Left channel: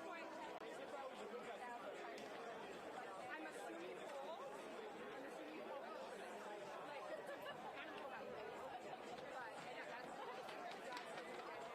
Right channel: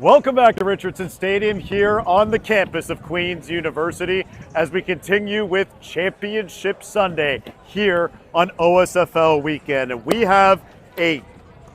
Welcome back to Richardson Stadium here on the campus of Queen's University as we continue with Championship Sunday here on OSFL weekend. And we have a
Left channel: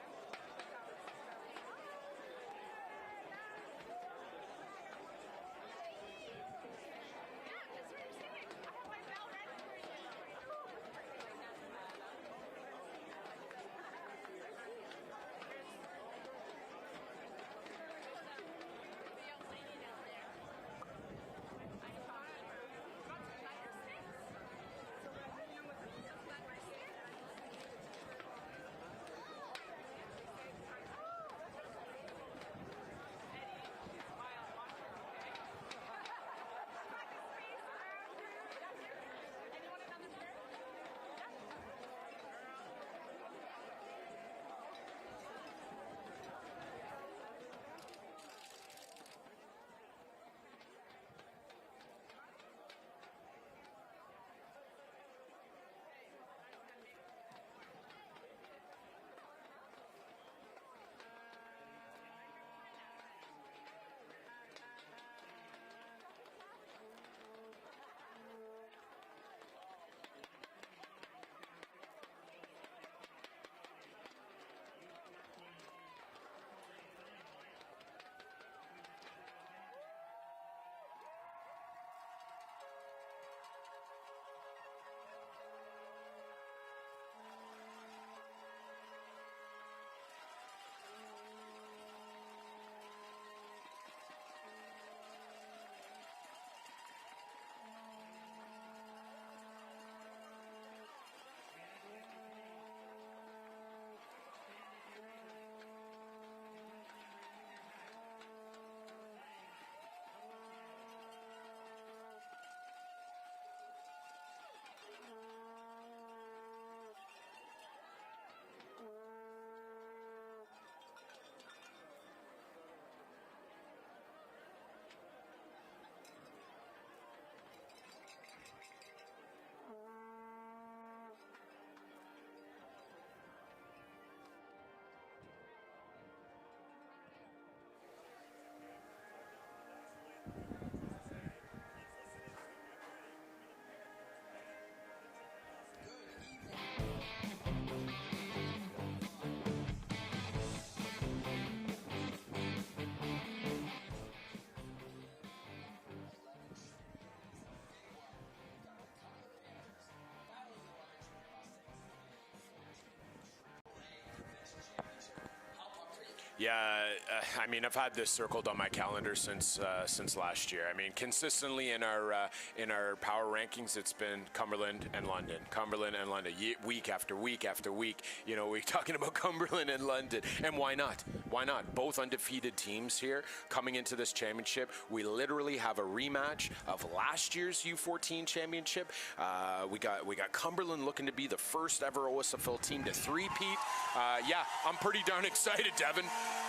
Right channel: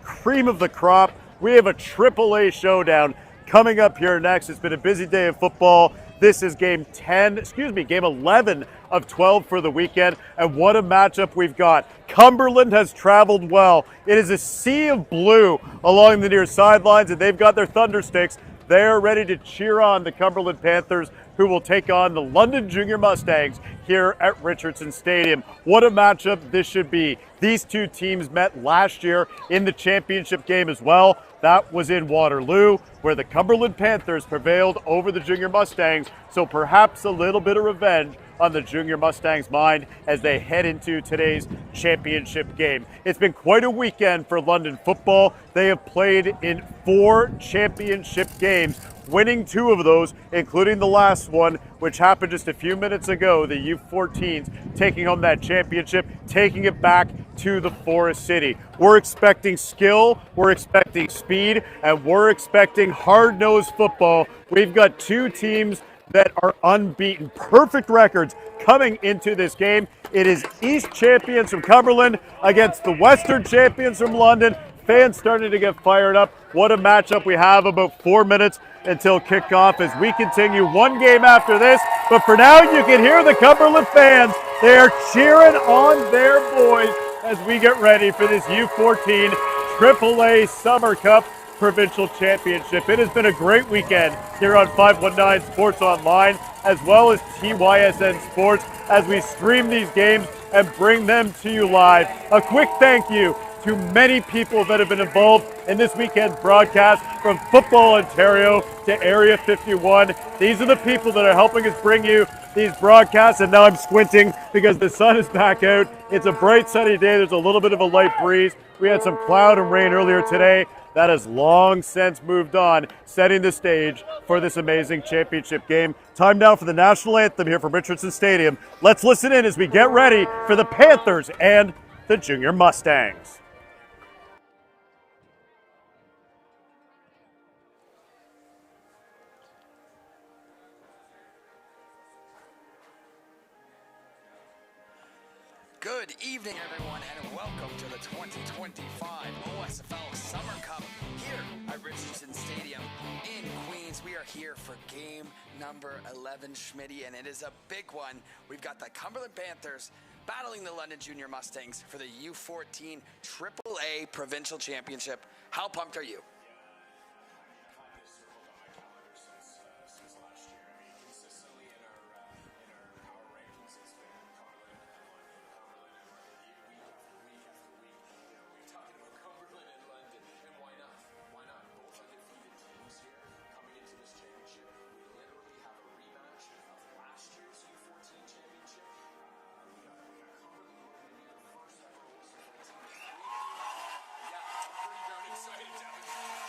cream of the crop. We have a AAA showdown coming up here next. It's been a busy day of football. This is game 11 of 12 for the weekend. And what a matchup we've got. Cumberland has traveled well. It is a sea of blue along the near sidelines, and they've got their thunder sticks. They're ready to cheer on the Cumberland Panthers, who will take on the London Junior Mustangs here at Richardson Stadium. What a matchup this should be. These two teams met last year in the championship game as well. That was in Waterloo, where the Cumberland Panthers prevailed over the Junior Mustangs. So perhaps a little bit of revenge on the Junior Mustangs' mind as they head into today's championship game. It's been quite a weekend for London football. They have played in 4 championship games, winning 2 of those, including the last one, which happened just a few minutes ago, the U14s taking home that championship, taking it back to the Forest City. We're expecting skill, we're expecting speed, and we're expecting hard-nosed football. We've got 2 teams that are unbeaten, perfect records coming into this game. It is East champions from Cumberland against the Western champions from London. Fans starting to get fired up. What a matchup. We have about 4 minutes until kickoff as we continue one game after this. But for now, you can hear the Cumberland fans. They are cheering on their boys as we get ready for this U14 AAA Summer Cup Provincial Championship. It has been a great weekend here on 519 Sports Online, as well as TYSN Sports, as we stream these games and bring them to you live. A quick thank you to many people that have been involved in this weekend's broadcast, from Football Ontario to Area 51. These are the people that are helping us bring you these broadcasts, and now I'm squinting because the sun is back out. It's a bright sunny day. There's a little bit of a light breeze. We had some cloud and rain earlier today. That has long since moved on, setting the stage for this amazing championship game. Time now for the national anthem here from Richardson Stadium. Let's listen in as we get ready for the Panthers and the Junior Mustangs. Good evening, everyone, and welcome to the 2025 OSFL Summer Cup here at Richardson Stadium in Queens. We are here for game number 11, Schmitty, and it is a big one. We've got the Cumberland Panthers battling the London Junior Mustangs for the U14 AAA Provincial Championship. How pumped are you? Yeah, I mean, I've had this circled on my calendar since last year. I mean, consistently in our power rankings, it's been Cumberland and London, week after week after week. You know, we're talking about Cumberland and London, and why not? Why not? Both undefeated teams here coming into this championship. We literally have a rematch of last year's U14 championship. We got Cumberland looking to be the first ever OSFL team to three-peat. Yeah, I'm pretty darn excited, Devin.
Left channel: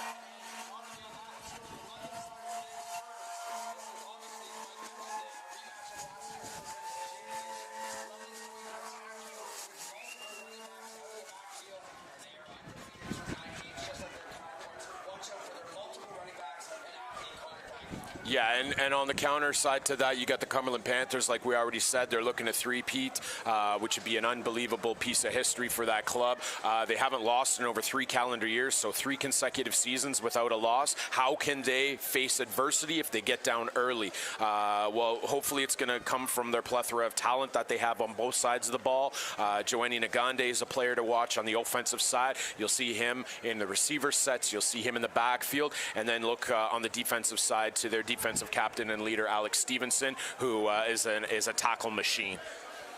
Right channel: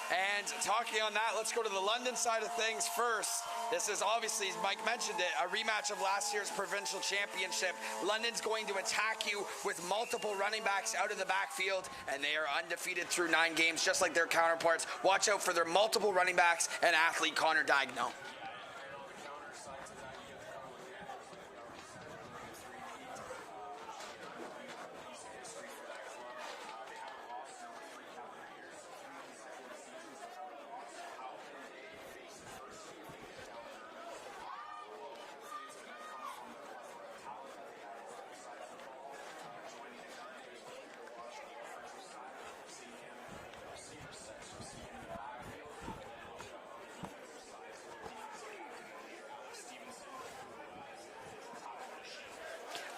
And talking on that, let's go to the London side of things first. This is obviously, Mike mentioned it, a rematch of last year's provincial championship. London's going to attack you with multiple running backs out of the backfield, and they are undefeated through 9 games, just like their counterparts. Watch out for their multiple running backs and athlete Connor Dagno. Yeah, and on the counter side to that, you got the Cumberland Panthers, like we already said. They're looking to three-peat, which would be an unbelievable piece of history for that club. They haven't lost in over 3 calendar years, so 3 consecutive seasons without a loss. How can they face adversity if they get down early? Well, hopefully it's going to come from their plethora of talent that they have on both sides of the ball. Joanny Nagande is a player to watch on the offensive side. You'll see him in the receiver sets. You'll see him in the backfield. And then look on the defensive side to their defensive captain and leader, Alex Stevenson, who is a tackle machine.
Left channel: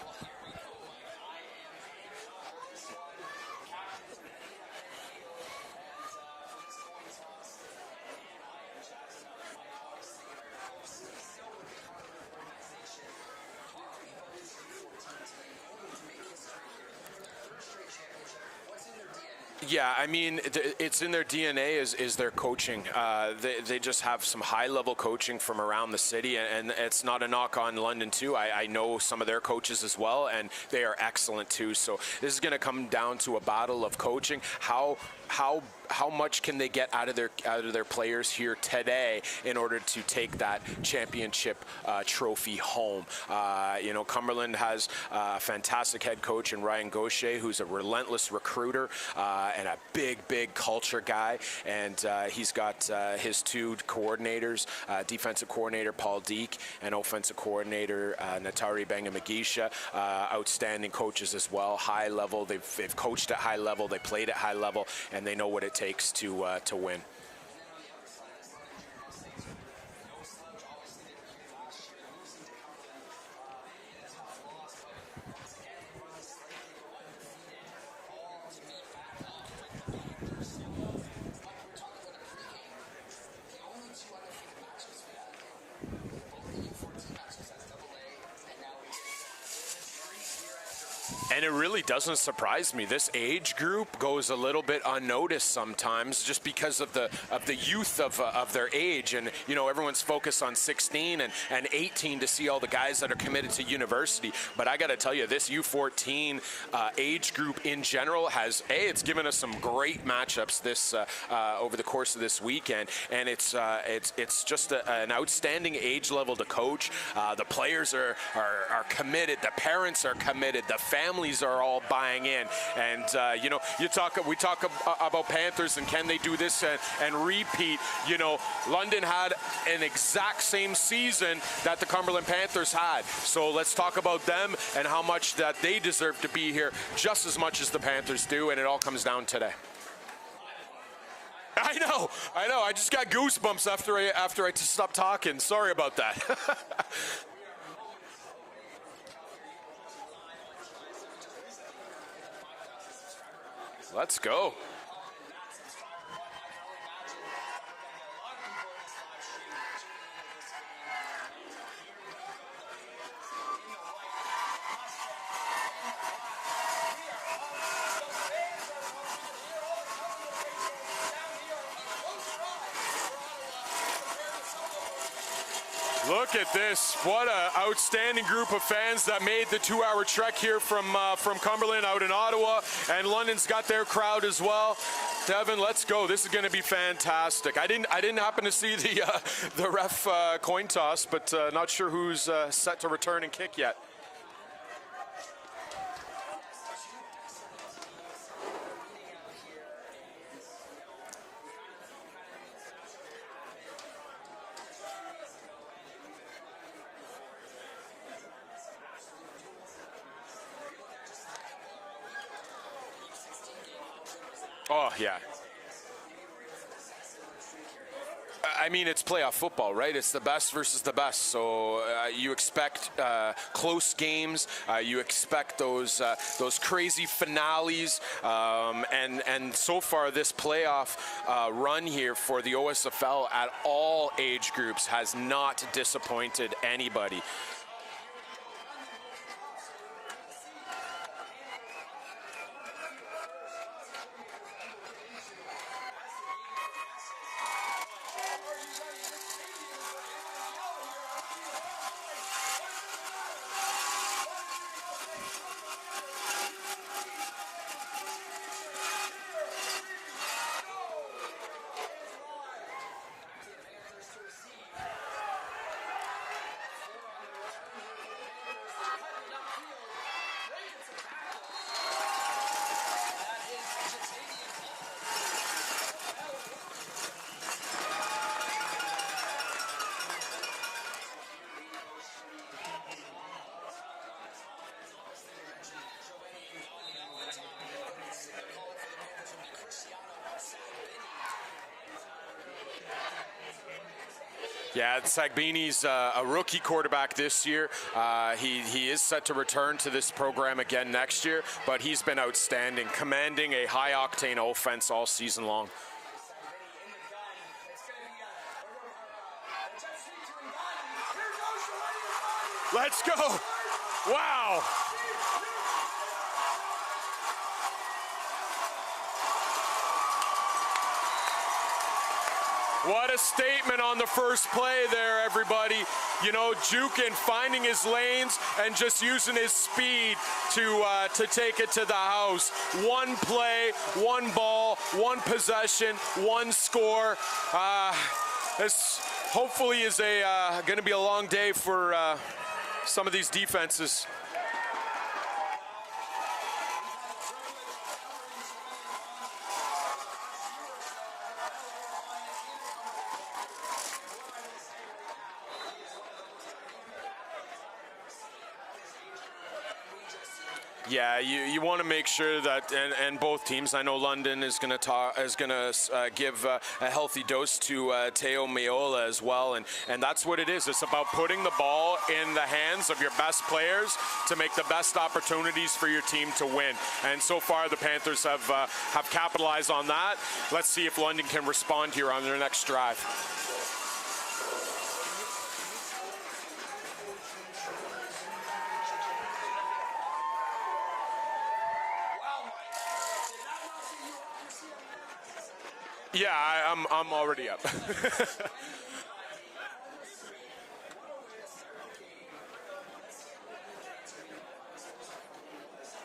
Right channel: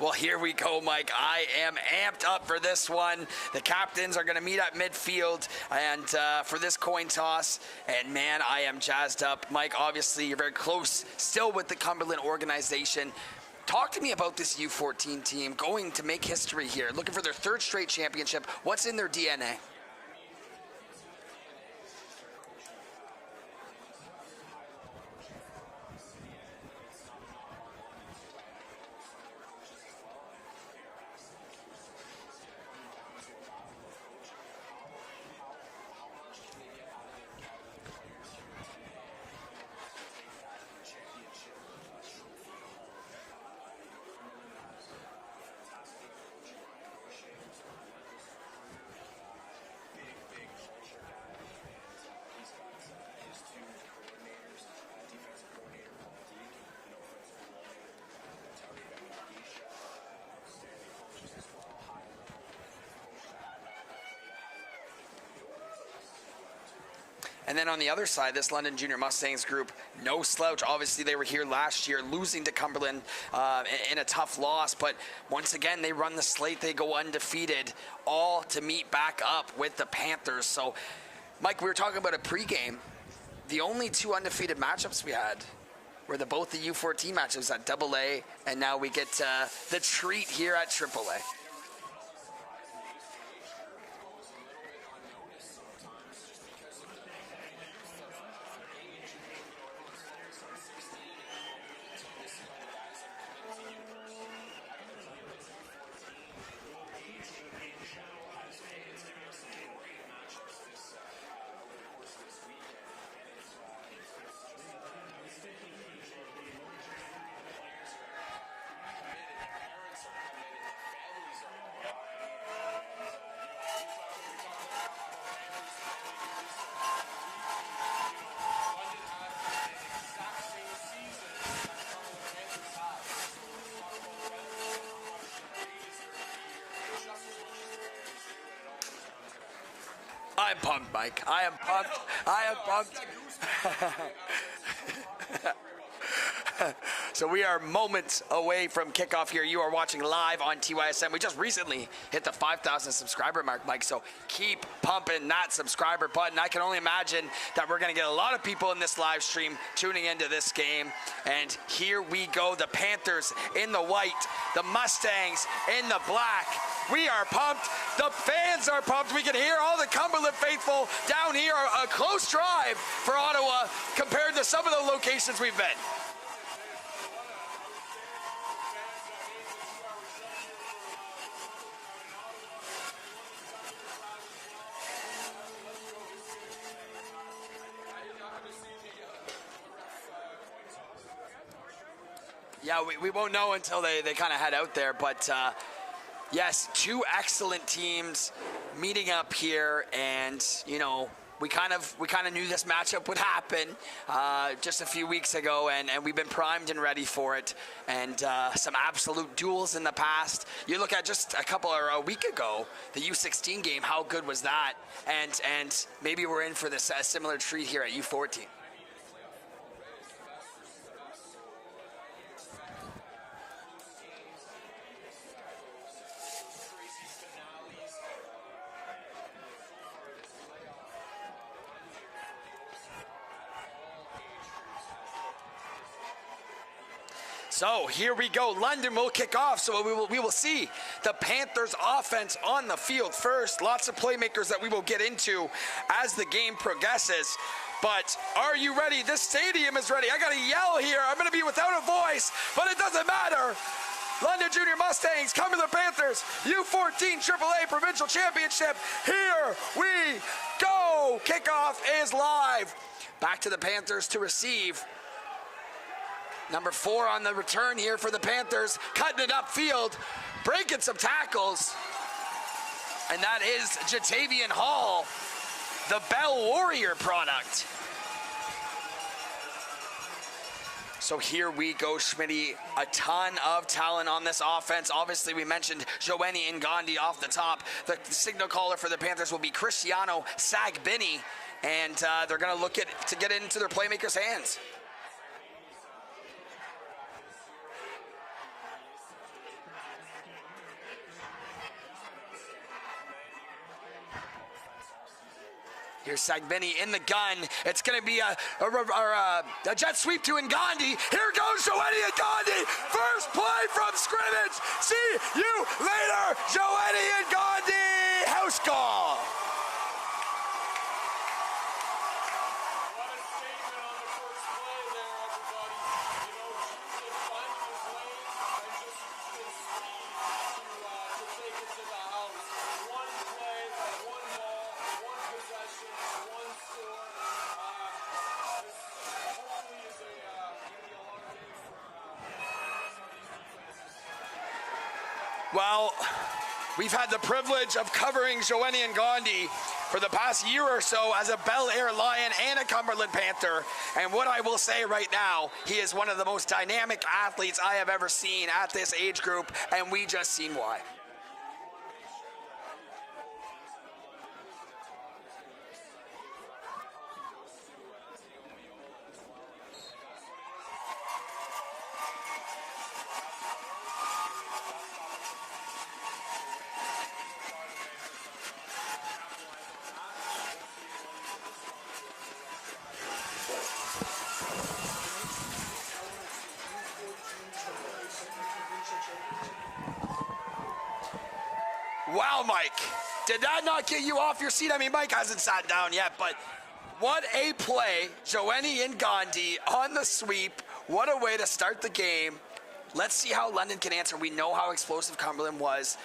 Well, here we go, Mike. I am amped up for this one. The captains are going to meet at midfield and for this coin toss. And, man, I am jazzed up. Mike, obviously, you're very close still with the Cumberland organization. Talk to me about this U14 team going to make history here, looking for their 3rd straight championship. What's in their DNA? Yeah, I mean, it's in their DNA is their coaching. They just have some high-level coaching from around the city, and it's not a knock on London, too. I know some of their coaches as well, and they are excellent, too. So this is going to come down to a battle of coaching. How how much can they get out of their players here today in order to take that championship trophy home. Cumberland has a fantastic head coach in Ryan Gaucher, who's a relentless recruiter and a big culture guy. And he's got his two coordinators, defensive coordinator Paul Deek and offensive coordinator Natari Bangamagisha, outstanding coaches as well. High level, they've coached at high level, they played at high level, and they know what it takes to win. And then on the other side, this London Junior Mustangs group, no slouch. Obviously, they were here last year, losing to Cumberland in a tough loss. But once again, they run the slate. They go undefeated, all to meet back up with the Panthers. So, Mike, we were talking about a pregame. The only two undefeated matchups we had were both the U14 matchups at AA, and now we get the treat here at AAA. And it really doesn't surprise me. This age group goes a little bit unnoticed sometimes, just because of the youth of their age. And everyone's focused on 16 and 18 to see all the guys that are committed to university. But I got to tell you, this U14 age group in general it's given us some great matchups this over the course of this weekend, and it's just an outstanding age level to coach. The players are committed, the parents are committed, the families are all buying in. And we talk about Panthers and can they do this and repeat. London had an exact same season that the Cumberland Panthers had. So let's talk about them and how much that they deserve to be here, just as much as the Panthers do, and it all comes down today. I'm pumped, Mike. I am pumped. I know. I just got goosebumps after I stopped talking. Sorry about that. So we are moments away from kickoff here. You are watching live on TYSM. We just recently hit the 5,000 subscriber mark, Mike. So let's go. Keep pumping that subscriber button. I can only imagine that we're going to get a lot of people in this live stream tuning into this game. And here we go. The Panthers in the white, the Mustangs in the black. We are pumped. The fans are pumped. We can hear all the Cumberland faithful down here. A close drive for Ottawa compared to some of the locations we've been. Look at this. What an outstanding group of fans that made the 2-hour trek here from Cumberland out in Ottawa. And London's got their crowd as well. Devin, let's go. This is going to be fantastic. I didn't happen to see the ref coin toss, but not sure who's set to return. We won't know until yet. they kind of head out there, but yes, two excellent teams meeting up here, and we kind of knew this matchup would happen just a few weeks ago, and we've been primed and ready for it. And some absolute duels in the past. You look at just a week ago, the U16 game. How good was that? Oh, yeah. And maybe we're in for this similar treat here at U14. I mean, it's playoff football, right? It's the best versus the best. So you expect close games. You expect those crazy finales. And so far, this playoff run here for the OSFL at all age groups has not disappointed anybody. So here we go. London will kick off. So we will see the Panthers offense on the field first. Lots of playmakers that we will get into as the game progresses. But are you ready? This stadium is ready. I got to yell here. I'm going to be without a voice, but it doesn't matter. London Junior Mustangs, Cumberland Panthers, U14 AAA Provincial Championship. Here we go. Kickoff is live. Back to the Panthers to receive. Number 4 on the return here for the Panthers, cutting it upfield, breaking some tackles. And that is Jatavian Hall, the Bell Warrior product. So here we go, Schmitty. A ton of talent on this offense. Obviously, we mentioned Joeni Ngandi off the top. The signal caller for the Panthers will be Cristiano Sagbini. And they're going to look to get it into their playmakers' hands. Yeah, Sagbini's a rookie quarterback this year. He is set to return to this program again next year, but he's been outstanding, commanding a high-octane offense all season long. Here's Sagbini in the gun. It's going to be a jet sweep to Ngandi. Here goes Joeni Ngandi. Let's First go. play from scrimmage. Wow. See you later, Joeni Ngandi. House call. What a statement on the first play there, everybody. Jukin finding his lanes and just using his speed to take it to the house. One play, one ball, one possession, one score. This hopefully is going to be a long day for some of these defenses. Well, we've had the privilege of covering Joanie and Gandhi for the past year or so as a Bel Air Lion and a Cumberland Panther. And what I will say right now, he is one of the most dynamic athletes I have ever seen at this age group, and we just seen why. Yeah, you want to make sure that, and both teams, I know London is going to give a healthy dose to Teo Maiola as well, and that's what it is. It's about putting the ball in the hands of your best players to make the best opportunities for your team to win. And so far, the Panthers have capitalized on that. Let's see if London can respond here on their next drive. Wow, Mike. Did that not get you off your seat? I mean, Mike hasn't sat down yet, but yeah, I'm what already a up. play. Joanie and Gandhi on the sweep. What a way to start the game. Let's see how London can answer. We know how explosive Cumberland was.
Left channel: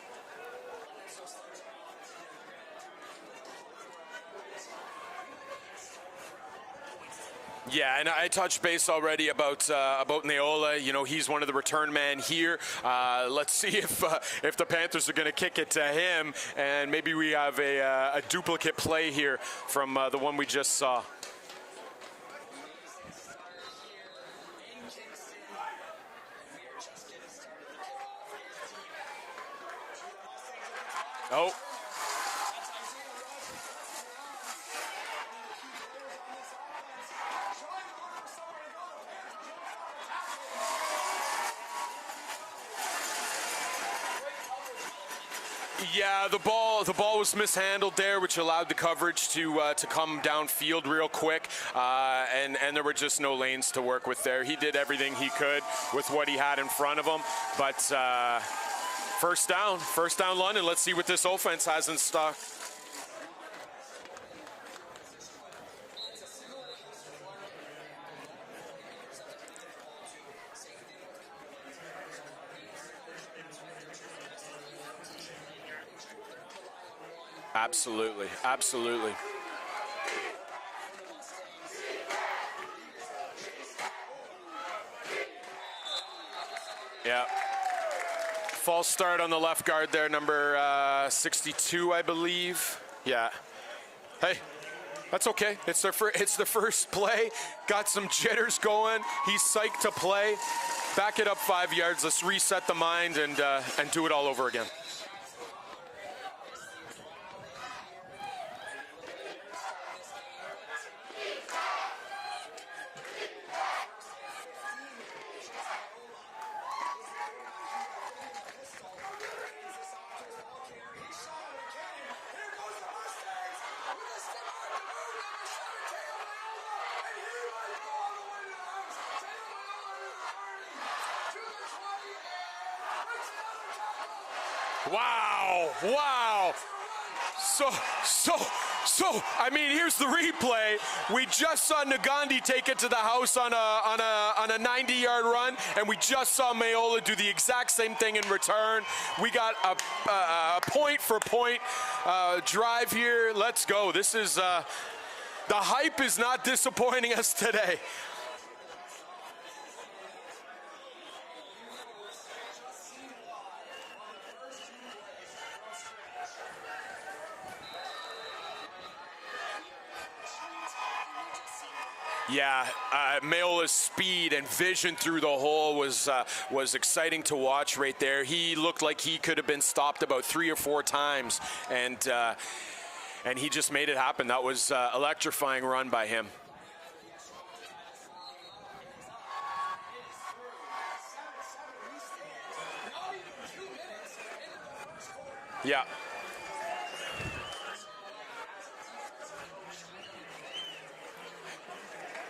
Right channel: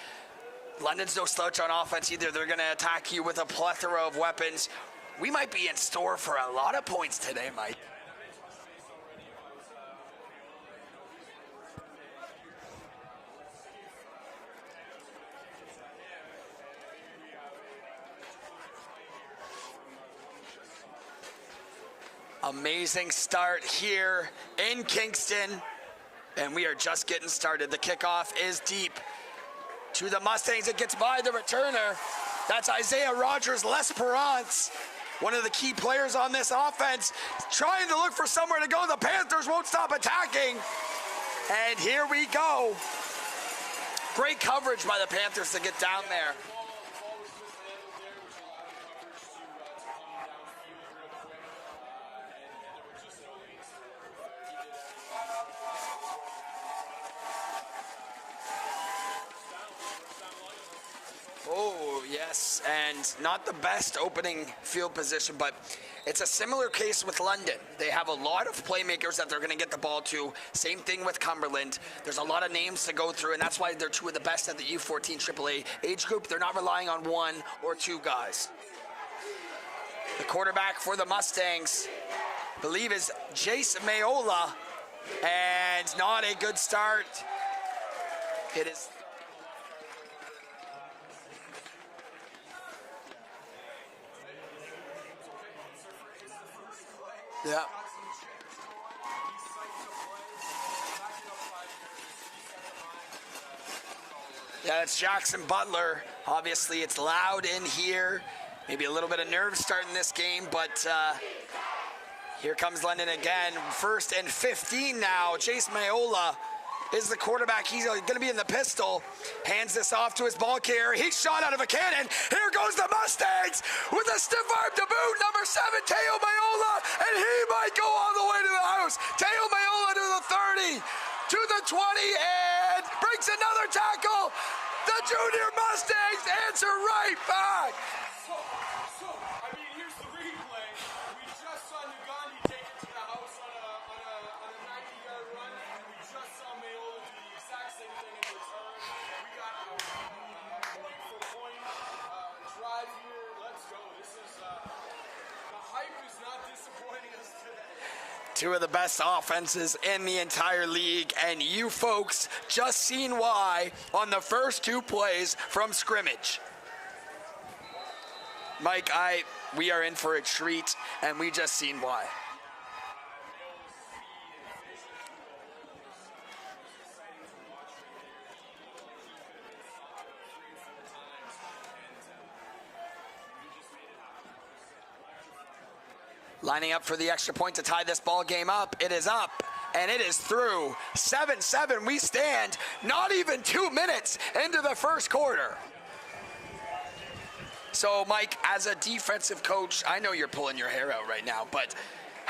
London's no slouch on offense either. They're going to attack you with a plethora of weapons. We might be in store for a lot of points today, Mike. Yeah, and I touched base already about Neola. You know, he's one of the return men here. Let's see if the Panthers are going to kick it to him, and maybe we have a duplicate play here from the one we just saw. Amazing start here in Kingston, and we are just getting started. The kickoff is deep to the Mustangs. It gets by the returner. That's Isaiah Rogers-L'Esperance, one of the key players on this offense, trying to look for somewhere to go. The Panthers won't stop attacking. And here we go. Great coverage by the Panthers to get down there. Yeah, the ball was mishandled there, which allowed the coverage to come downfield real quick, and there were just no lanes to work with there. He did everything he could with what he had in front of him, but first down London. Let's see what this offense has in stock. Yes, and not the best opening field position, but it's a similar case with London. They have a lot of playmakers that they're going to get the ball to. Same thing with Cumberland. There's a lot of names to go through, and that's why they're two of the best at the U14 AAA age group. They're not relying on one or two guys. Absolutely. The quarterback for the Mustangs, I believe, is Jace Maiola, and not a good start. Yeah. False start on the left guard there, number 62, I believe. Yeah. Hey, that's okay. It's the first play. Yeah. Got some jitters going. He's psyched to play. Back it up 5 yards. Let's reset the mind and do it all over again. Yeah, it's Jackson Butler. Obviously, it's loud in here. Maybe a little bit of nerves starting this game, but here comes London again. 1st and 15 now. Jace Maiola is the quarterback. He's going to be in the pistol. Hands this off to his ball carrier. He's shot out of a cannon. Here goes the Mustangs with a stiff arm to boot. Number 7, Teo Maiola, and he might go all the way to the house. Teo Maiola to the 30, to the 20, and breaks another tackle. The junior Mustangs answer right back. So, I mean, here's the replay. We just saw Nagandi take it to the house on a 90-yard run, and we just saw Maiola do the exact same thing in return. We got a point-for-point drive here. Let's go. This is the hype is not disappointing us today. Two of the best offenses in the entire league, and you folks just seen why on the first 2 plays from scrimmage. Mike, we are in for a treat, and we just seen why. Yeah, Maiola's speed and vision through the hole was exciting to watch right there. He looked like he could have been stopped about 3 or 4 times, and he just made it happen. That was electrifying run by him. Lining up for the extra point to tie this ball game up. It is up, and it is through. 7-7, we stand not even 2 minutes into the first quarter. Yeah. So, Mike, as a defensive coach, I know you're pulling your hair out right now, but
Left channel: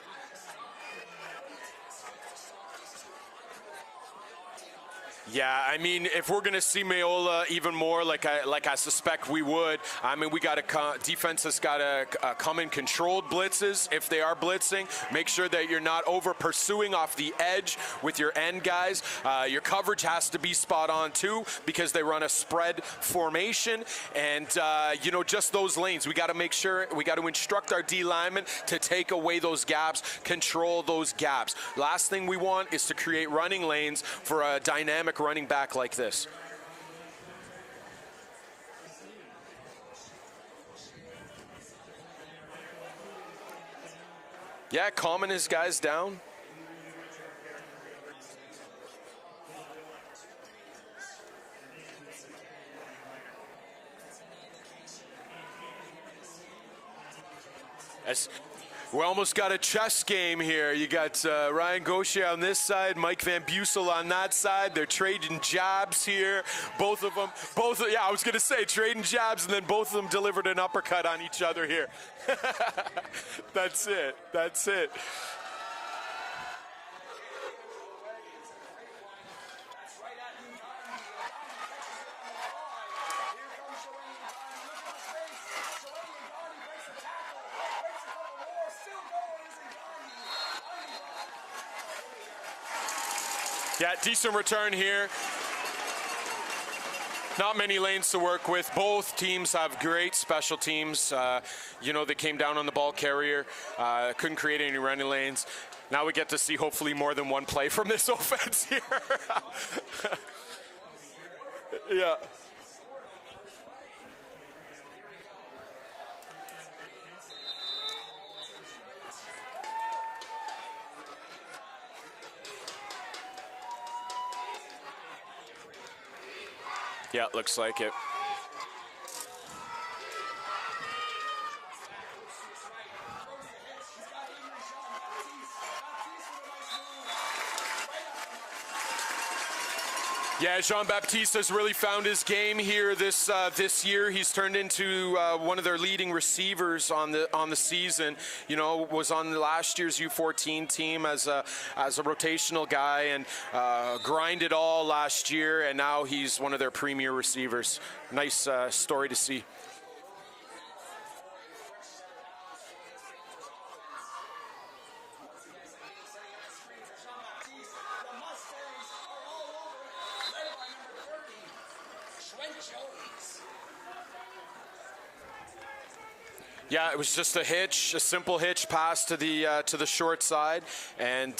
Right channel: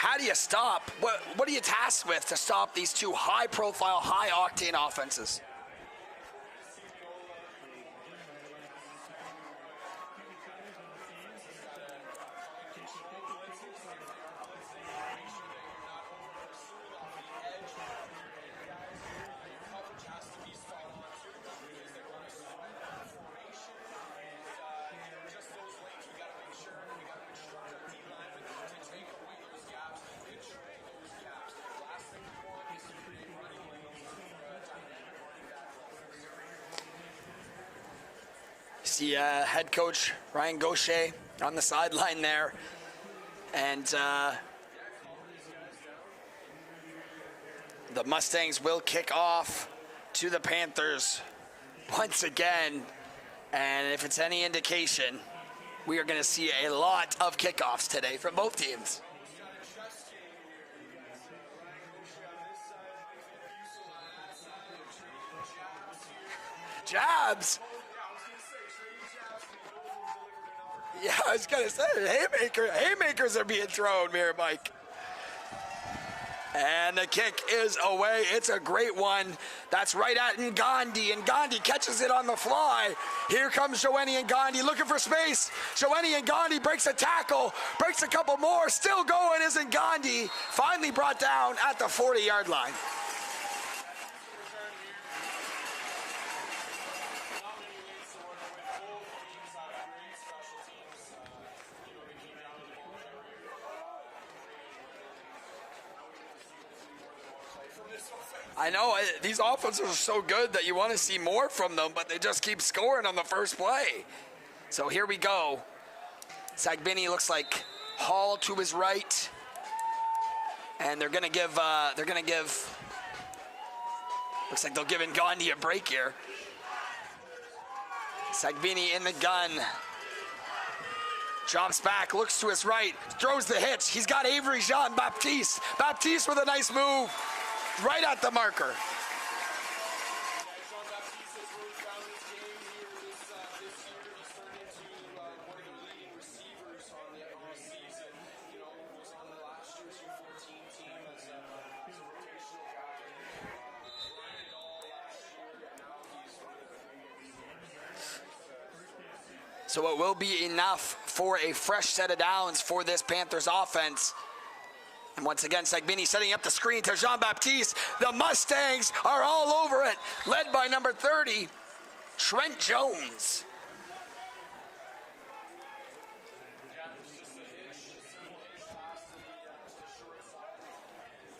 how do you stop? What are you tasked with to stop these two high-profile, high-octane offenses? Yeah, I mean, if we're going to see Mayola even more, like I suspect we would, I mean, we got to defense has got to come in controlled blitzes if they are blitzing. Make sure that you're not over pursuing off the edge with your end guys. Your coverage has to be spot on too, because they run a spread formation, and you know, just those lanes. We got to make sure, we got to instruct our D linemen to take away those gaps, control those gaps. Last thing we want is to create running lanes for a dynamic running back like this. See head coach Ryan Gaucher on the sideline there, and yeah, calming his guys down. The Mustangs will kick off to the Panthers once again, and if it's any indication, we are going to see a lot of kickoffs today from both teams. We almost got a chess game here. You got Ryan Gaucher on this side, Mike Van Bussel on that side. They're trading jabs here. Both Jabs? of them, yeah, I was going to say trading jabs, and then both of them delivered an uppercut on each other here. Haymakers are being thrown here, Mike. That's it. And the kick is away. It's a great one. That's right at Ngandi, and Ngandi catches it on the fly. Here comes Joanie Ngandi looking for space. Joanie Ngandi breaks a tackle, breaks a couple more. Still going is Ngandi. Finally brought down at the 40-yard line. Yeah, decent return here. Not many lanes to work with. Both teams have great special teams. You know, they came down on the ball carrier, couldn't create any running lanes. Now we get to see hopefully more than one play from this offense. I know, these offenses are so good that you want to see more from them, but they just keep scoring on the first play. So here we go. Sagbini looks like Hall to his right. And they're gonna give, looks like they'll give Ngandi a break here. Yeah, looks like it. Sagbini in the gun. Drops back, looks to his right, throws the hitch. He's got Avery Jean-Baptiste. Baptiste with a nice move, right at the marker. Yeah, Jean-Baptiste has really found his game here this year. He's turned into one of their leading receivers on the season. You know, was on the last year's U14 team as a rotational guy, and grinded all last year, and now he's one of their premier receivers. Nice story to see. So it will be enough for a fresh set of downs for this Panthers offense. And once again, Sagbini setting up the screen to Jean-Baptiste. The Mustangs are all over it, led by number 30, Trent Jones. Yeah, it was just a hitch, a simple hitch pass to the short side, and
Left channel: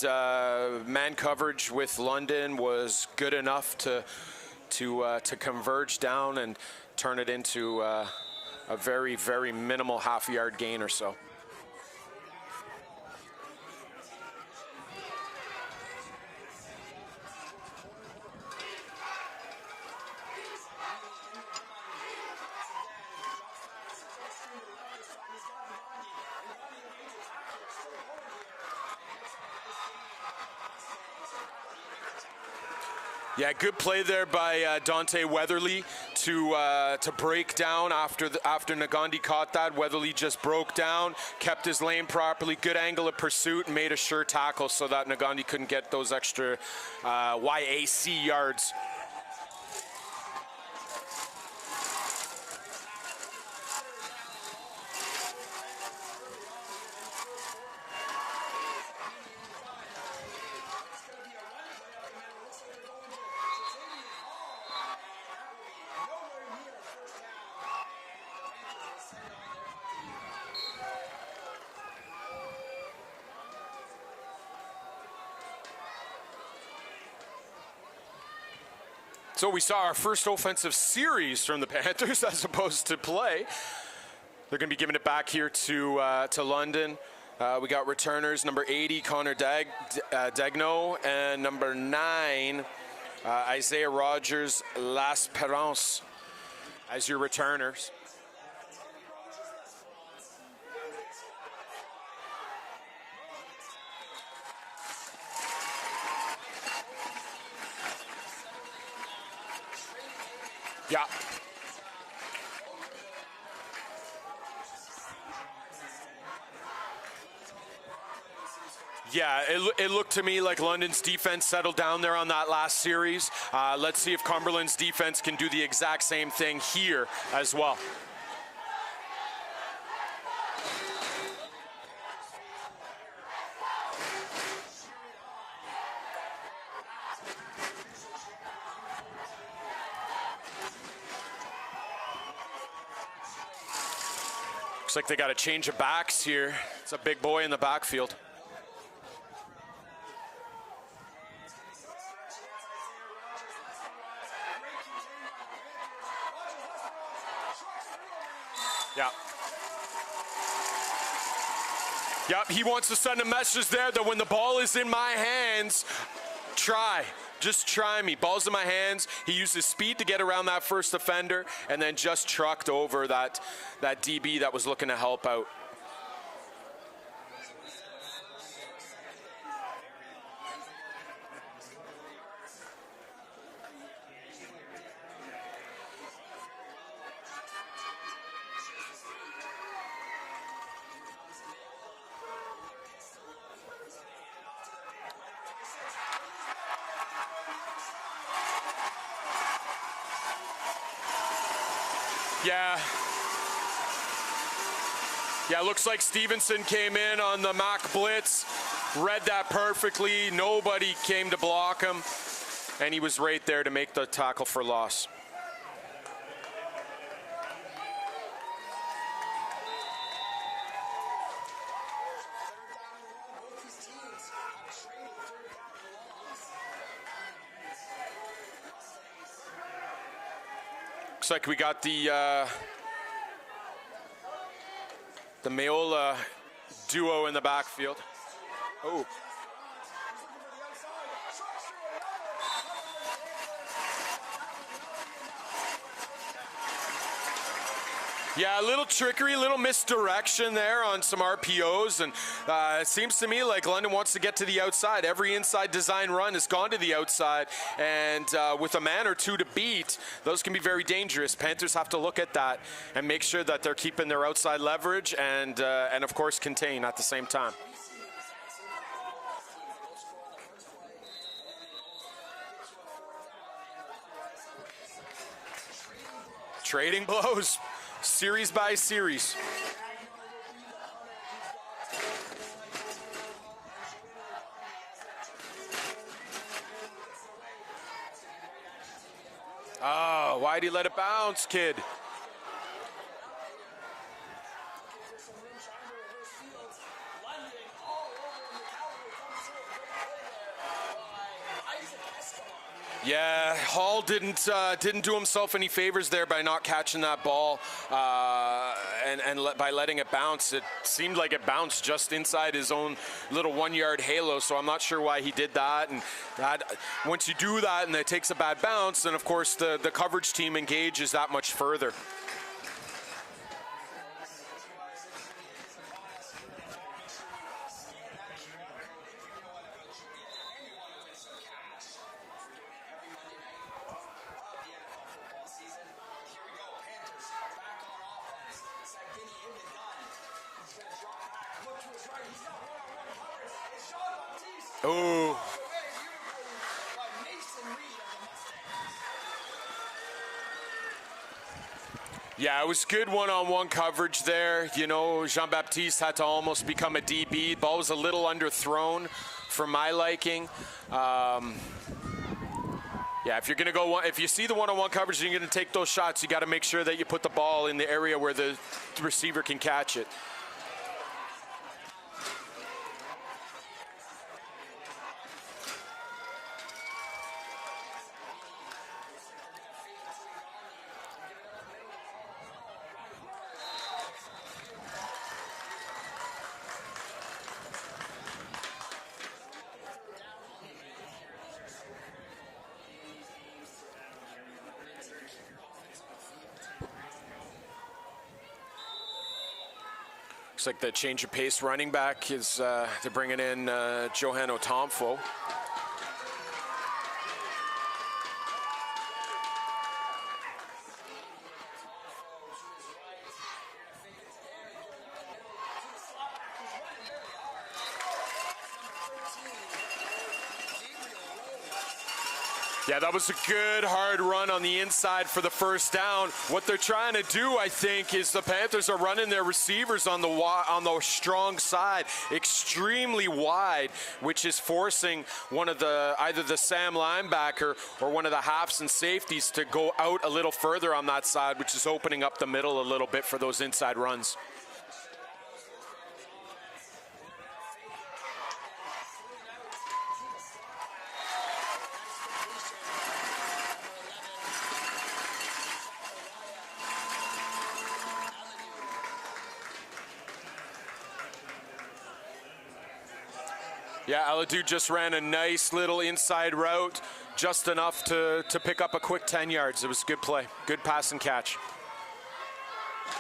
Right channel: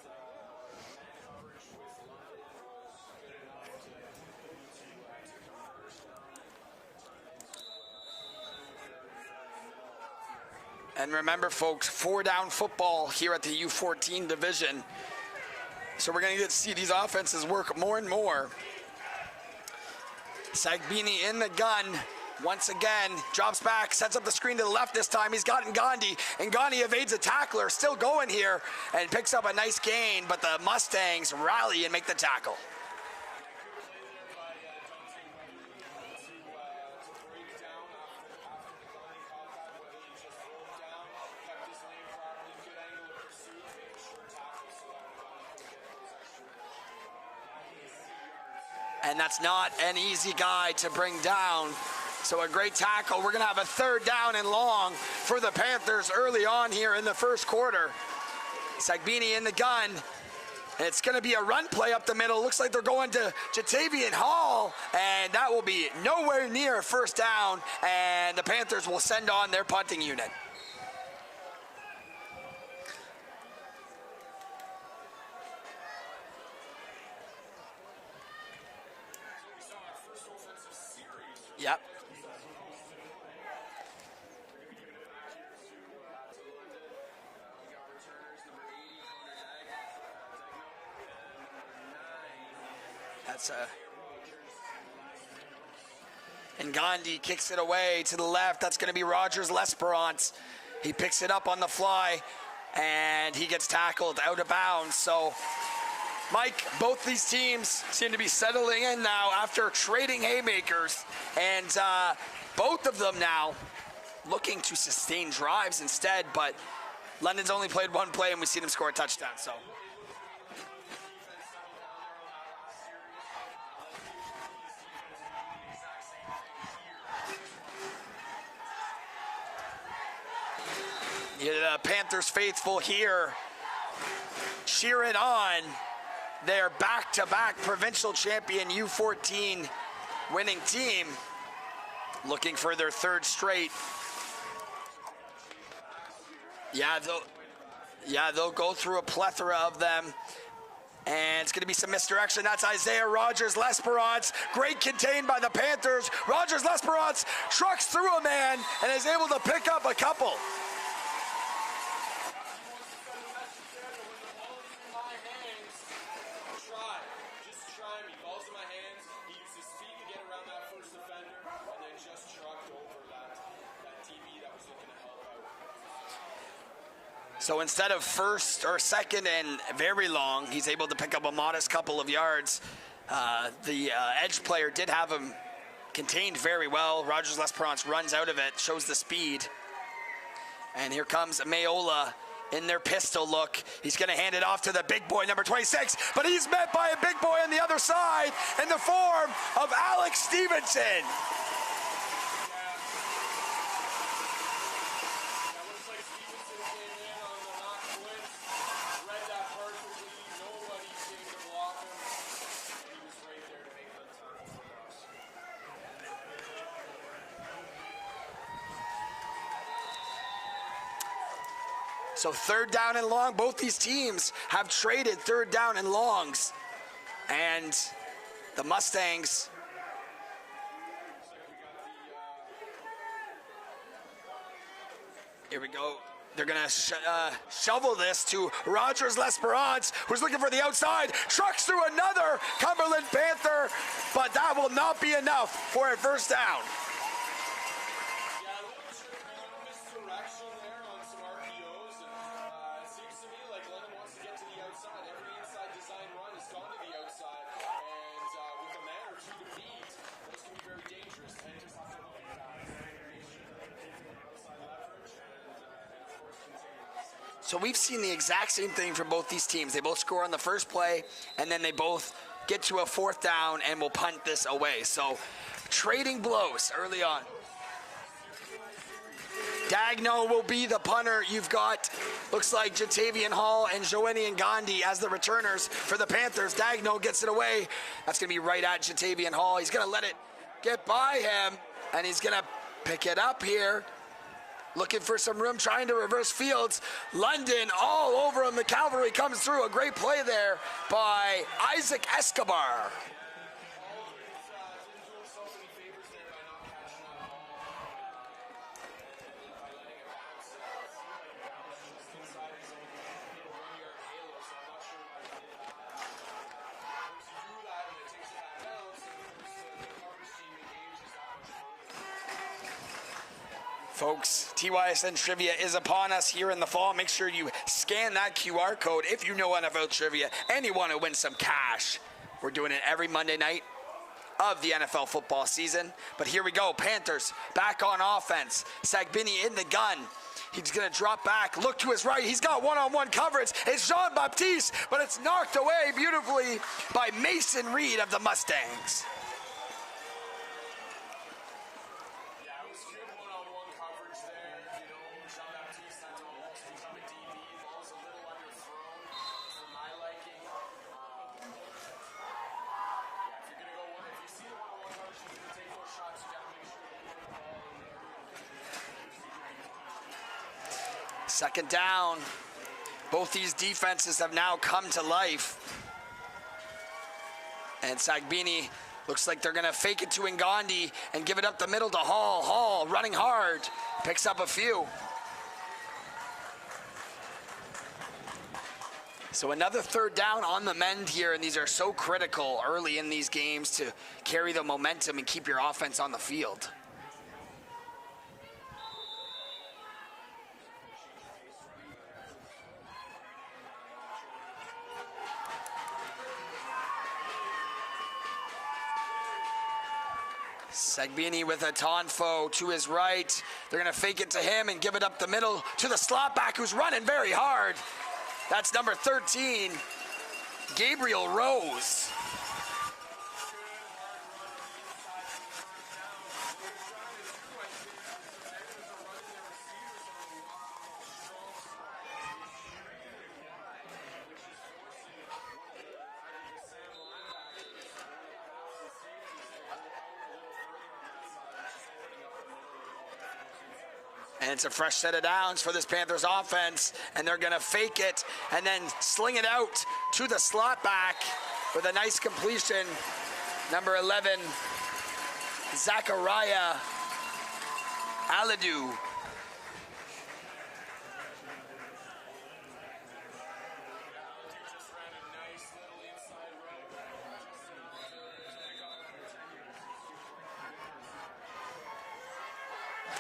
man coverage with London was good enough to converge down and turn it into a very, very minimal half-yard gain or so. And remember, folks, 4-down football here at the U14 division. So we're going to get to see these offenses work more and more. Sagbini in the gun. Once again, drops back, sets up the screen to the left this time. He's got Ngandi. Ngandi evades a tackler, still going here, and picks up a nice gain, but the Mustangs rally and make the tackle. Yeah, good play there by Dante Weatherly to break down after Ngandi caught that. Weatherly just broke down, kept his lane properly, good angle of pursuit, and made a sure tackle so that Ngandi couldn't get those extra YAC yards. And that's not an easy guy to bring down. So a great tackle. We're going to have a 3rd down and long for the Panthers early on here in the first quarter. Sagbini in the gun. It's going to be a run play up the middle. Looks like they're going to Jatavian Hall, and that will be nowhere near first down, and the Panthers will send on their punting unit. So we saw our first offensive series from the Panthers as opposed to play. They're going to be giving it back here to London. We got returners, number 80, Connor Degno, and number 9, Isaiah Rogers L'Esperance. And Gandhi kicks it away to the left. That's going to be Rogers L'Esperance. He picks it up on the fly, and he gets tackled out of bounds. So, Mike, both these teams seem to be settling in now after trading haymakers. Yeah. And both of them now looking to sustain drives instead, but London's only played one play, and we've seen him score a touchdown. Yeah, it looked to me like London's defense settled down there on that last series. Let's see if Cumberland's defense can do the exact same thing here as well. Yeah, the Panthers faithful here cheering on their back-to-back provincial champion U14 winning team, looking for their third straight. Looks like they got a change of backs here. Yeah, it's a big boy in the backfield. Yeah, they'll go through a plethora of them. And it's going to be some misdirection. That's Isaiah Rogers-Lesperance. Great contained by the Panthers. Rogers-Lesperance trucks through a man and is able to pick up a couple. Yep, he wants to send a message there that when the ball is in my hands, just try me. Ball's in my hands. He used his speed to get around that first defender and then just trucked over that DB that was looking to help out. So instead of first or second and very long, he's able to pick up a modest couple of yards. The edge player did have him contained very well. Rogers-Lesperance runs out of it, shows the speed. And here comes Mayola in their pistol look. He's going to hand it off to the big boy, number 26, but he's met by a big boy on the other side in the form of Alex Stevenson. Yeah, looks like Stevenson came in on the mock blitz, read that perfectly. Nobody came to block him, and he was right there to make the tackle for loss. So third down and long, both these teams have traded third down and longs. And the Mustangs. Looks like we got the Mayola They're going to duo in the backfield. Shovel this to Rogers-Lesperance, who's looking for the outside. Trucks through another Cumberland Panther, but that will not be enough for a first down. Yeah, a little trickery, a little misdirection there on some RPOs, and it seems to me like London wants to get to the outside. Every inside design run has gone to the outside, and with a man or two to beat, those can be very dangerous. Panthers have to look at that and make sure that they're keeping their outside leverage and of course, contain at the same time. So we've seen the exact same thing from both these teams. They both score on the first play, and then they both get to a fourth down and will punt this away. So trading blows. Trading blows. Series by series. Dagno will be the punter. You've got, looks like Jatavian Hall and Joanie Ngandi as the returners for the Panthers. Dagno gets it away. That's going to be right at Jatavian Hall. He's going to let it why'd he let it bounce, kid? And he's going to pick it up here. Looking for some room, trying to reverse fields. London all over him. The cavalry comes through. A great play there by Isaac Escobar. Yeah, Hall didn't do himself any favors there by not catching that ball by letting it bounce. It seemed like it bounced just inside his own little 1 yard halo, so I'm not sure why he did that. And once you do that and it takes a bad bounce, then of course the coverage team engages that much further. Folks, TYSN Trivia is upon us here in the fall. Make sure you scan that QR code if you know NFL trivia and you want to win some cash. We're doing it every Monday night of the NFL football season. But here we go. Panthers back on offense. Sagbini in the gun. He's going to drop back, look to his right. He's got one-on-one coverage. It's Jean-Baptiste, but it's knocked away beautifully by Mason Reed of the Mustangs. Yeah, it was good one-on-one coverage there. You know, Jean-Baptiste had to almost become a DB. Ball was a little underthrown for my liking. Yeah, if you're going to go if you see the one-on-one coverage and you're going to take those shots, you got to make sure that you put the ball in the area where the receiver can catch it. Second down. Both these defenses have now come to life. And Sagbini looks like they're going to fake it to Ngandi and give it up the middle to Hall. Hall running hard, picks up a few. So another third down on the mend here, and these are so critical early in these games to carry the momentum and keep your offense on the field. Looks like the change of pace running back is they're bringing in Johan Otomfo. Sagbini with a Tonfo to his right. They're going to fake it to him and give it up the middle to the slot back who's running very hard. That's number 13, Gabriel Rose. Yeah, that was a good, hard run on the inside for the first down. What they're trying to do, I think, is the Panthers are running their receivers on the strong side, extremely wide, which is forcing one of either the Sam linebacker or one of the halves and safeties to go out a little further on that side, which is opening up the middle a little bit for those inside runs. And it's a fresh set of downs for this Panthers offense, and they're going to fake it and then sling it out to the slot back with a nice completion. Number 11, Zachariah Aladu. Yeah, Aladu just ran a nice little inside route, just enough to pick up a quick 10 yards. It was a good play, good pass and catch.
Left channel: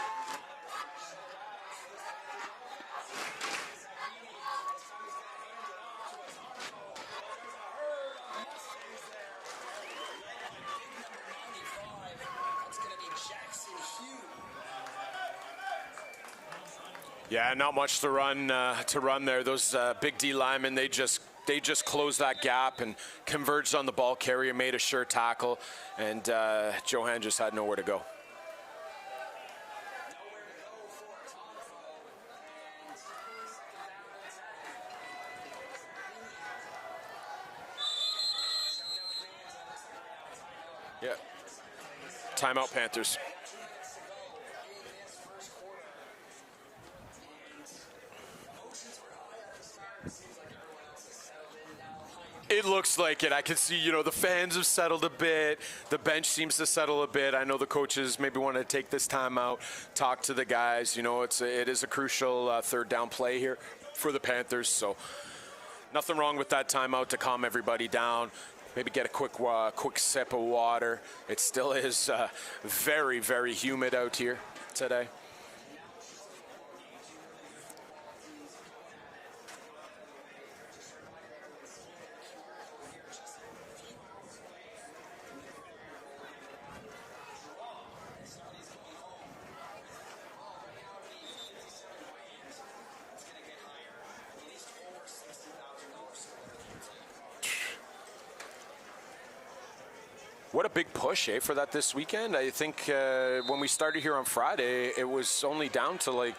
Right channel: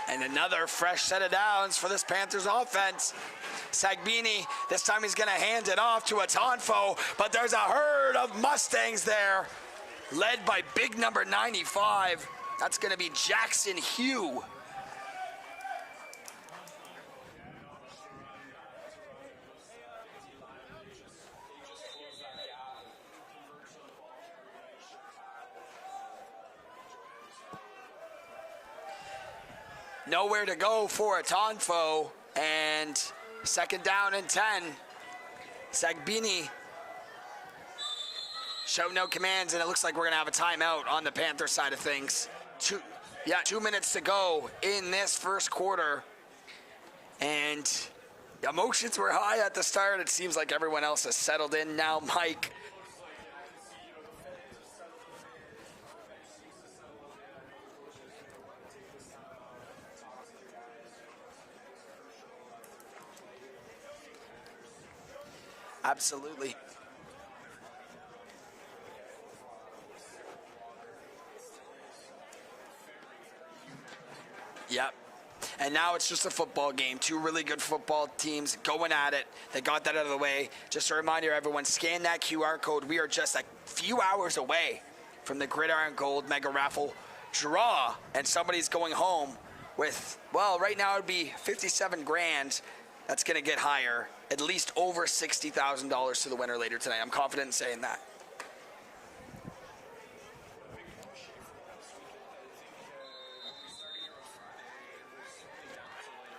And another fresh set of downs for this Panthers offense. Sagbini, this time he's going to hand it off to a Tonfo, but there's a herd of Mustangs there, led by big number 95. That's going to be Jackson Hugh. Yeah, not much to run there. Those big D linemen, they just closed that gap and converged on the ball carrier, made a sure tackle, and Johan just had nowhere to go. Nowhere to go for a Tonfo, and second down and 10. Sagbini showed no commands, and it looks like we're going to have a timeout on the Panther side of things. Timeout, Panthers. Yeah, 2 minutes to go in this first quarter, and emotions were high at the start. It seems like everyone else has settled in now, Mike. It looks like it. I can see, the fans have settled a bit. The bench seems to settle a bit. I know the coaches maybe want to take this time out, talk to the guys. It is a crucial third down play here for the Panthers. So nothing wrong with that timeout to calm everybody down. Maybe get a quick sip of water. It still is very, very humid out here today. And now it's just a football game. Two really good football teams going at it. They got that out of the way. Just a reminder, everyone, scan that QR code. We are just a few hours away from the Gridiron Gold Mega Raffle draw. And somebody's going home with, well, right now it would be 57 grand. That's going to get higher. At least over $60,000 to the winner later tonight. I'm confident in saying that. What a big push, for that this weekend. I think when we started here on Friday, it was only down to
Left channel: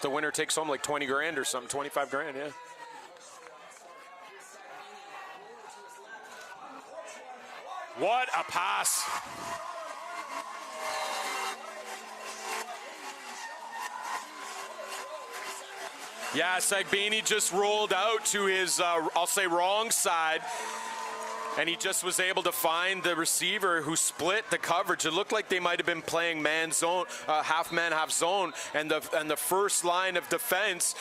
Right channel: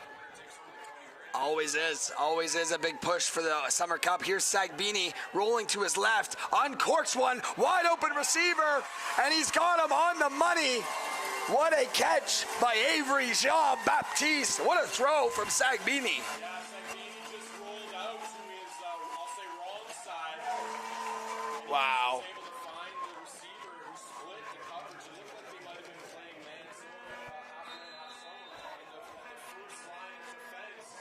the winner takes home 20 grand or so, 25 grand. Always is a big push for the Summer Cup. Here's Sagbini rolling to his left, uncorks one, wide open receiver, and he's got him on the money. What a catch by Avery Jean-Baptiste. What a throw from Sagbini. Yeah, Sagbini just rolled out to his, I'll say, wrong side. And he just was able to find the receiver who split the coverage. It looked like they might have been playing man zone, half man, half zone. And the first line of defense,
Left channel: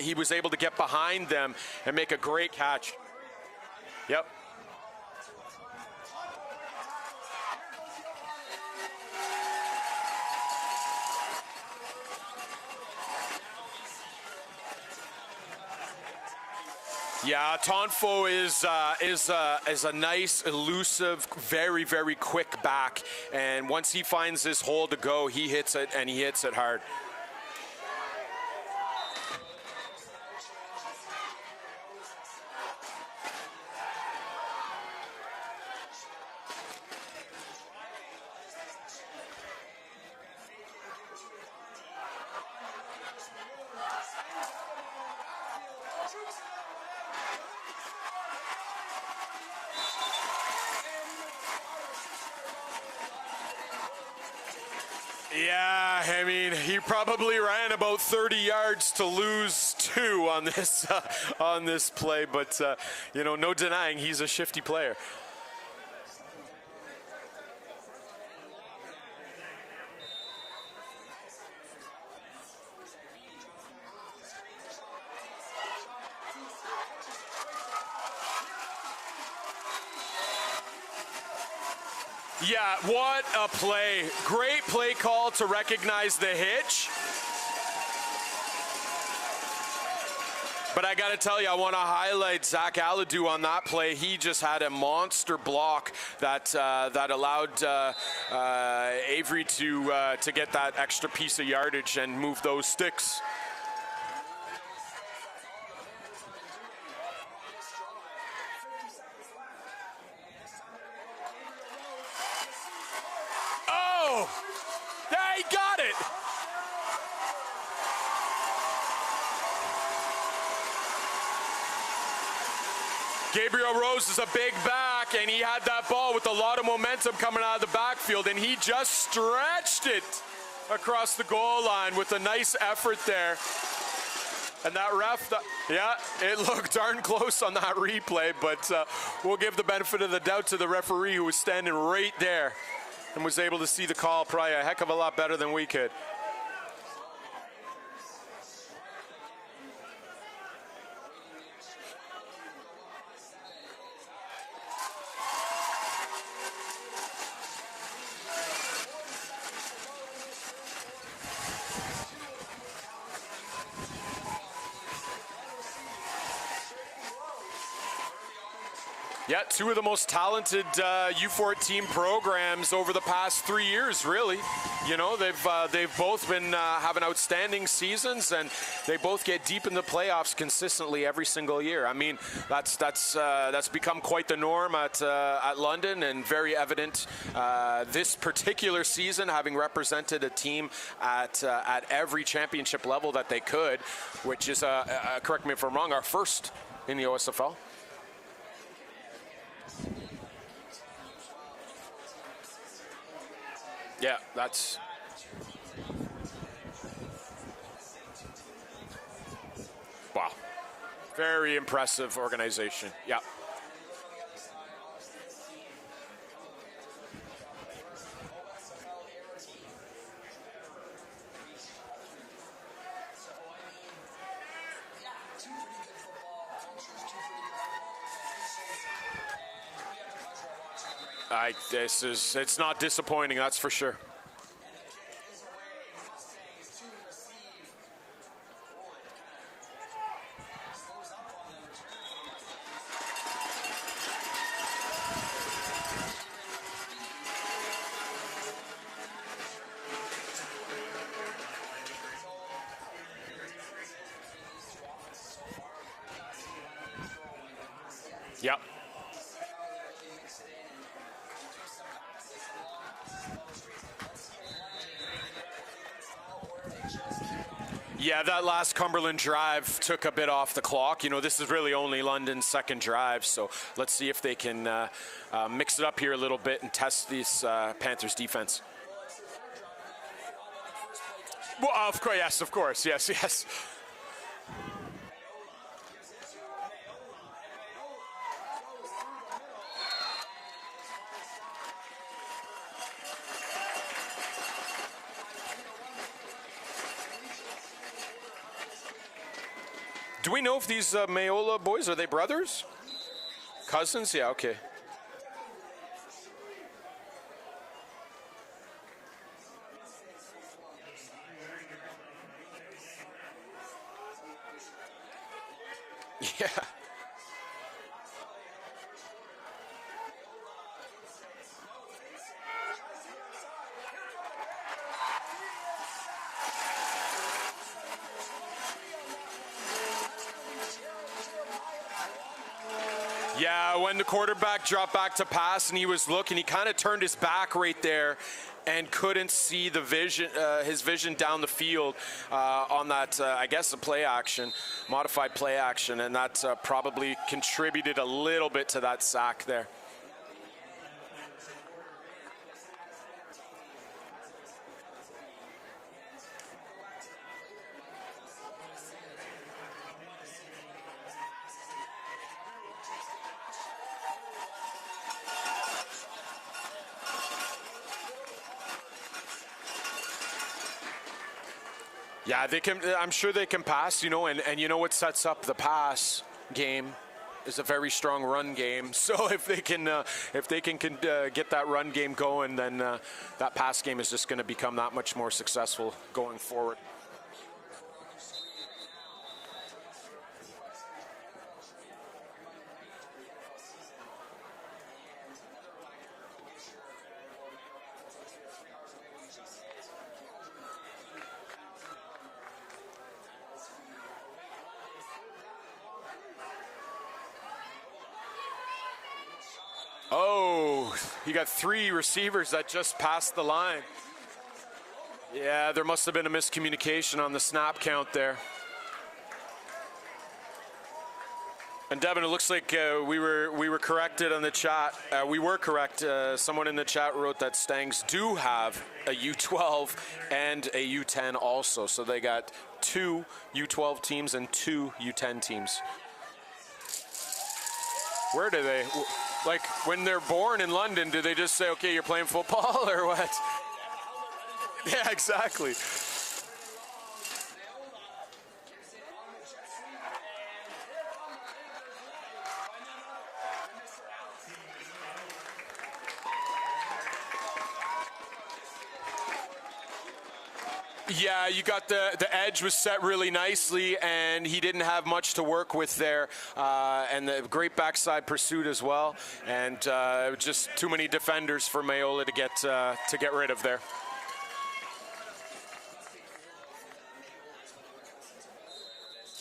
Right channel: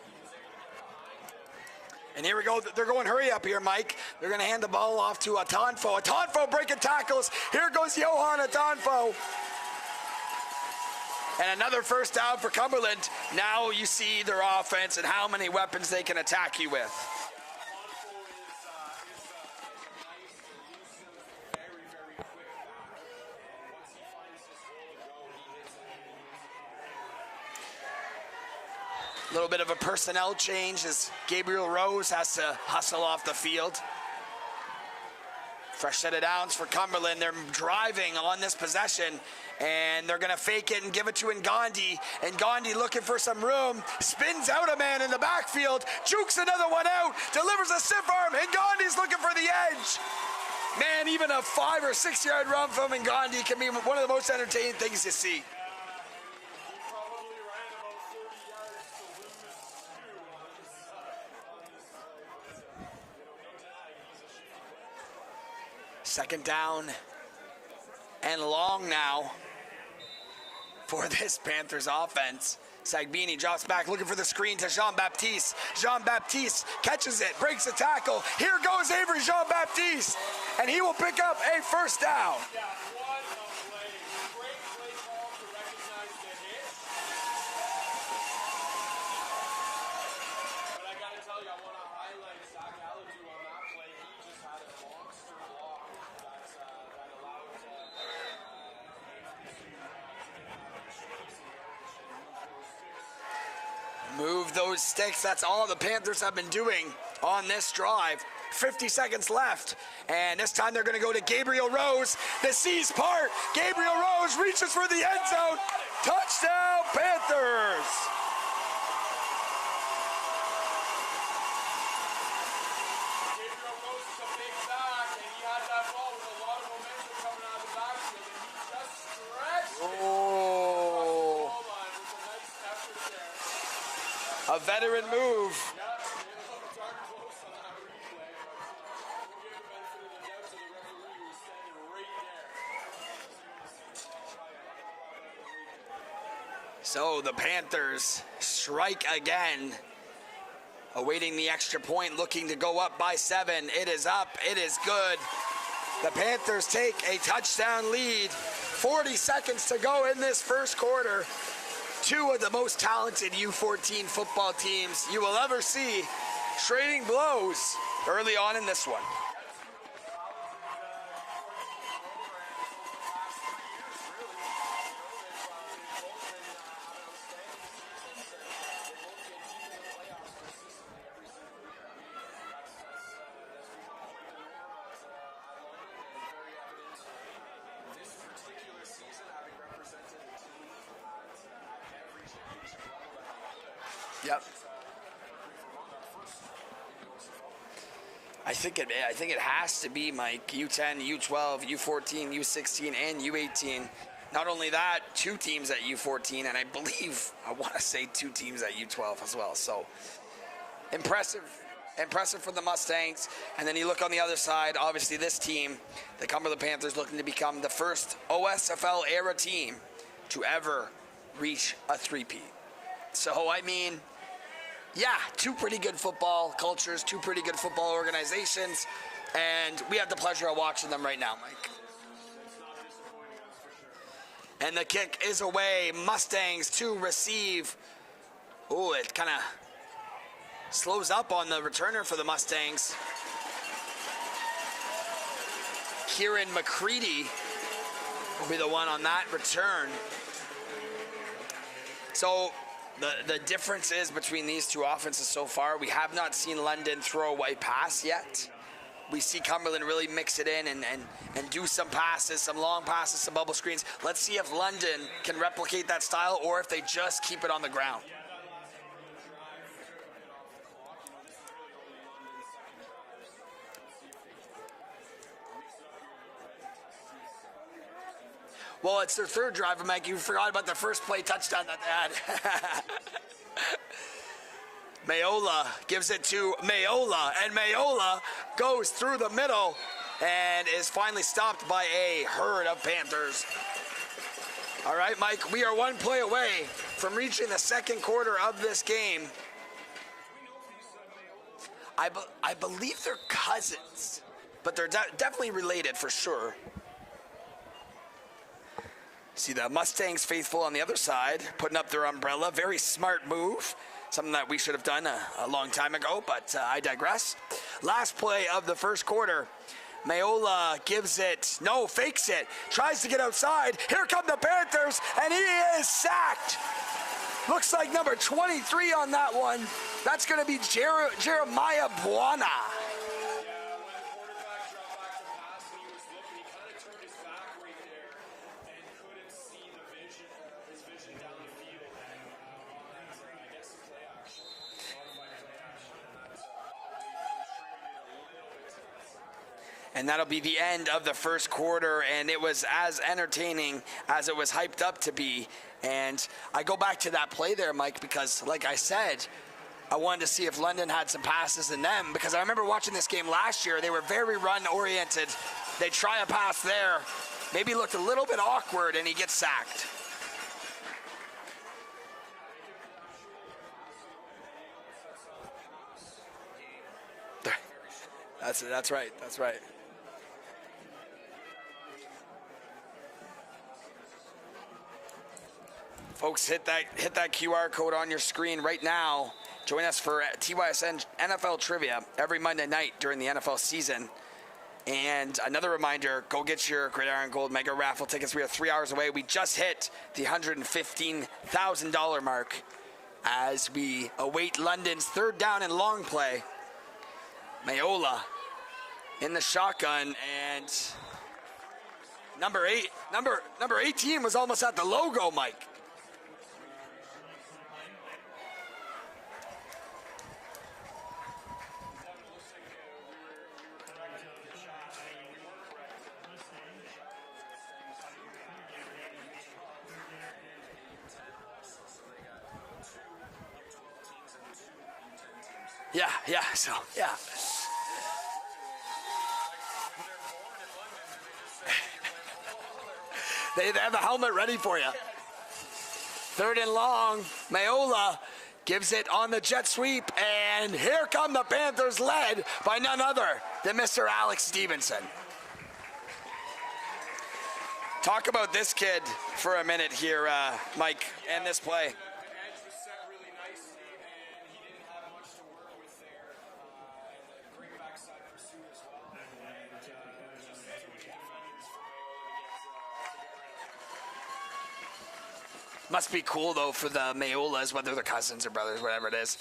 he was able to get behind them and make a great catch. They're going hurry up here, Mike. Yep. They're going to hand the ball off to Atonfo. Atonfo breaking tackles. Here goes Johan Atonfo. And another first down for Cumberland. Now you see their offense and how many weapons they can attack you with. Yeah, Tonfo is a nice, elusive, very, very quick back. And once he finds his hole to go, he hits it, and he hits it hard. A little bit of a personnel change as Gabriel Rose has to hustle off the field. Fresh set of downs for Cumberland. They're driving on this possession, and they're going to fake it and give it to Ngandi. And Ngandi looking for some room, spins out a man in the backfield, jukes another one out, delivers a stiff arm, and Ngandi's looking for the edge. Man, even a 5 or 6 yard run from Ngandi can be one of the most entertaining things you see. Yeah, I mean, he probably ran about 30 yards to lose 2 on this play, but no denying he's a shifty player. Second down and long now for this Panthers offense. Sagbini drops back looking for the screen to Jean-Baptiste. Jean-Baptiste catches it, breaks a tackle. Here goes Avery Jean-Baptiste, and he will pick up a first down. Yeah, what a play. Great play call to recognize the hitch. But I got to tell you, I want to highlight Zach Alladou on that play. He just had a monster block that allowed Avery to get that extra piece of yardage and move those sticks. Move those sticks. That's all the Panthers have been doing on this drive. 50 seconds left. And this time they're going to go to Gabriel Rose. The C's part. Gabriel Rose reaches for the end zone. He got it. Touchdown, Panthers. Gabriel Rose is a big back, and he had that ball with a lot of momentum coming out of the backfield, and he just stretched it across the goal line with a nice effort there. A veteran move. Yeah, it looked darn close on that replay, but we'll give the benefit of the doubt to the referee who was standing right there and was able to see the call probably a heck of a lot better than we could. So the Panthers strike again. Awaiting the extra point, looking to go up by 7. It is up, it is good. The Panthers take a touchdown lead. 40 seconds to go in this first quarter. Two of the most talented U14 football teams you will ever see trading blows early on in this one. Yeah, two of the most talented U14 programs over the past 3 years, really. You know, they've both been having outstanding seasons, and they both get deep in the playoffs consistently every single year. I mean, that's become quite the norm at London, and very evident this particular season, having represented a team at every championship level that they could, which is, correct me if I'm wrong, our first in the OSFL. I think it has to be, Mike. U10, U12, U14, U16, and U18. Yeah. Not only that, 2 teams at U14, and I want to say 2 teams at U12 as well. So, wow. Impressive. Very impressive organization. For the Mustangs. Yeah. And then you look on the other side, obviously this team, the Cumberland Panthers, looking to become the first OSFL era team to ever reach a 3-peat. So, I mean, yeah, 2 pretty good football cultures, 2 pretty good football organizations, and we have the pleasure of watching them right now. It's not disappointing, that's for sure. And the kick is away. Mustangs to receive. Oh, it kind of slows up on the returner for the Mustangs. Kieran McCready will be the one on that return. So the difference is between these 2 offenses so far, we have not seen London throw away pass yet. Yep. We see Cumberland really mix it in and do some passes, some long passes, some bubble screens. Let's see if London can replicate that style or if they just keep it on the ground. Yeah, that last Cumberland drive took a bit off the clock. You know, this is really only London's second drive, so let's see if they can mix it up here a little bit and test this Panthers defense. Well, it's their 3rd drive, Mike. You forgot about their first play touchdown. Well, of course, yes. Mayola gives it to Mayola, and Mayola goes through the middle and is finally stopped by a herd of Panthers. All right, Mike, we are 1 play away from reaching the second quarter of this game. Do we know if these Mayola boys, are they brothers? I believe they're cousins. Cousins? Yeah, okay. But they're definitely related for sure. See the Mustangs faithful on the other side, putting up their umbrella. Very smart move. Something that we should have done a long time ago, but I digress. Last play of the first quarter. Mayola gives it, fakes it, tries to get outside. Here come the Panthers, and he is sacked. Looks like number 23 on that one. That's going to be Jeremiah Buana. Yeah, when the quarterback dropped back to pass and he was looking, he kind of turned his back right there and couldn't see the vision, his vision down the field on that, I guess, a play action, modified play action, and that probably contributed a little bit to that sack there. And that'll be the end of the first quarter, and it was as entertaining as it was hyped up to be. And I go back to that play there, Mike, because like I said, I wanted to see if London had some passes in them, because I remember watching this game last year. They were very run-oriented. They try a pass there. Maybe looked a little bit awkward, and he gets sacked. Yeah, they can. I'm sure they can pass, you know, and you know what sets up the pass game? There's a very strong run game. That's right. So if they can get that run game going, then that pass game is just going to become that much more successful going Folks, forward. hit that QR code on your screen right now. Join us for TYSN NFL Trivia every Monday night during the NFL season. And another reminder, go get your Gridiron Gold Mega Raffle tickets. We are 3 hours away. We just hit the $115,000 mark as we await London's third down and long play. Mayola in the shotgun. Oh, you got 3 receivers that just passed the line. Number 18 was almost at the logo, Mike. Yeah, there must have been a miscommunication on the snap count there. And Devin, it looks like we were corrected on the chat. We were correct. Someone in the chat wrote that Mustangs do have a U12 and a U10 also. So they got 2 U12 teams and 2 U10 teams. Yeah. So yeah. Where do they, like when they're born in London, do they just say, okay, you're playing football or what? They have the helmet ready for you. Yeah, exactly. Third and long. Mayola gives it on the jet sweep, and here come the Panthers, led by none other than Mr. Alex Stevenson. Talk about this kid for a minute here, Mike. Yeah, you got the edge was set really nicely, and he didn't have much to work with there, and the great backside pursuit as well, and just too many defenders for Mayola to get rid of there. Must be cool, though, for the Mayolas, whether they're cousins or brothers, whatever it is,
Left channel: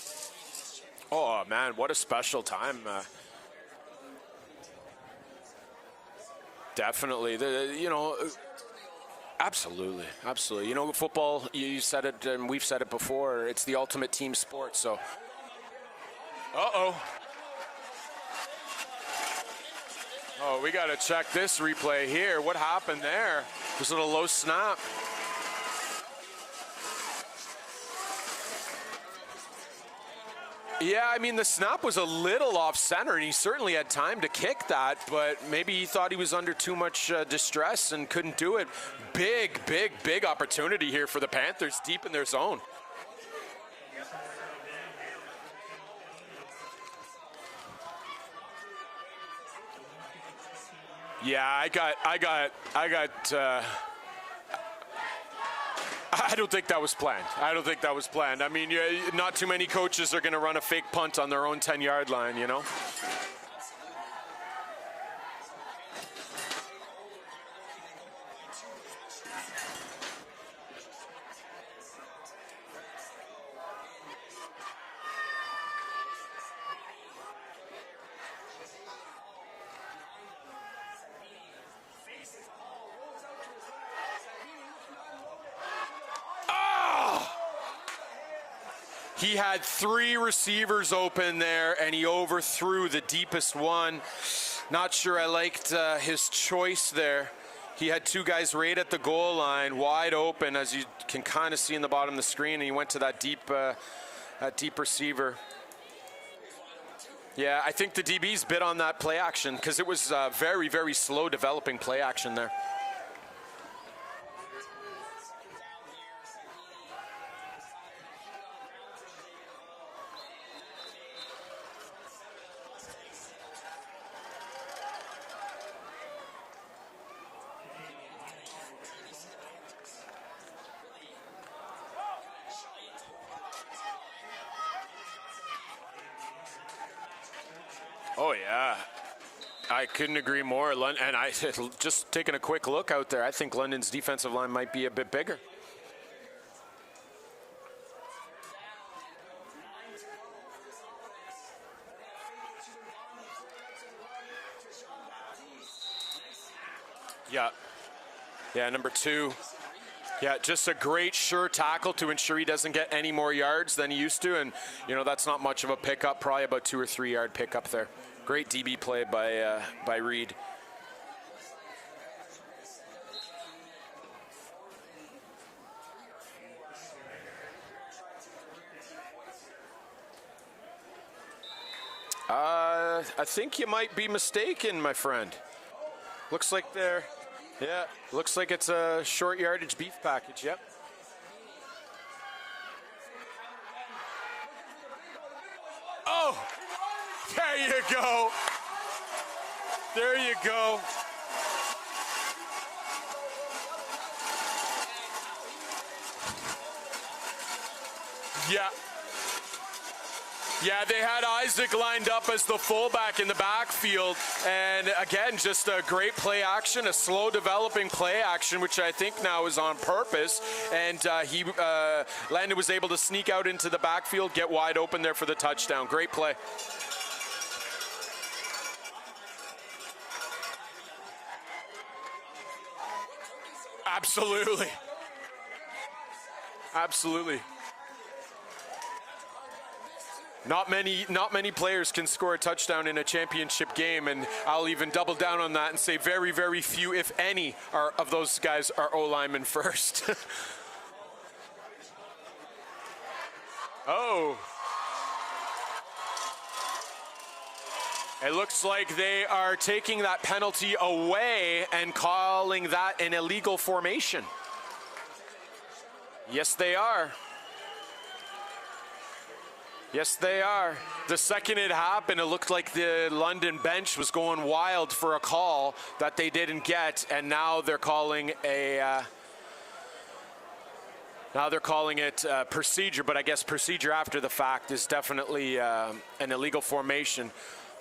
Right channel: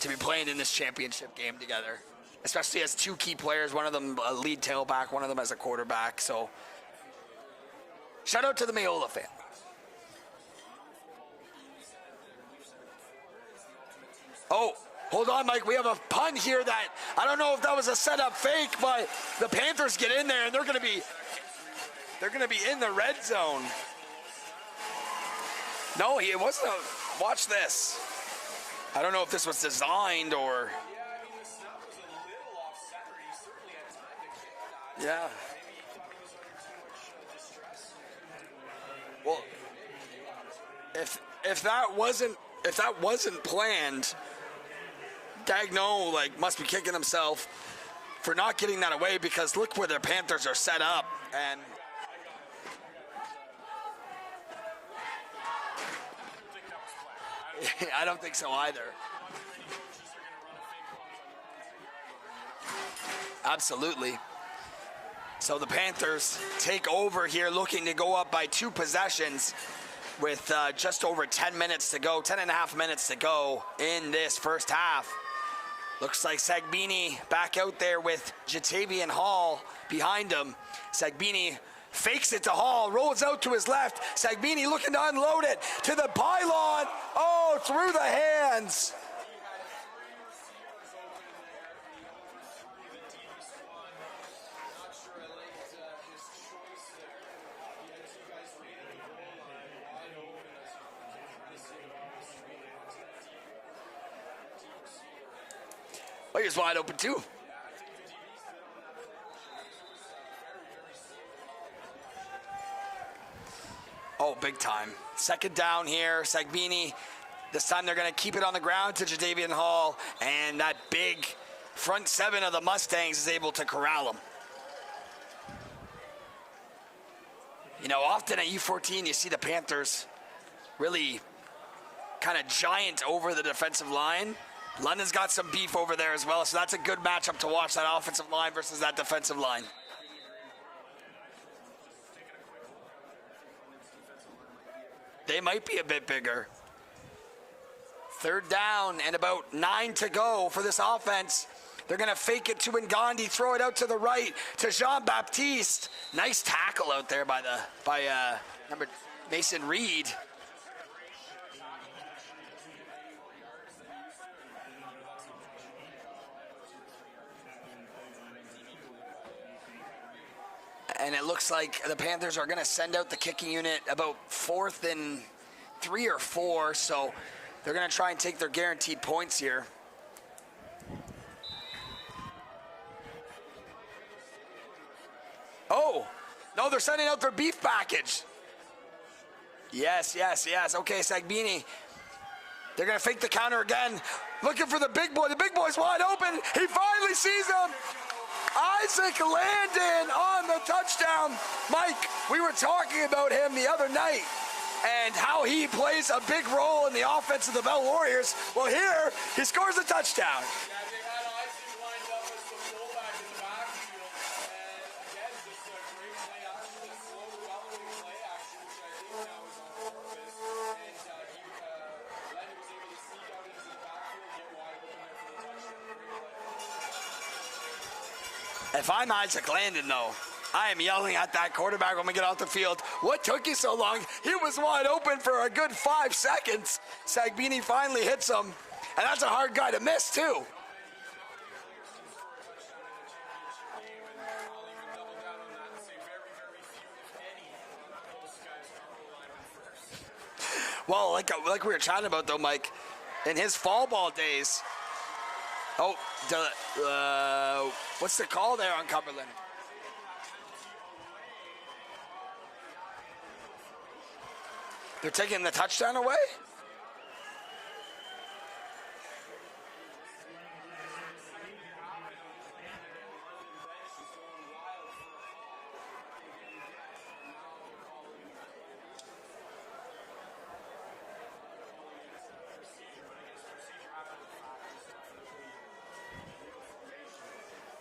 to be playing in this championship game man, together. what a special time. Especially as 2 key players, one of them a lead tailback, one of them as a quarterback. So definitely, shout out to the Mayola fan. Absolutely. You know, football, you said it, and we've said it before, it's the ultimate team sport. So hold on, Mike, we have a punt here. That, I don't know if that was a setup fake, but the Panthers get in there, and they're going to be... we got to check this replay here. What happened in the red there? zone. Just a little low snap. No, it wasn't. Watch this. I don't know if this was designed or... Yeah, I mean, the snap was a little off center, and he certainly had time to kick that, but maybe he thought he was under too much distress and couldn't do it. Big opportunity here for the Panthers, deep in their zone. If that wasn't planned, Gagnon must be kicking himself for not getting that away, because look where the Panthers are set up. Yeah, I don't think that was planned. I don't think that was planned. So I mean, not too many coaches are going to run a fake punt on their own 10-yard line, you know? Absolutely. So the Panthers take over here, looking to go up by 2 possessions with just over 10 minutes to go, 10 and a half minutes to go in this first half. Looks like Sagbini back out there with Jatavian Hall behind him. Sagbini fakes it to Hall, rolls out to his left. Sagbini looking to unload it to the pylon. Oh, through the hands. He had 3 receivers open there, and he overthrew the deepest one. Not sure I liked his choice there. He had 2 guys right at the goal line, wide open, as you can kind of see in the bottom of the screen, and he went to that deep receiver. Well, he was wide open too. Yeah, I think the DBs bit on that play action, because it was very slow developing play action there. Oh, big time. Second down here, Sagbini. This time they're going to keep it on the ground to Jadavian Hall, and that big front 7 of the Mustangs is able to corral him. You know, often at U14 you see the Panthers really kind of giant over the defensive line. London's got some beef over there as well, so that's a good matchup to watch, that offensive line versus that defensive line. I couldn't agree more. And I just taking a quick look out there, I think London's defensive line might be a bit bigger. They might be a bit bigger. Third down and about 9 to go for this offense. They're going to fake it to Ngandi, throw it out to the right to Jean-Baptiste. Nice tackle out there by number 2. Mason Reed. Yeah, just a great sure tackle to ensure he doesn't get any more yards than he used to. And, you know, that's not much of a pickup, probably about 2 or 3 yard pickup there. Great DB play by Reed. And it looks like the Panthers are going to send out the kicking unit about 4th and 3 or 4. So they're going to try and take their guaranteed points here. I think you might be mistaken, my friend. Oh, looks like they're sending out their beef package. Looks like it's a short yardage beef package. Yes. Okay, Sagbini. They're going to fake the counter again. Looking for the big boy. The big boy's wide open. He finally sees him. There you go. Isaac Landon on the touchdown. Mike, we were talking about him the other night. and how he plays a big role in the offense of the Bell Warriors. Yeah. Well, here, he scores a touchdown. Yeah, they had Isaac lined up as the fullback in the backfield. And again, just a great play action, a slow developing play action, which I think now is on purpose. And Landon was able to sneak out into the backfield, get wide open there for the touchdown. Great play. If I'm Isaac Landon, though, I am yelling at that quarterback when we get off the field. What took you so long? Absolutely. He was wide open for a good 5 seconds. Absolutely. Sagbini finally hits him, and that's a hard guy to miss, too. Not many players can score a touchdown in a championship game, and I'll even double down on that and say very, very few, if any, of those guys are O-linemen first. Well, like we were chatting about, though, Mike, in his fall ball days. What's the call? It looks there like they are taking that penalty away and calling that an illegal formation. They're taking the touchdown away? Yes, they are. Yes, they are. The second it happened, it looked like the London bench was going wild for a call that they didn't get, and now they're calling a... Now they're calling it procedure, but I guess procedure after the fact is definitely an illegal formation.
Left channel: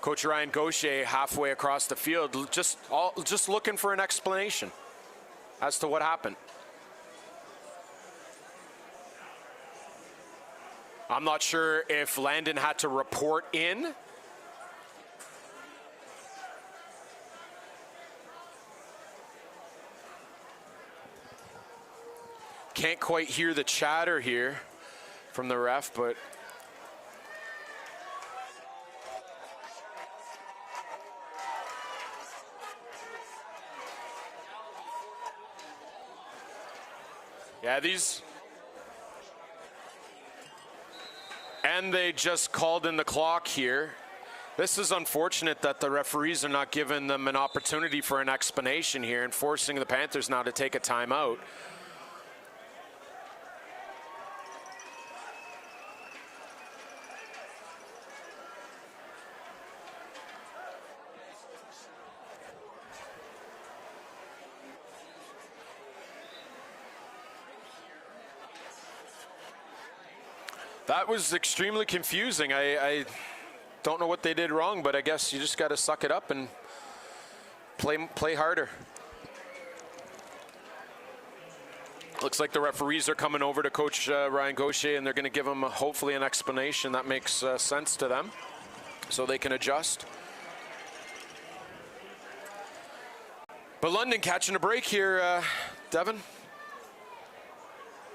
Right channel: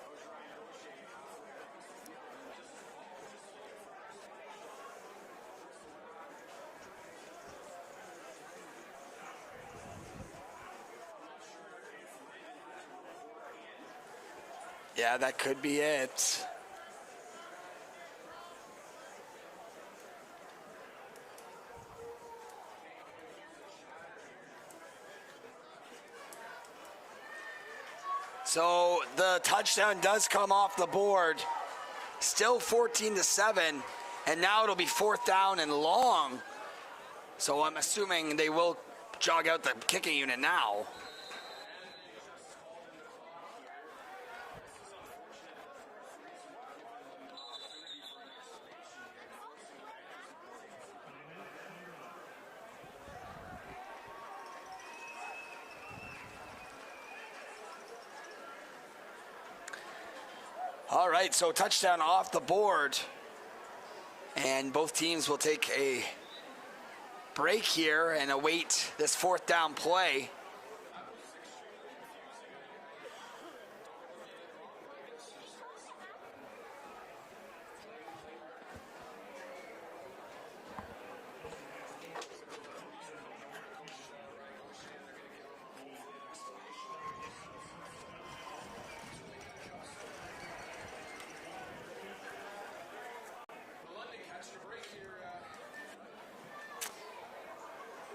Coach Ryan Gaucher halfway across the field, just looking for an explanation as to what happened. I'm not sure if Landon had to report in. Yeah, that could be it. Can't quite hear the chatter here from the ref, but... So the touchdown does come off the board. Still 14-7, and now it'll be 4th down and long. So I'm assuming they will jog out the kicking unit now. And they just called in the clock here. This is unfortunate that the referees are not giving them an opportunity for an explanation here and forcing the Panthers now to take a timeout. All right, so touchdown off the board. And both teams will take a break here and await this 4th down play. That was extremely confusing. I don't know what they did wrong, but I guess you just got to suck it up and play harder. Looks like the referees are coming over to Coach Ryan Gaucher, and they're going to give him hopefully an explanation that makes sense to them so they can adjust. But London catching a break here, Devin.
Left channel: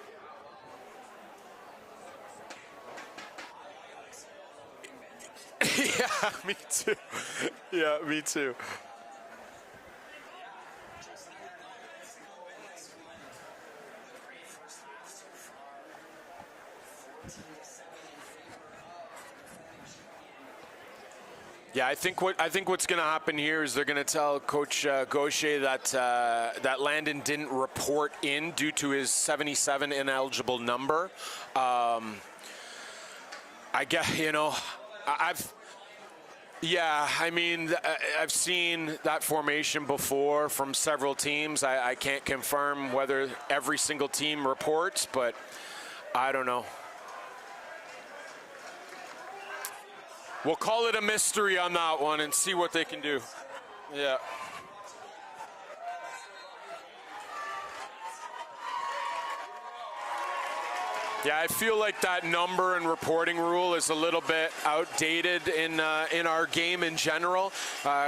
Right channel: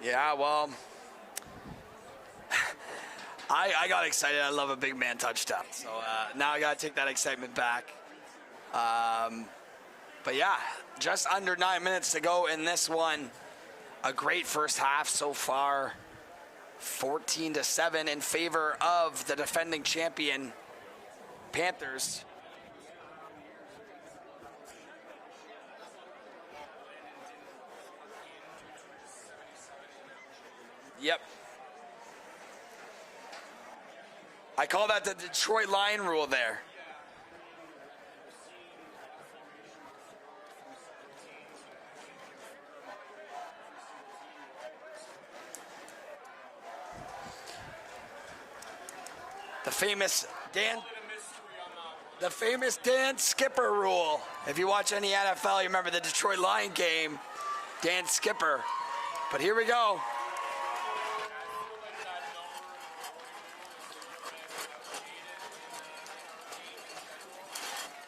Yeah, well, I got excited. I love a big man touchdown. Yeah, now I got to take that excitement back. Yeah, me too. But yeah, just under 9 minutes to go in this one. A great first half so far. 14-7 in favor of the defending champion Panthers. Yeah, I think what's going to happen here is they're going to tell Coach Gaucher that that Landon didn't report in due to his 77 ineligible number. Yep. I guess, you know, I call that the Detroit line rule there. Yeah, I mean, I've seen that formation before from several teams. I can't confirm whether every single team reports, but I don't know. The famous We'll call it a mystery on that one and see what they can do. Dan Skipper rule. Yeah. If you watch any NFL, you remember the Detroit Lion game, Dan Skipper. But here we go. Yeah, I feel like that number and reporting rule is a little bit outdated in our game in general,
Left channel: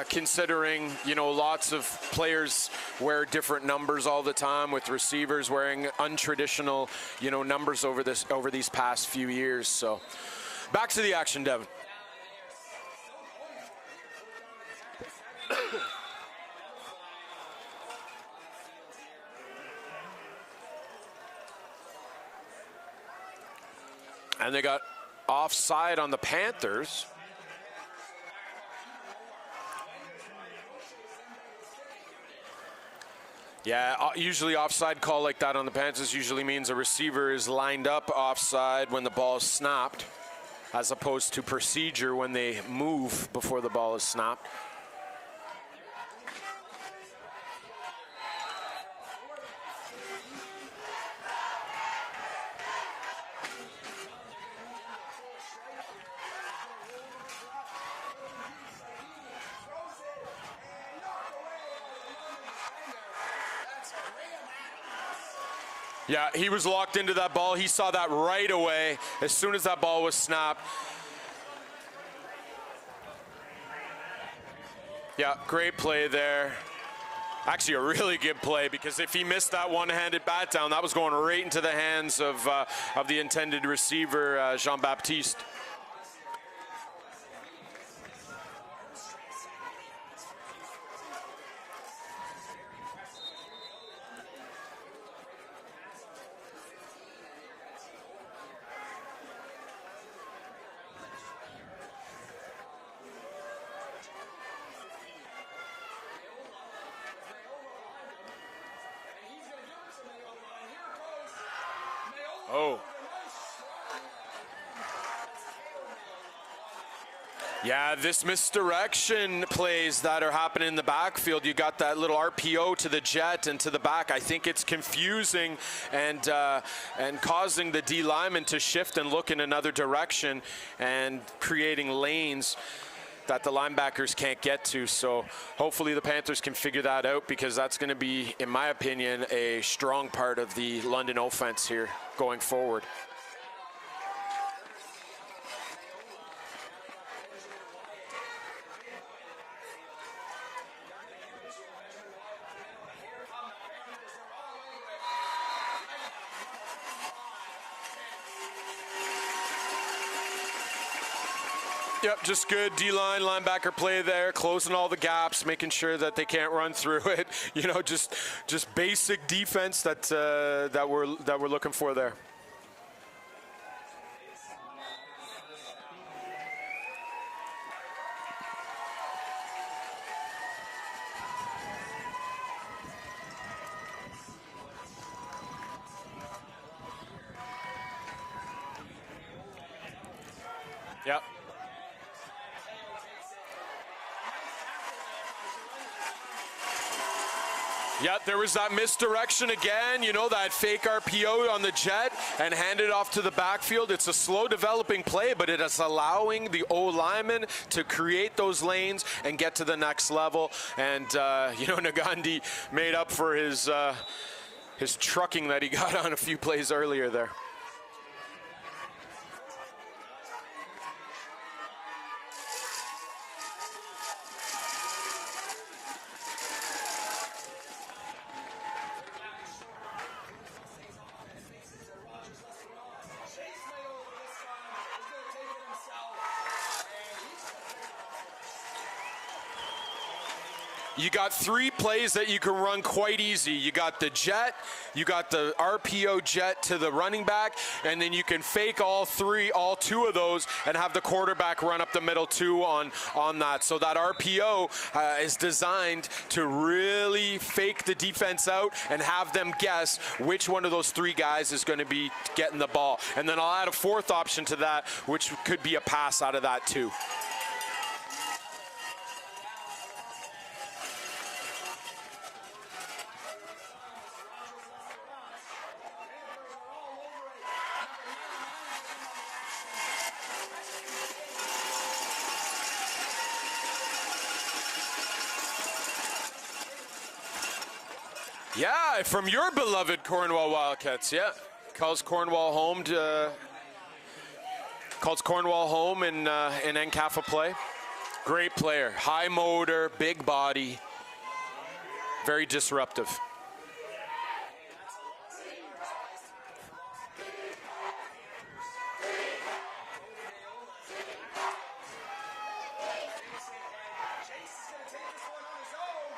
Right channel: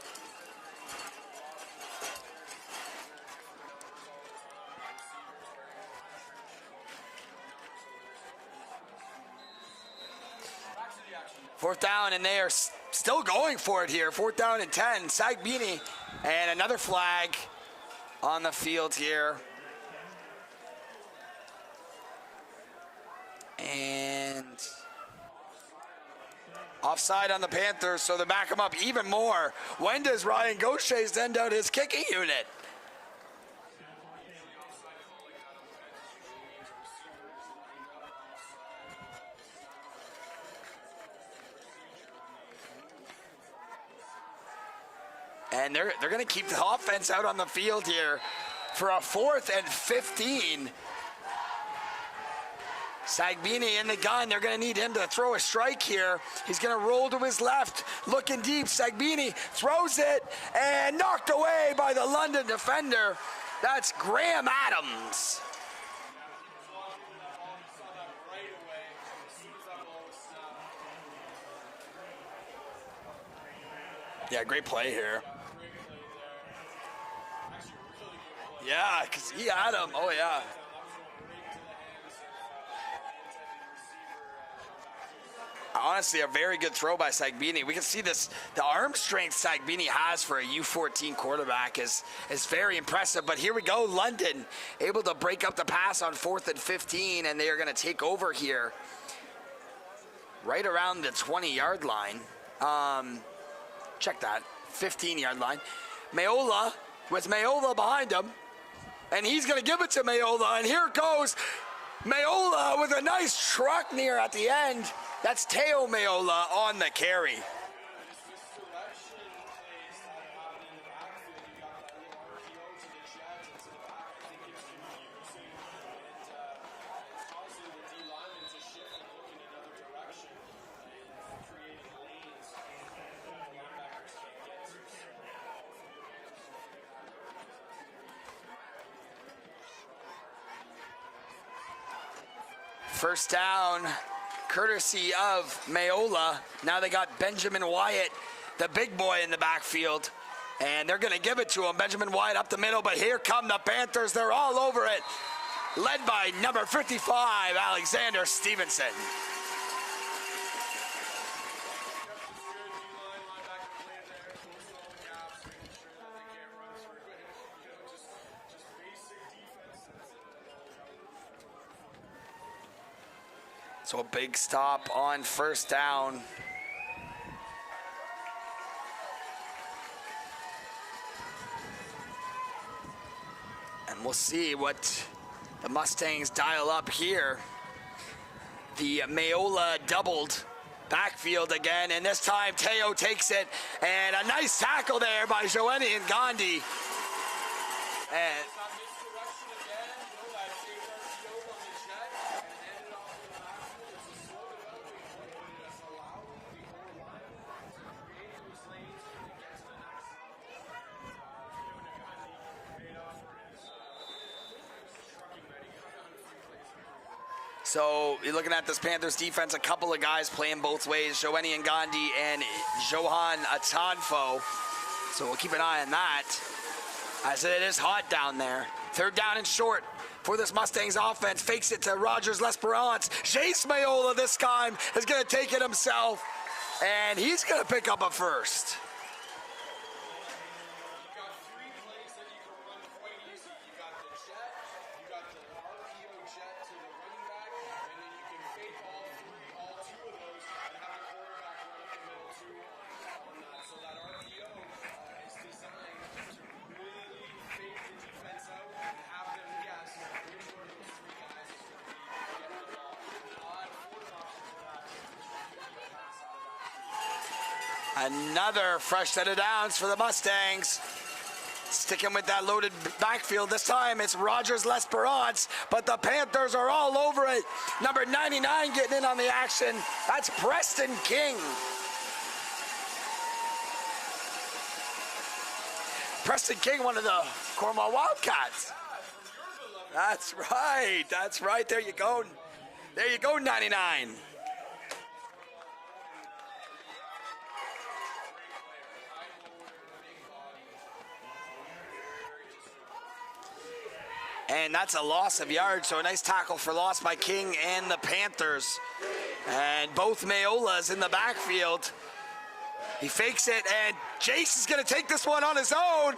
considering, you know, lots of players wear different numbers all the time, with receivers wearing untraditional, you know, numbers over these past few years. So back to the action, Devin. 4th down, and they are still going for it here. 4th down and 10. Sagbini, and another flag on the field here. And they got offside on the Panthers. Offside on the Panthers, so they back them up even more. When does Ryan Gaucher send out his kicking unit? Yeah, usually offside call like that on the Panthers usually means a receiver is lined up offside when the ball is snapped, as opposed to procedure when they move before the ball is snapped. And they're going to keep the offense out on the field here. for a 4th and 15. Sagbini in the gun. They're going to need him to throw a strike here. He's going to roll to his left, looking deep. Sagbini throws it and knocked away by the London defender. That's Graham Adams. Yeah, he was locked into that ball. He saw that right away as soon as that ball was snapped. Yeah, great play here. Yeah, great play there. Actually, a really good play, because if he missed that one-handed bat down, that was going right into the hands of the intended receiver, Jean-Baptiste. Honestly, a very good throw by Sagbini. We can see this, the arm strength Sagbini has for a U14 quarterback is very impressive. But here we go, London able to break up the pass on 4th and 15, and they are going to take over here right around the 20-yard line. Check that, 15-yard line. Mayola, with Mayola behind him, and he's going to give it to Mayola, and here goes Mayola with a nice truck near at the end. That's Teo Mayola on the carry. Yeah, this misdirection plays that are happening in the backfield. You got that little RPO to the jet and to the back. I think it's confusing and causing the D lineman to shift and look in another direction and creating lanes that the linebackers can't get to. So hopefully the Panthers can figure that out, because that's going to be, in my opinion, a strong part of the London offense here going forward. First down, courtesy of Mayola. Now they got Benjamin Wyatt, the big boy, in the backfield, and they're going to give it to him. Benjamin Wyatt up the middle, but here come the Panthers. They're all over it, led by number 55, Alexander Stevenson. Yep, just good D-line linebacker play there, closing all the gaps, making sure that they can't run through it. You know, just basic defense that we're looking for there. So a big stop on first down. And we'll see what the Mustangs dial up here. The Mayola doubled backfield again, and this time Teo takes it, and a nice tackle there by Joanie and Gandhi. Yeah, there was that misdirection again, you know, that fake RPO on the jet and hand it off to the backfield. It's a slow developing play, but it is allowing the O-lineman to create those lanes and get to the next level. And, you know, Nagandi made up for his trucking that he got on a few plays earlier there. So you're looking at this Panthers defense, a couple of guys playing both ways, Joanie and Gandhi and Johan Atanfo. So we'll keep an eye on that, as it is hot down there. Third down and short for this Mustangs offense. Fakes it to Rogers L'Esperance. Jace Mayola this time is going to take it himself, and he's going to pick up a first. You got 3 plays that you can run quite easy. You got the jet, you got the RPO jet to the running back, and then you can fake all 2 of those and have the quarterback run up the middle too on that. So that RPO is designed to really fake the defense out and have them guess which one of those 3 guys is going to be getting the ball. And then I'll add a 4th option to that, which could be a pass out of that too. Another fresh set of downs for the Mustangs. Sticking with that loaded backfield. This time it's Rogers L'Esperance, but the Panthers are all over it. Number 99 getting in on the action. That's Preston King. Preston King, one of the Cornwall Wildcats. Yeah, from your beloved Cornwall Wildcats. That's right. There Calls you go. Cornwall home. There you go, 99. Calls Cornwall home in NCAFA play. Great player, high motor, big body, very disruptive. And that's a loss of yards, so a nice tackle for loss by King and the Panthers. And both Mayolas in the backfield. He fakes it, and Jace is going to take this one on his own,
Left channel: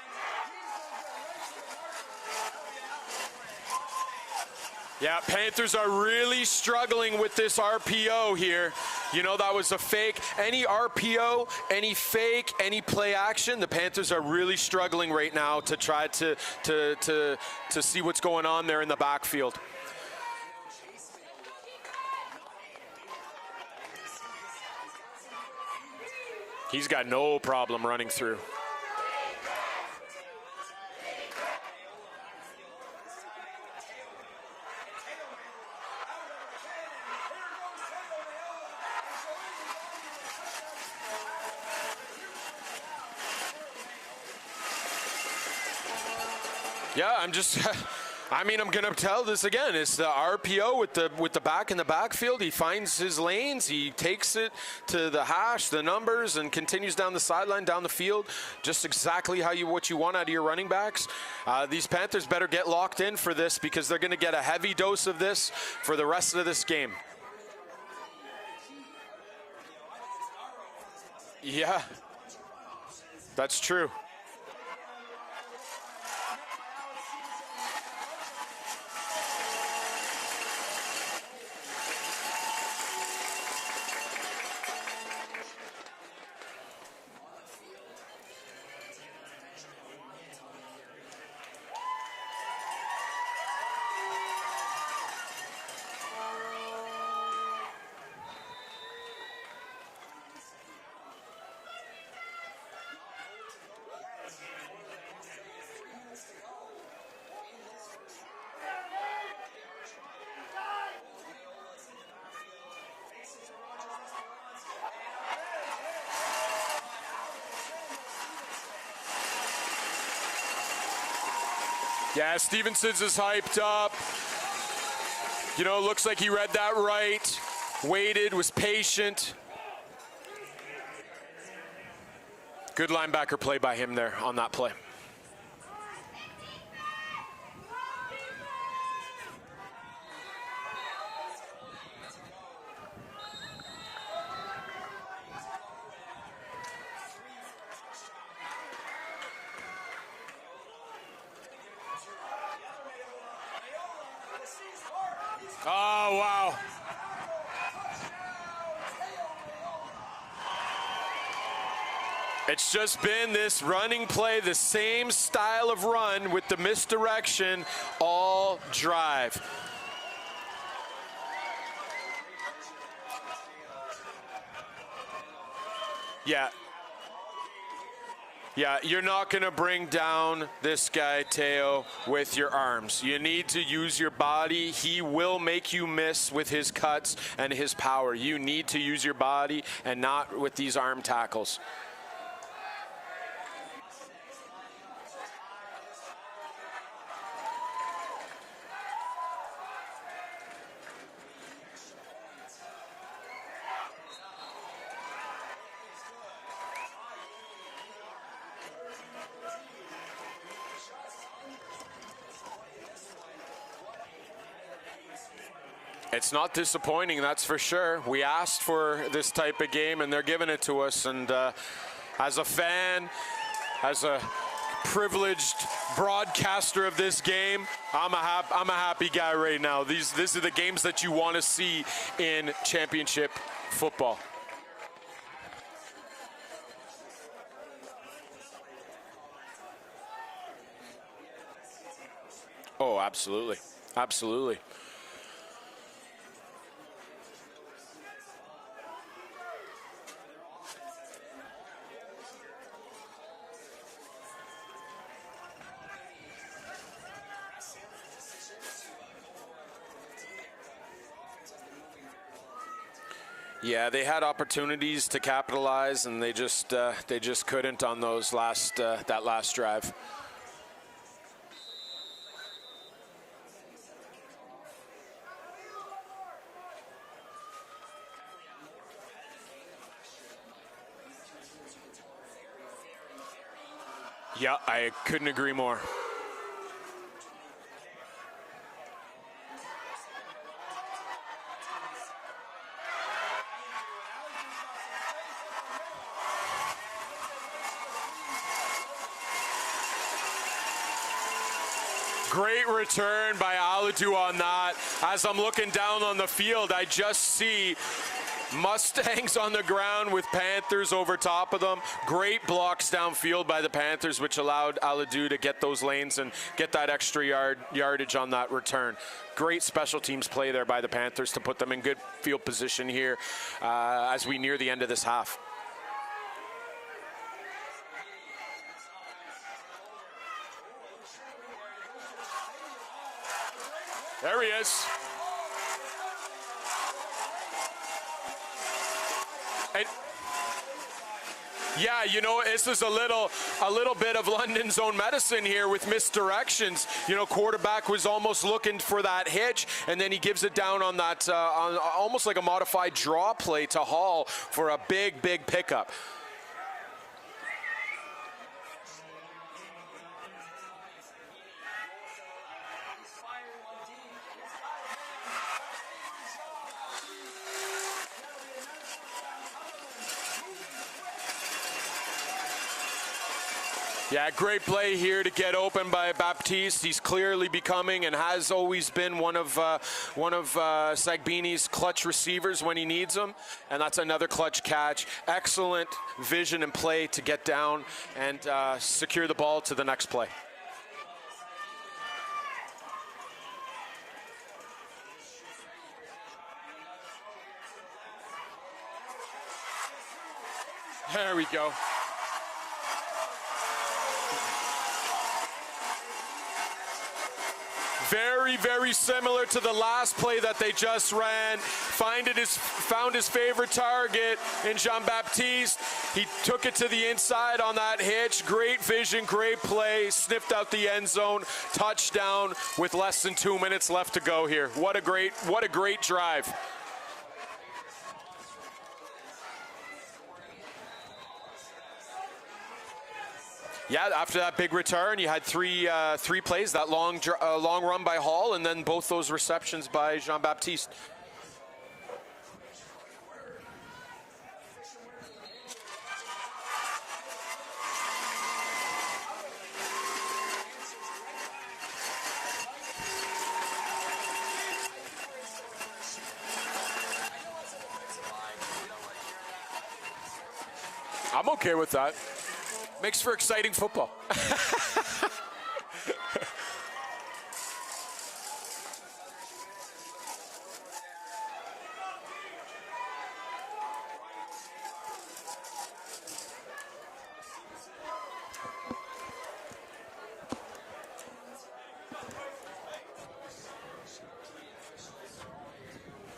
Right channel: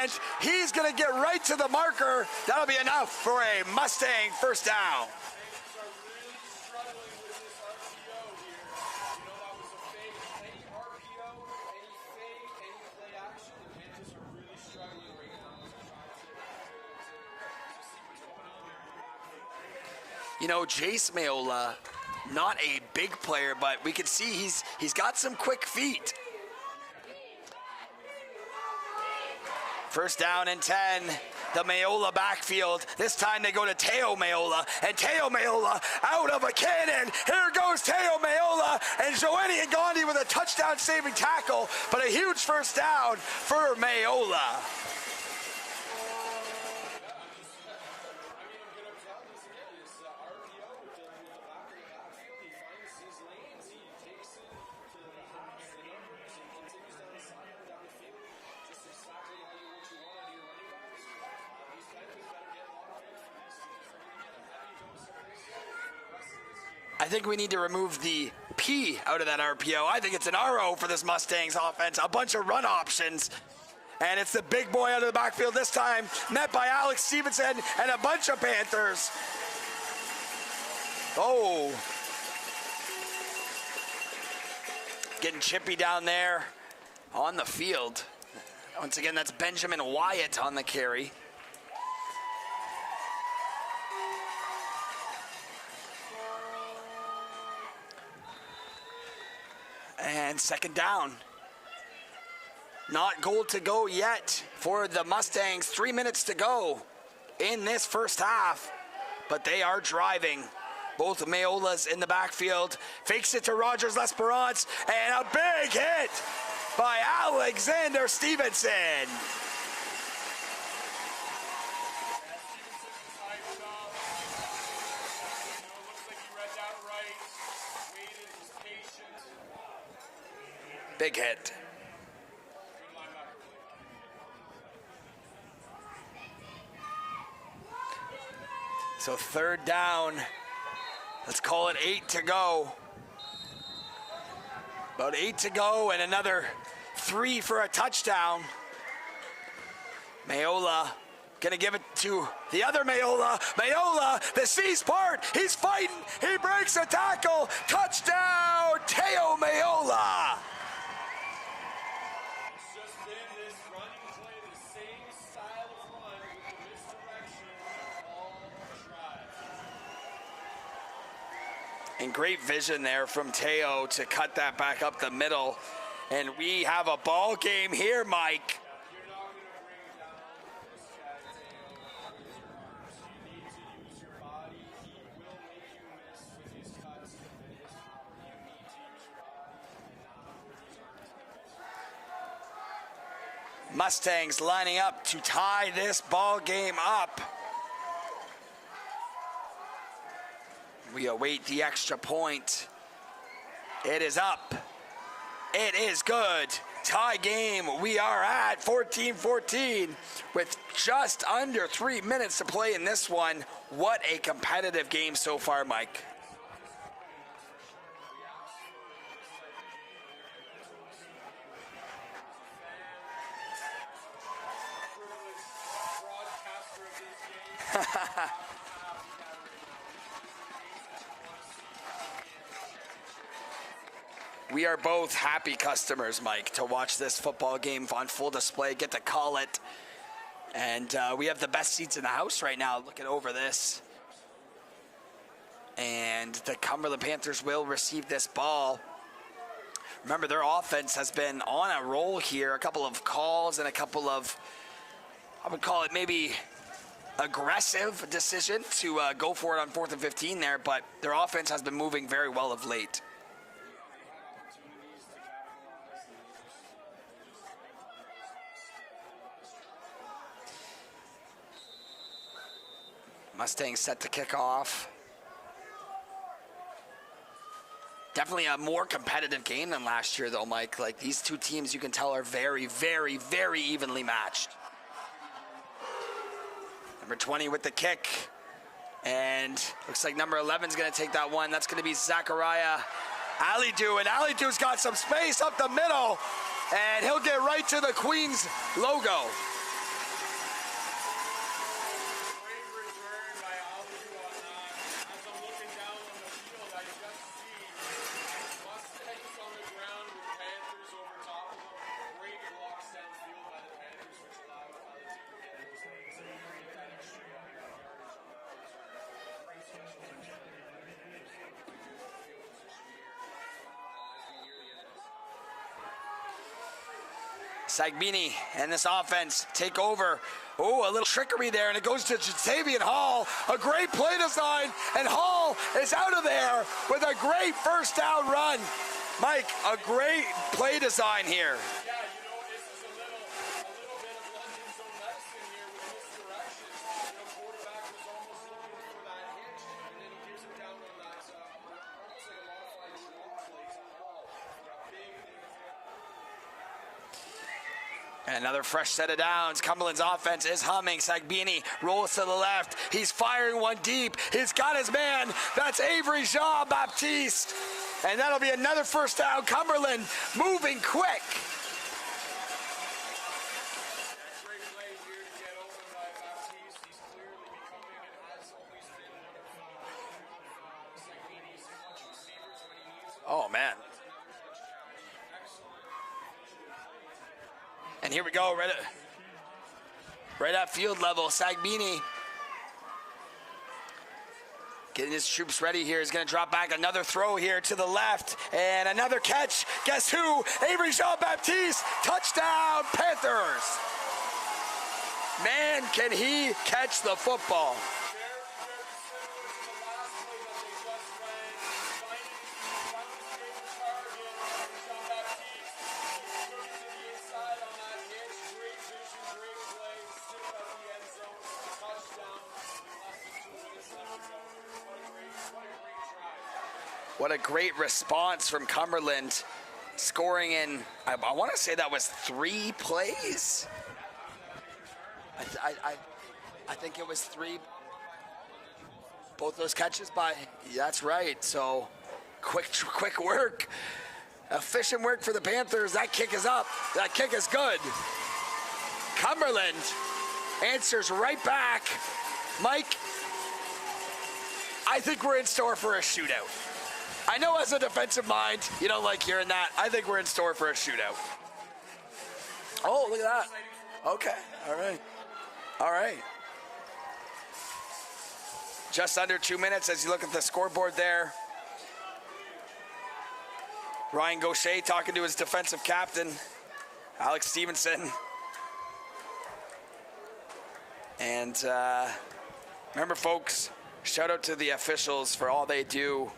and he's going to get right to the marker. That'll be enough for a Mustang first down. Yeah, Panthers are really struggling with this RPO here. You know, that was a fake. Any RPO, any fake, any play action, the Panthers are really struggling right now to try to see what's going on there in the backfield. You know, Jace Mayola, not a big player, but we can see he's got some quick feet. He's got no problem running through. First down and 10. The Mayola backfield. This time they go to Teo Mayola. And Teo Mayola out of a cannon. Here goes Teo Mayola. And Joanie Ngandi with a touchdown saving tackle. But a huge first down for Mayola. Yeah, I'm gonna tell this again. It's the RPO with the back in the backfield. He finds his lanes. He takes it to the hash, the numbers, and continues down the sideline, down the field. Just exactly what you want out of your running backs. These Panthers better get locked in for this because they're gonna get a heavy dose of this for the rest of this game. I think we need to remove the P out of that RPO. I think it's an RO for this Mustangs offense. A bunch of run options. That's true. And it's the big boy out of the backfield this time, met by Alex Stevenson and a bunch of Panthers. Oh. Getting chippy down there on the field. Once again, that's Benjamin Wyatt on the carry. And second down. Not goal to go yet for the Mustangs. 3 minutes to go in this first half, but they are driving. Both Mayolas in the backfield. Fakes it to Rogers L'Esperance, and a big hit by Alexander Stevenson. Yeah, Stevenson's is hyped up. You know, looks like he read that right. Waited, was patient. Big hit. Good linebacker play by him there on that play. So third down. Let's call it 8 to go. About 8 to go and another 3 for a touchdown. Mayola gonna give it to the other Mayola. Mayola, the C's part. He's fighting. Oh, wow. He breaks a tackle. Touchdown, Teo Mayola. It's just been this running play, the same style of run with the misdirection all drive. And great vision there from Teo to cut that back up the middle. And we have a ball game here, Mike. Yeah, you're not going to bring down this guy, Teo, with your arms. You need to use your body. He will make you miss with his cuts and his power. You need to use your body and not with these arm tackles. Mustangs lining up to tie this ball game up. We await the extra point. It is up. It is good. Tie game. We are at 14-14 with just under 3 minutes to play in this one. What a competitive game so far, Mike. It's not disappointing, that's for sure. We asked for this type of game, and they're giving it to us. And as a fan, as a privileged broadcaster of this game, I'm a happy guy right now. These are the games that you want to see in championship football. We are both happy customers, Mike, to watch this football game on full display, get to call it. And we have the best seats in the house right now looking over this. Absolutely. And the Cumberland Panthers will receive this ball. Remember, their offense has been on a roll here. A couple of calls and a couple of, I would call it maybe aggressive decision to go for it on 4th and 15 there, but their offense has been moving very well of late. Yeah, they had opportunities to capitalize, and they just couldn't on those that last drive. Mustangs set to kick off. Definitely a more competitive game than last year, though, Mike. Like, these two teams, you can tell, are very, very, very evenly matched. Yeah, I couldn't agree more. Number 20 with the kick. And looks like number 11 is going to take that one. That's going to be Zachariah Alidu. And Alidu's got some space up the middle. And he'll get right to the Queens logo. Great return by Alidu on that. As I'm looking down on the field, I just see Mustangs on the ground with Panthers over top of them. Great blocks downfield by the Panthers, which allowed Alidu to get those lanes and get that extra yardage on that return. Great special teams play there by the Panthers to put them in good field position here as we near the end of this half. Sagbini and this offense take over. Oh, a little trickery there, and it goes to Jatavian Hall. A great play design, and Hall is out of there with a great first down run. Mike, a great play design here. Yeah, you know, this is a little bit of London's own medicine here with misdirections. You know, quarterback was almost looking for that hitch, and then he gives it down on that, on almost like a modified draw play to Hall for a big pickup. Another fresh set of downs. Cumberland's offense is humming. Sagbini rolls to the left. He's firing one deep. He's got his man. That's Avery Jean-Baptiste. And that'll be another first down. Cumberland moving quick. Yeah, great play here to get open by Baptiste. He's clearly becoming and has always been one of Sagbini's clutch receivers when he needs them. Oh, man. And that's another clutch catch. Excellent vision and play to get down and here we go, right secure the ball to the next play. Right at field level, Sagbini getting his troops ready here. He's going to drop back. Another throw here to the left. And another catch. Guess who? Avery Jean-Baptiste. Touchdown, Panthers. Man, can he catch the football. Very similar to the last play that they just ran. Found his favorite target in Jean-Baptiste. He took it to the inside on that hitch. Great vision, great play. Sniffed out the end zone. Touchdown with less than 2 minutes left to go here. What a great drive. What a great response from Cumberland. Scoring in, I want to say that was 3 plays. Yeah, after that big return, you had three plays. That long run by Hall, and then both those receptions by Jean-Baptiste. That's right. So, quick work, efficient work for the Panthers. That kick is up. That kick is good. Cumberland answers right back. Mike, I think we're in store for a shootout. I know as a defensive mind, you don't like hearing that. I think we're in store for a shootout. I'm okay with that. Oh, makes for exciting football. Okay. All right. Just under 2 minutes as you look at the scoreboard there. Ryan Gaucher talking to his defensive captain, Alex Stevenson. And remember, folks, shout out to the officials for all they do.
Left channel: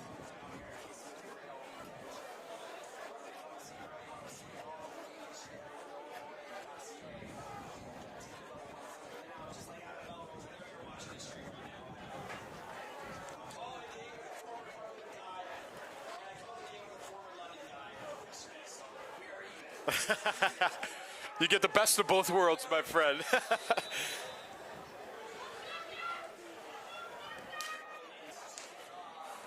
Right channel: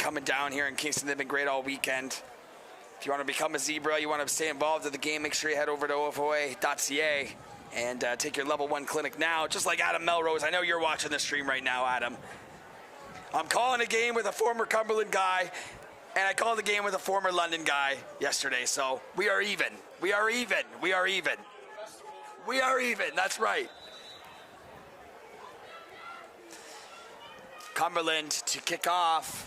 Coming down here in Kingston, they've been great all weekend. If you want to become a Zebra, you want to stay involved in the game, make sure you head over to OFOA.ca and take your level 1 clinic now, just like Adam Melrose. I know you're watching the stream right now, Adam. I'm calling a game with a former Cumberland guy, and I called a game with a former London guy yesterday, so we are even. We are even. We are even. You get the best of both worlds, we are my even. friend. That's right. Cumberland to kick off.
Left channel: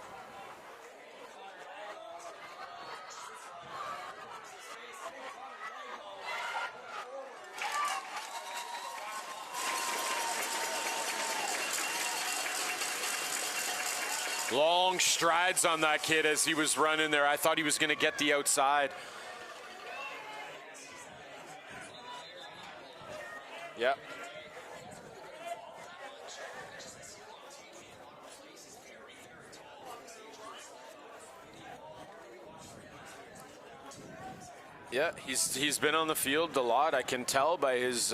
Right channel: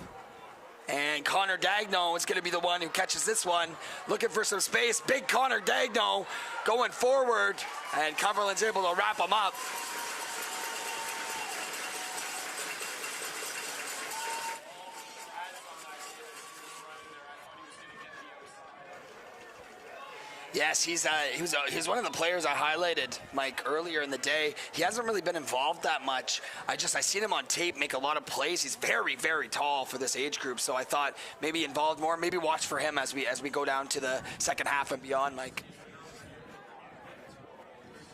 And Connor Dagno is going to be the one who catches this one. Looking for some space. Big Connor Dagno going forward. And Cumberland's able to wrap him up. Long strides on that kid as he was running there. I thought he was going to get the outside. Yes, he was one of the players I highlighted, Mike, earlier in the day. He hasn't really been involved that much. I seen him on tape make a lot of plays. He's very tall for this age group, so I thought maybe involved more, maybe watch for him as we go down to the second half and beyond. He's been on the field a lot. I can tell by his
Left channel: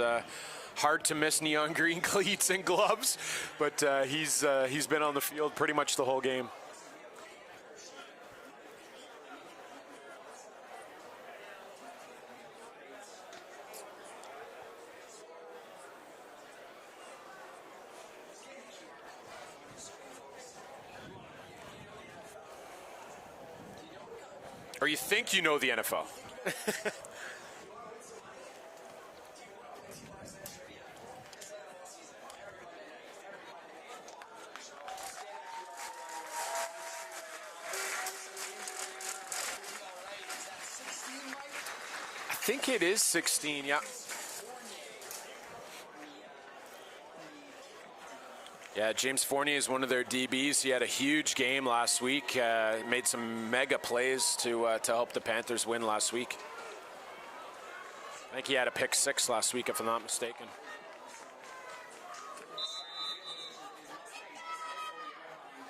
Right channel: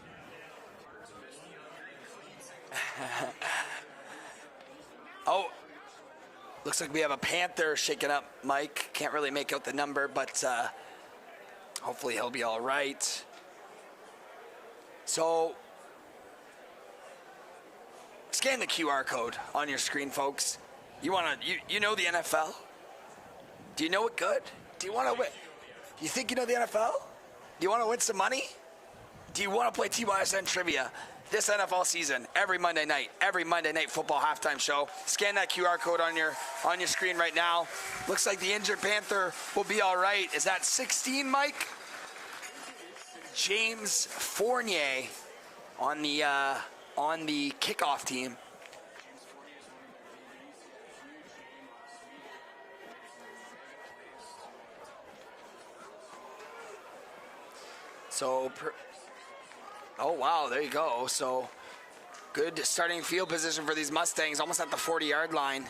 hard to miss neon green cleats and gloves, but he's been on the field pretty much the whole game. Looks like we have a Panther shaking up, Mike. Can't really make out the number, but hopefully he'll be all right. So, scan the QR code on your screen, folks. You know the NFL? Do you know it good? Or you think you know the NFL? You think you know the NFL? Do you want to win some money? Do you want to play TYSN trivia this NFL season? Every Monday night football halftime show. Scan that QR code on your screen right now. Looks like the injured Panther will be all right. Is that 16, Mike? I think it is 16. James Fournier on the kickoff team. Yeah, James Fournier is one of their DBs. He had a huge game last week. Made some mega plays to help the Panthers win last week. So I think he had a pick 6 last week, if I'm not mistaken. Oh, wow, there you go. So good starting field position for these Mustangs, almost at the 40-yard line.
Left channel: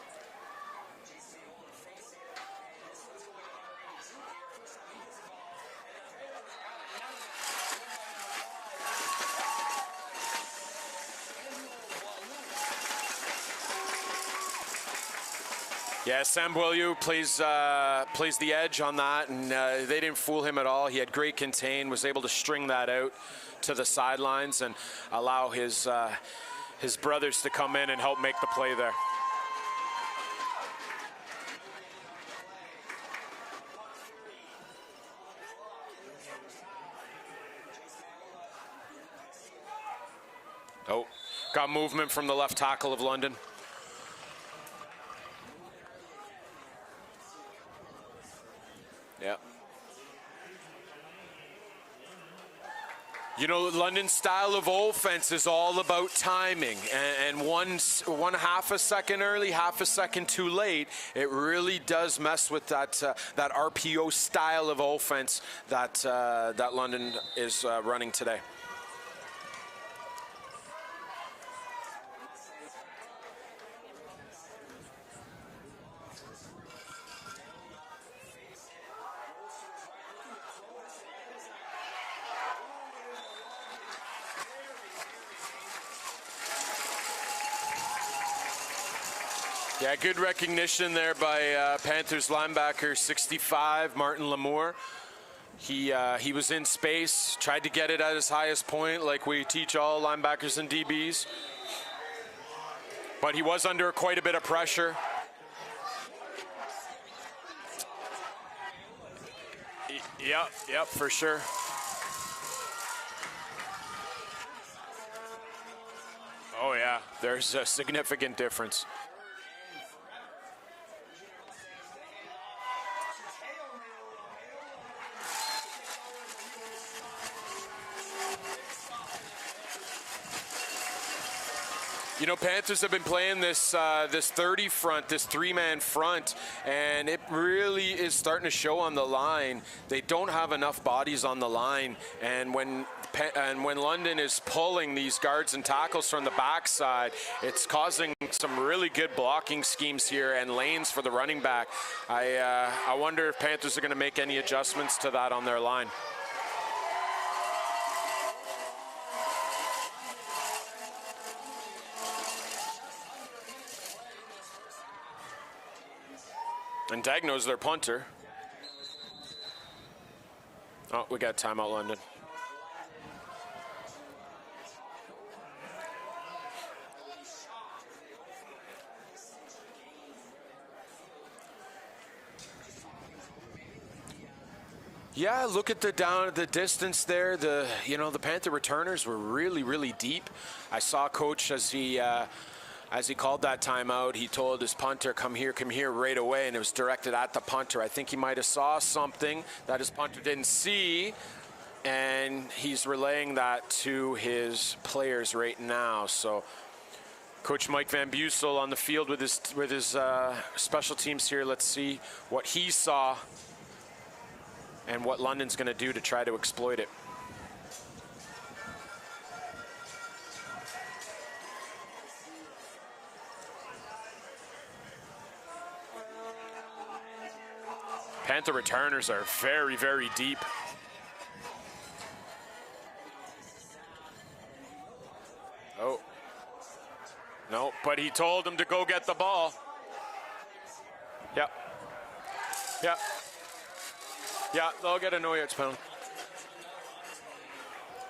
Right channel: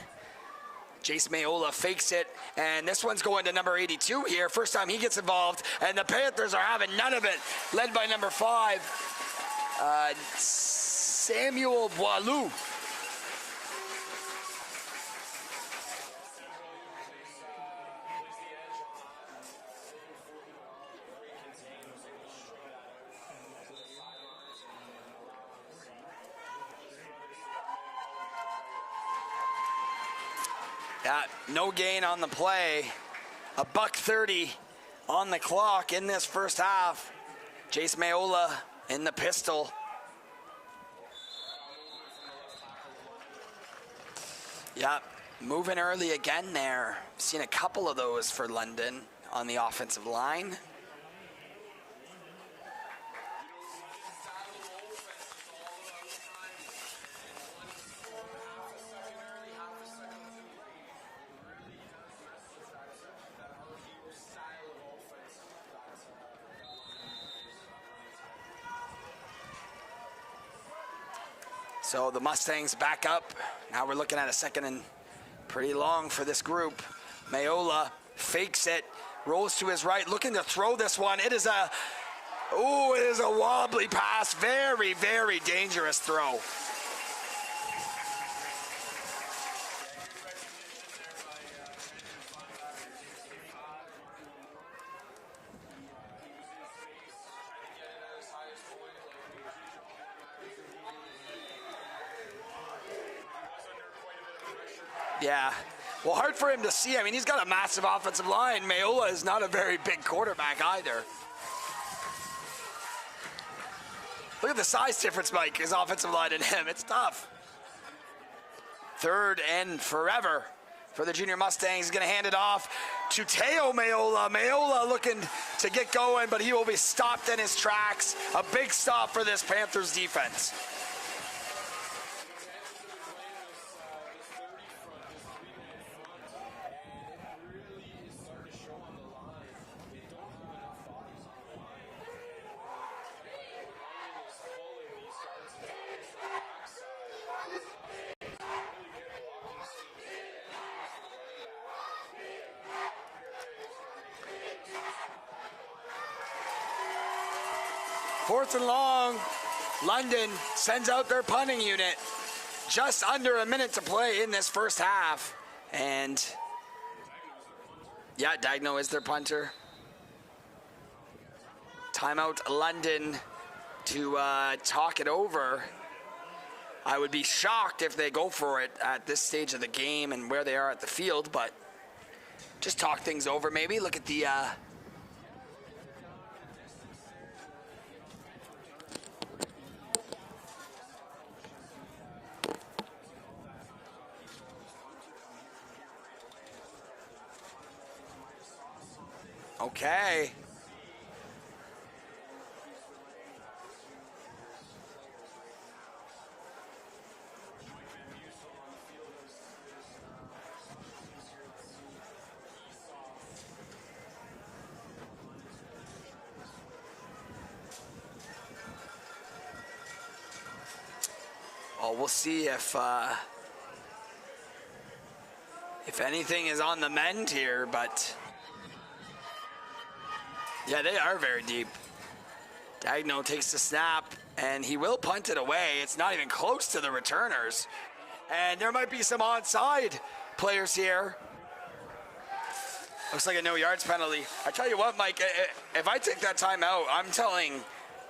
Jace Mayola fakes it, and this one's going to number 82 here. First time he gets involved, and the Panthers are having none of it. Led by number 5, Samuel Boileau. Yeah, Sam Boileau plays the edge on that, and they didn't fool him at all. He had great contain, was able to string that out to the sidelines and allow his brothers to come in and help make the play there. No gain on the play. $1:30 on the clock in this first half. Jace Mayola in the pistol. Oh, got movement from the left tackle of London. Yep, moving early again there. Seen a couple of those for London on the offensive line. You know, London's style of offense is all about timing, and one half a second early, half a second too late, it really does mess with that RPO style of offense that London is running today. So the Mustangs back up. Now we're looking at a second and pretty long for this group. Mayola fakes it, rolls to his right, looking to throw this one. It is a wobbly pass. Very, very dangerous throw. Yeah, good recognition there by Panthers linebacker 65, Martin Lamour. He was in space, tried to get it at his highest point like we teach all linebackers and DBs. But he was under quite a bit of pressure. Yeah. Well, hard for him to see. I mean, he's got a massive offensive line. Mayola is not a very big quarterback either. Yep, for sure. Look at the size difference, Mike, his offensive line and him. It's tough. There's a significant difference. 3rd and forever for the junior Mustangs. He's going to hand it off to Teo Mayola. Mayola looking to get going, but he will be stopped in his tracks. A big stop for this Panthers defense. You know, Panthers have been playing this 30 front, this 3-man front, and it really is starting to show on the line. They don't have enough bodies on the line, and when London is pulling these guards and tackles from the backside, it's causing some really good blocking schemes here and lanes for the running back. I wonder if Panthers are going to make any adjustments to that on their line. 4th and long. London sends out their punting unit. Just under a minute to play in this first half. And Dagno's their punter. Yeah, Dagno is their punter. Oh, we got timeout London. Timeout London to talk it over. I would be shocked if they go for it at this stage of the game and where they are at the field, but just talk things over maybe. Look at the yeah, look at the distance there. The Panther returners were really, really deep. I saw Coach as he called that timeout, he told his punter, come here right away, and it was directed at the punter. I think he might have saw something that his punter didn't see, and he's relaying that to his players right now. So Coach Mike Van Bussel on the field with his special teams here. Let's see what he saw and what London's going to do to try to exploit it. Oh, we'll see if anything is on the mend here, but Panther returners are very, very deep. Yeah, they are very deep. Dagno takes the snap, and he will punt it away. It's not even close to the returners. No, but he told them to go get the ball. There might be some onside players here. Yep. Yeah. Looks like a no yards penalty. I tell you what, Mike, if I take that timeout, I'm telling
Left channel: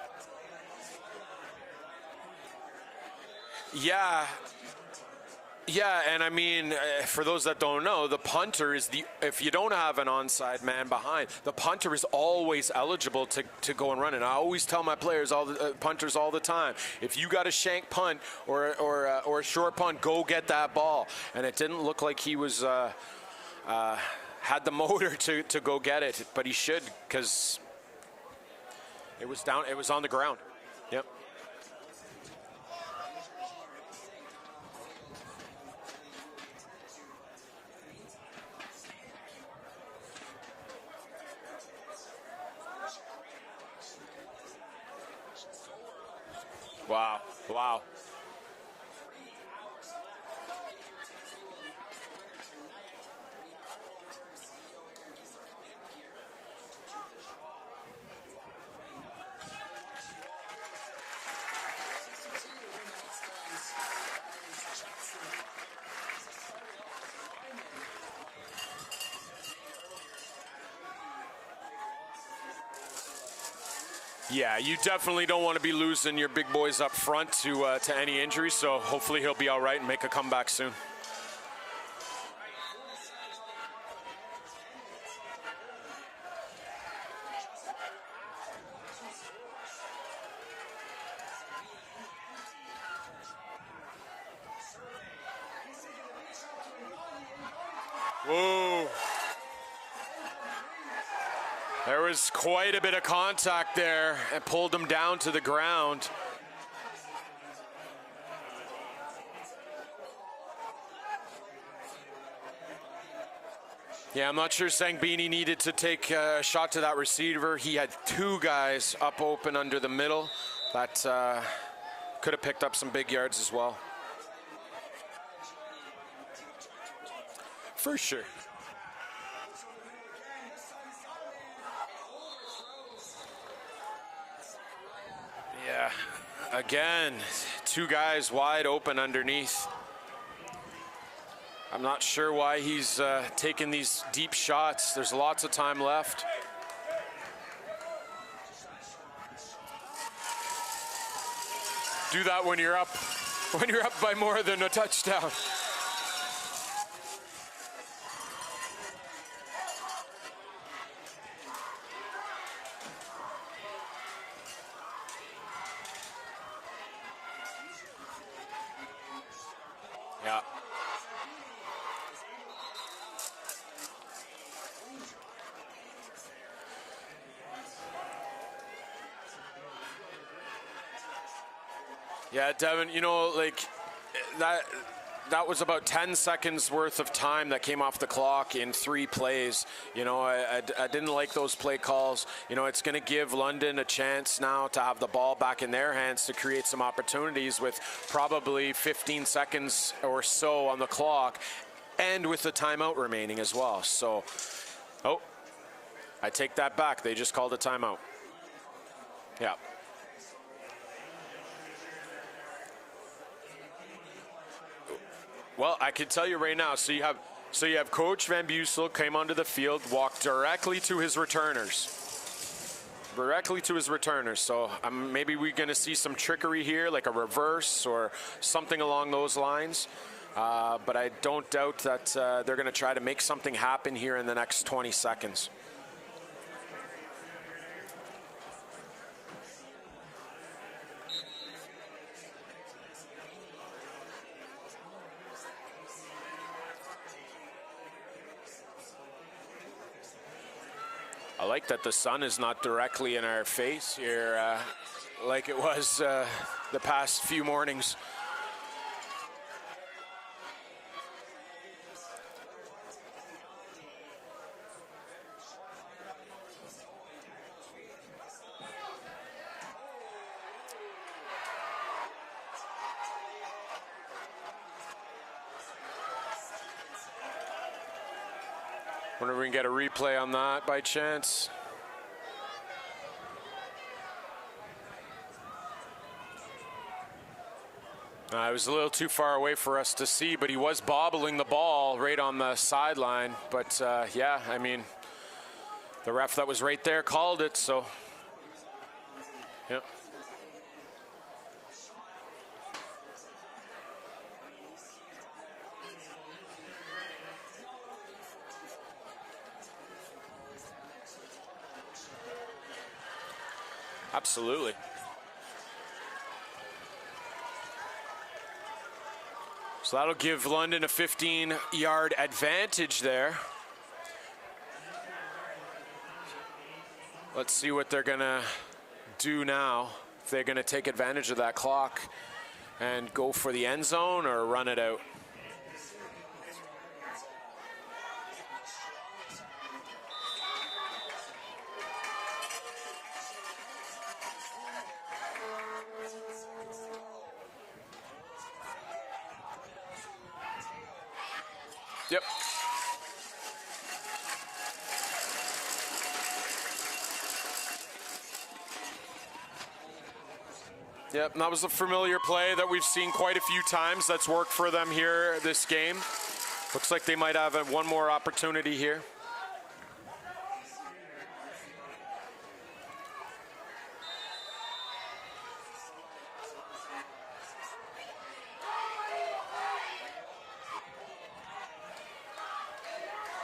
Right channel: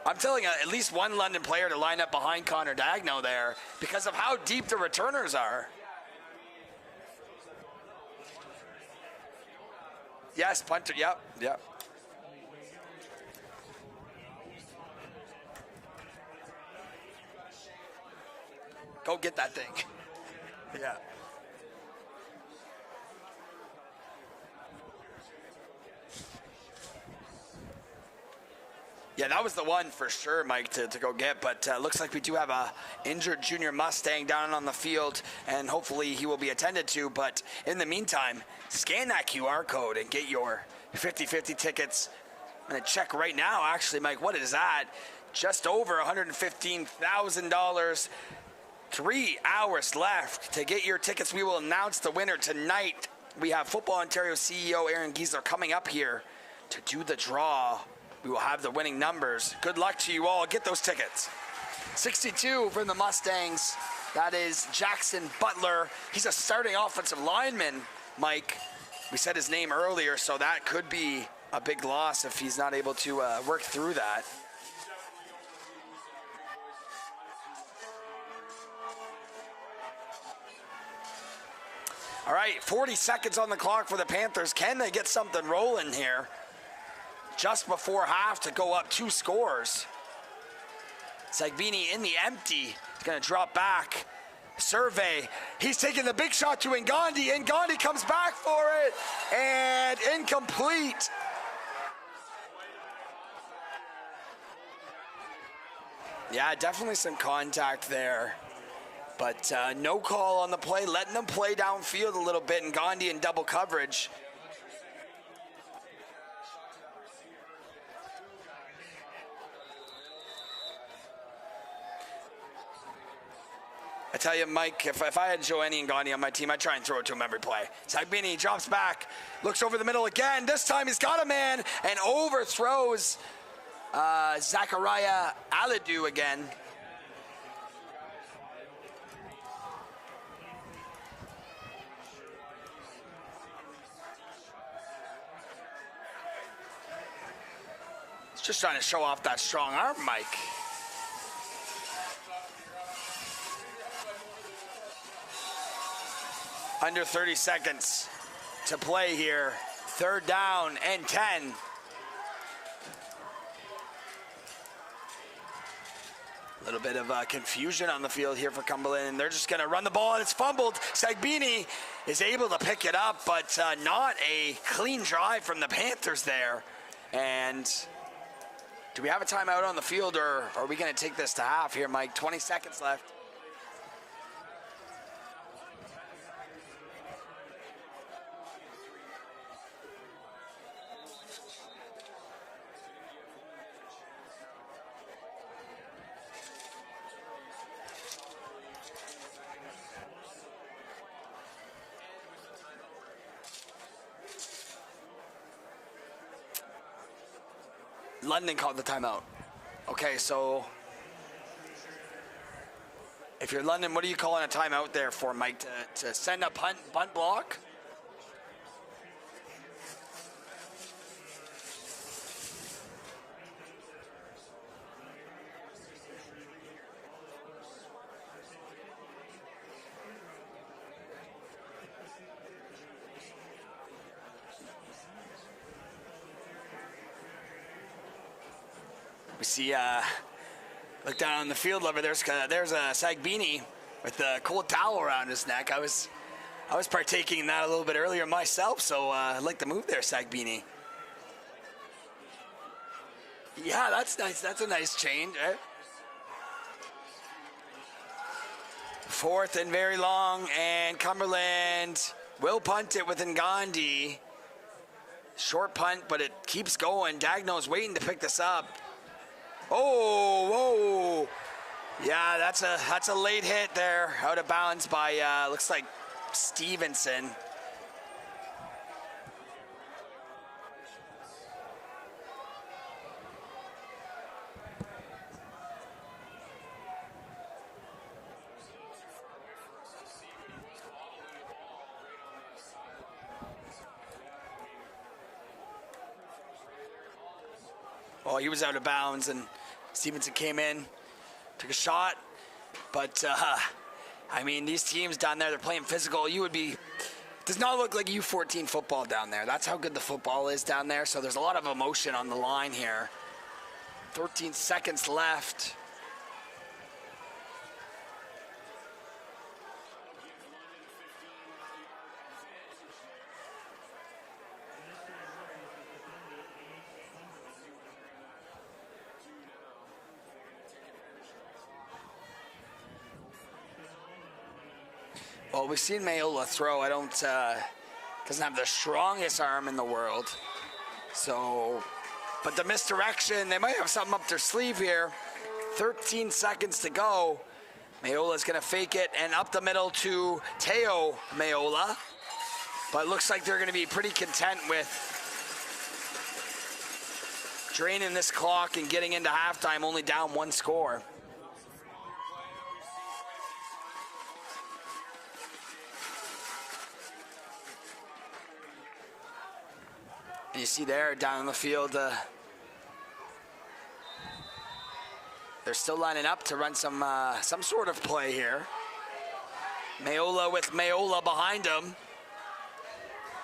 at least one London player to line up behind Connor Dagno there because of how deep the returners are. Yeah, and I mean, for those that don't know, the punter is if you don't have an onside man behind, the punter is always eligible to go and run. And I always tell my players, punters all the time, if you got a shank punt or a short punt, go get that ball. Yeah. And it didn't look like he was had the motor to go get it, but he should, because that was the one for sure, Mike, to go get. But looks like we do have a injured junior Mustang down on the field, and hopefully he will be attended to. But in the meantime, scan that QR code and get your 50-50 tickets. I'm going to check right now, actually, Mike. What is that? Just over $115,000. 3 hours left to get your tickets. We will announce the winner tonight. We have Football Ontario CEO Aaron Giesler coming up here to do the draw. We will have the winning numbers. Good luck to you all. Get those tickets. 62 from the Mustangs. That is Jackson Butler. He's a starting offensive lineman, Mike. We said his name earlier, so that could be a big loss if he's not able to work through that. Yeah, you definitely don't want to be losing your big boys up front to any injury, so hopefully he'll be all right and make a comeback soon. All right, 40 seconds on the clock for the Panthers. Can they get something rolling here? Just before half to go up 2 scores. Sagbini in the empty. He's going to drop back. Survey. He's taking the big shot to Ngandi. Ngandi comes back for it. And incomplete. There was quite a bit of contact there. It pulled him down to the ground. Yeah, definitely some contact there. But no call on the play, letting them play downfield a little bit. Ngandi in double coverage. Yeah, I'm not sure Sangbini needed to take a shot to that receiver. He had 2 guys up open under the middle. That could have picked up some big yards as well. I tell you, Mike, if I had Joanny Ngandi on my team, I'd try and throw it to him every play. Sagbini drops back, looks over the middle again. This time he's got a man and overthrows Zachariah Aladu again. Again, 2 guys wide open underneath. I'm not sure why he's taking these deep shots. There's lots of time left. He's just trying to show off that strong arm, Mike. Do that when you're up by more than a touchdown. Under 30 seconds to play here. 3rd down and 10. A little bit of confusion on the field here for Cumberland. They're just going to run the ball, and it's fumbled. Sagbini is able to pick it up, but not a clean drive from the Panthers there. And do we have a timeout on the field, or are we going to take this to half here, Mike? 20 seconds Devin, left. you know, like that was about 10 seconds worth of time that came off the clock in 3 plays. You know, I didn't like those play calls. You know, it's going to give London a chance now to have the ball back in their hands to create some opportunities with probably 15 seconds or so on the clock and with the timeout remaining as well. So, I take that back. They just called a timeout. London called the timeout. Yeah. Okay, so if you're London, what are you calling a timeout there for, Mike? Well, I can tell you right now. So you have Coach Van Bussel came onto the field, walked directly to his returners. So maybe we're going to see some trickery here, like a reverse or something along those lines. But I don't doubt that they're going to try to make something happen here in the next 20 seconds. We see, look down on the field over there's a Sagbini with the cold towel around his neck. I was partaking in that a little bit earlier myself, so I'd like to move there, Sagbini. I like that the sun is not directly in our face. Yeah, that's here, nice. That's a nice change. Like it was the past few mornings. 4th and very long, and Cumberland will punt it with Ngandi. Short punt, but it keeps going. Dagno's waiting to pick this up. Oh, whoa. Yeah, that's a late hit there. Out of bounds by, looks like Stevenson. Wonder if we can get a replay on that by chance. It was a little too far away for us to see, but he was bobbling the ball right on the sideline. But, yeah, I mean, the ref that was right there called it, so. Well, he was out of bounds, and Stevenson came in, took a shot. But, I mean, these teams down there, they're playing physical. Does not look like U14 football down there. That's how good the football is down there. So there's a lot of emotion on the line here. Absolutely. 13 seconds left. So that'll give London a 15-yard advantage there. Let's see what they're gonna do now. If they're gonna take advantage of that clock and go for the end zone or run it out. Well, we've seen Mayola throw. Doesn't have the strongest arm in the world. So, but the misdirection, they might have something up their sleeve here. 13 seconds to go. Mayola's going to fake it, and up the middle to Teo Mayola. Yep. But it looks like they're going to be pretty content with draining this clock and getting into halftime only down 1 score. Yep, and that was a familiar play that we've seen quite a few times. That's worked for them here this game. Looks like they might have one more opportunity here. You see there down the field, they're still lining up to run some sort of play here. Mayola with Mayola behind him.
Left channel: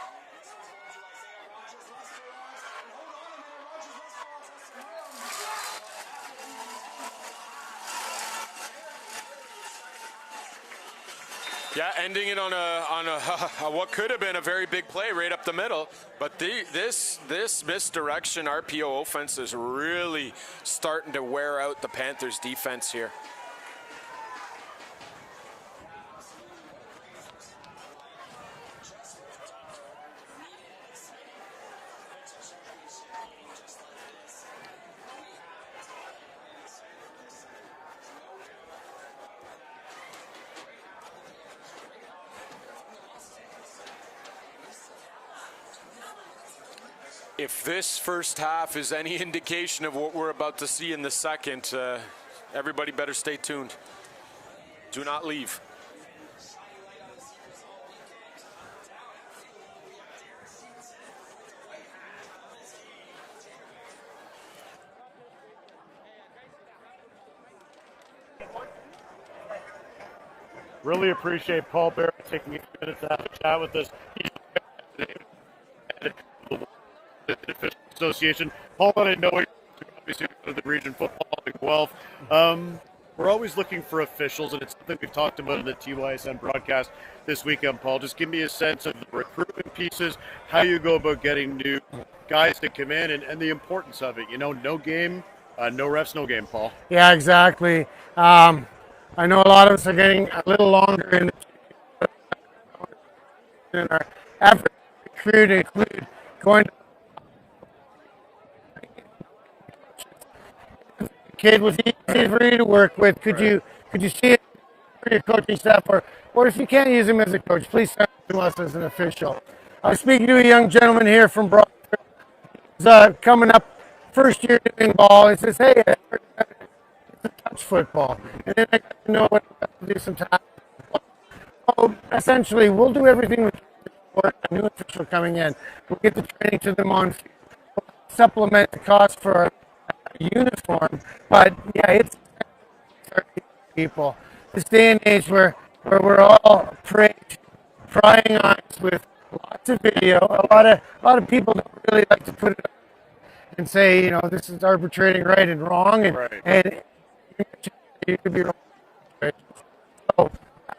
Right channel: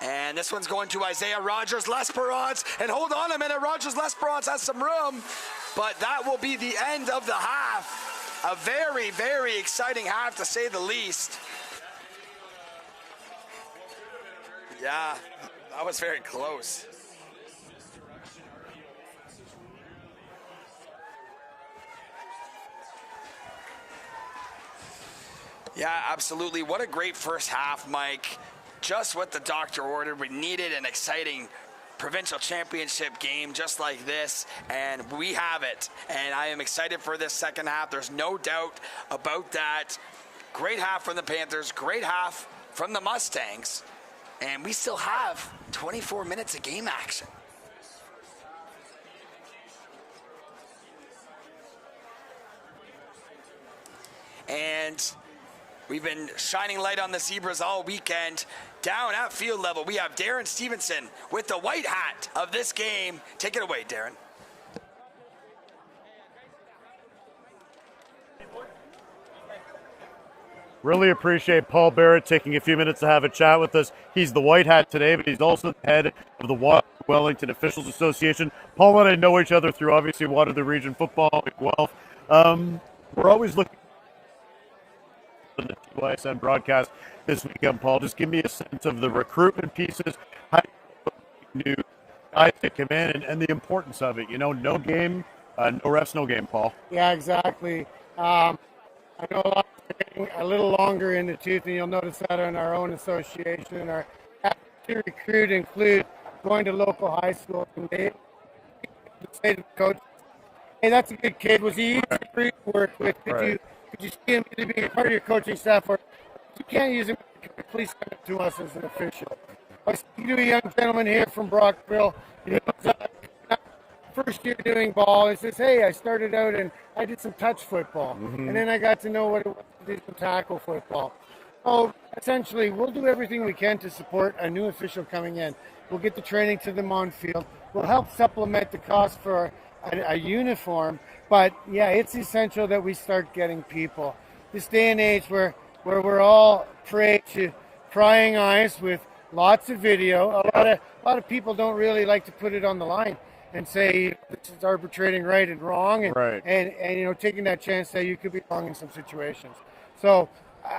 And this one's going to Isaiah Rogers-Lesperance. And hold on a minute, Rogers-Lesperance has some room. But that will be the end of the half. A very, very exciting half, to say the least. Yeah, ending it on a what could have been a very big play right up the middle. That was very close. This misdirection RPO offense is really starting to wear out the Panthers defense here. Yeah, absolutely. What a great first half, Mike. Just what the doctor ordered. We needed an exciting provincial championship game just like this, and we have it. And I am excited for this second half. There's no doubt about that. Great half from the Panthers, great half from the Mustangs, and we still have 24 minutes of game action. If this first half is any indication of what we're about to see in the second, everybody better stay tuned. And do not leave. We've been shining light on the Zebras all weekend. Down at field level, we have Darren Stevenson with the white hat of this game. Take it away, Darren. Really appreciate Paul Barrett taking a few minutes to have a chat with us. He's the white hat today, but he's also the head of the Wellington Officials Association. Paul and I know each other through obviously Waterloo Region football at Guelph. We're always looking for officials, and it's something we've talked about on the TYSN broadcast this weekend, Paul. Just give me a sense of the recruitment pieces, how you go about getting new guys to come in, and the importance of it. You know, no game, no refs, no game, Paul. Yeah, exactly. I know a lot of us are getting a little longer in the tooth, and you'll notice that in our own association. Our effort to recruit include going to local high schools and they say to the coach, "Hey, that's a good kid. Was he easy for you to work with? Could you see him to be a part of your coaching staff, or if you can't use him as a coach, please send him to us as an official." I was speaking to a young gentleman here from Brockville. He was coming up first year doing ball. He says, "Hey, I started out and I did some touch football, and then I got to know what it was to do some tackle football." So essentially, we'll do everything we can to support a new official coming in. We'll get the training to them on field. We'll help supplement the cost for a uniform. But yeah, it's essential that we start getting people. This day and age where we're all prey to prying eyes with lots of video. A lot of people don't really like to put it on the line and say, you know, this is arbitrating right and wrong, and you know, taking that chance that you could be wrong in some situations. So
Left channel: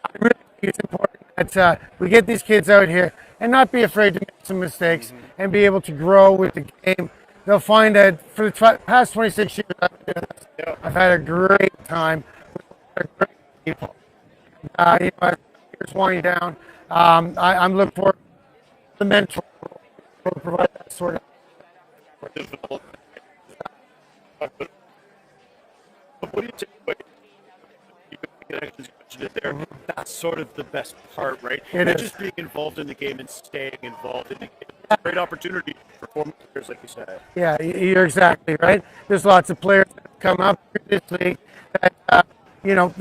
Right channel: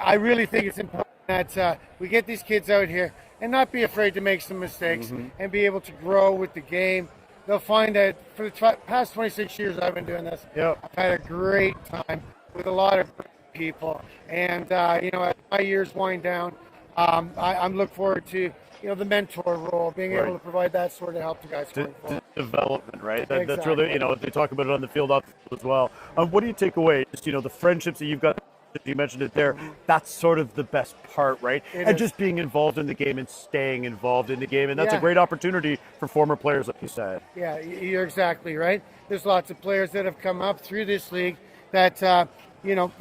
I really think it's important that we get these kids out here and not be afraid to make some mistakes and be able to grow with the game. They'll find that for the past 26 years I've been doing this, I've had a great time with a lot of great people. And, you know, as my years wind down, I'm looking forward to, you know, the mentor role, being able to provide that sort of help to guys going forward. Development, right? Exactly. That's really, you know, they talk about it on the field off as well. What do you take away? Just, you know, the friendships that you've got, the connections, you mentioned it there. That's sort of the best part, right? And just being involved in the game and staying involved in the game. And that's a great opportunity for former players, like you said. Yeah, you're exactly right. There's lots of players that have come up through this league that, you know,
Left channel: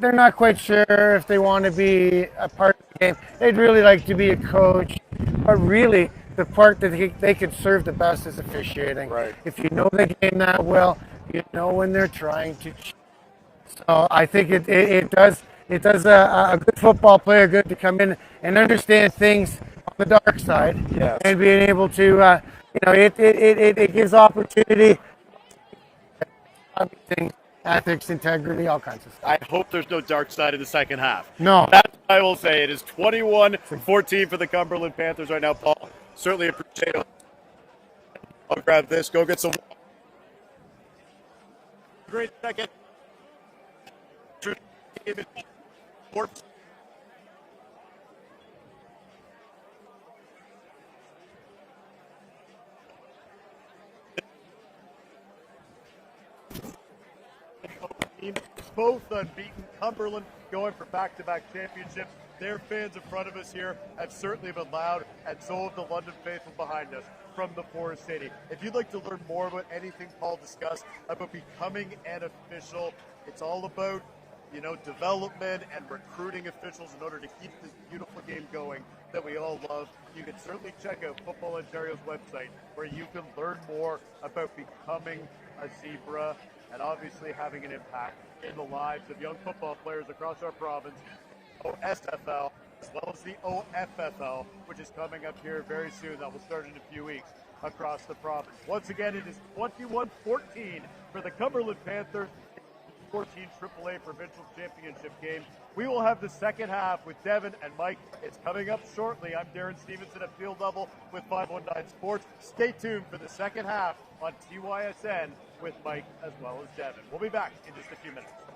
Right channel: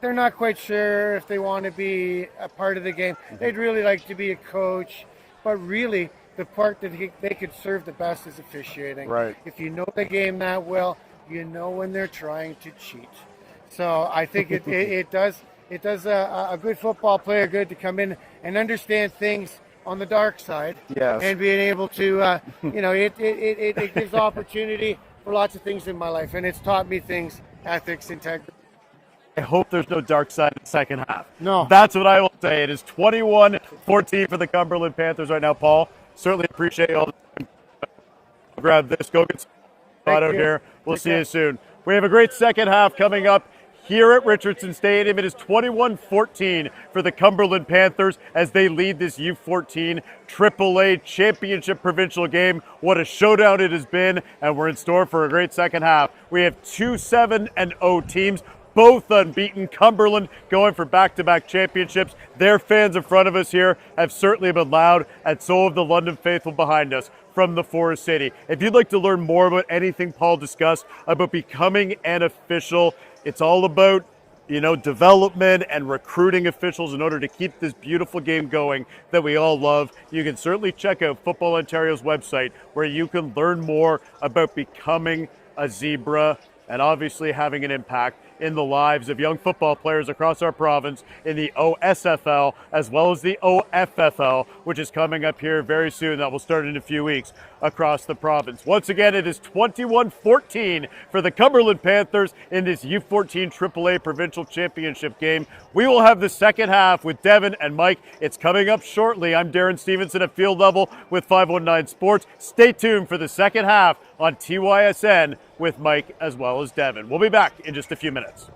they're not quite sure if they want to be a part of the game. They'd really like to be a coach, but really the part that they could serve the best is officiating. Right. If you know the game that well, you know when they're trying to cheat. So I think it does a good football player good to come in and understand things on the dark side. Yes. And being able to, you know, it gives opportunity for lots of things in my life, and it's taught me things. Ethics, integrity, all kinds of stuff. I hope there's no dark side in the second half. No. That's what I will say. It is 21-14 for the Cumberland Panthers right now, Paul. Certainly appreciate all the time. I'll grab this. Go get some water out here. We'll see you soon. We have a great second half coming up here at Richardson Stadium. It is 21-14 for the Cumberland Panthers as they lead this U14 AAA championship provincial game. What a showdown it has been, and we're in store for a great second half. We have two 7-0 teams, both unbeaten. Cumberland going for back-to-back championships. Their fans in front of us here have certainly been loud, and so have the London faithful behind us from the Forest City. If you'd like to learn more about anything Paul discussed about becoming an official, it's all about development and recruiting officials in order to keep this beautiful game going that we all love. You can certainly check out Football Ontario's website where you can learn more about becoming a Zebra and obviously having an impact in the lives of young football players across our province in the OSFL as well as the OFFL, which is coming up here very soon. That will start in a few weeks across the province. Once again, it is 21-14 for the Cumberland Panthers in this U14 AAA Provincial Championship game. We will have the second half with Devin and Mike. It's coming up shortly. I'm Darren Stevenson at Field Level with 519 Sports. Stay tuned for the second half on TYSN with Mike as well as Devin. We'll be back in just a few minutes.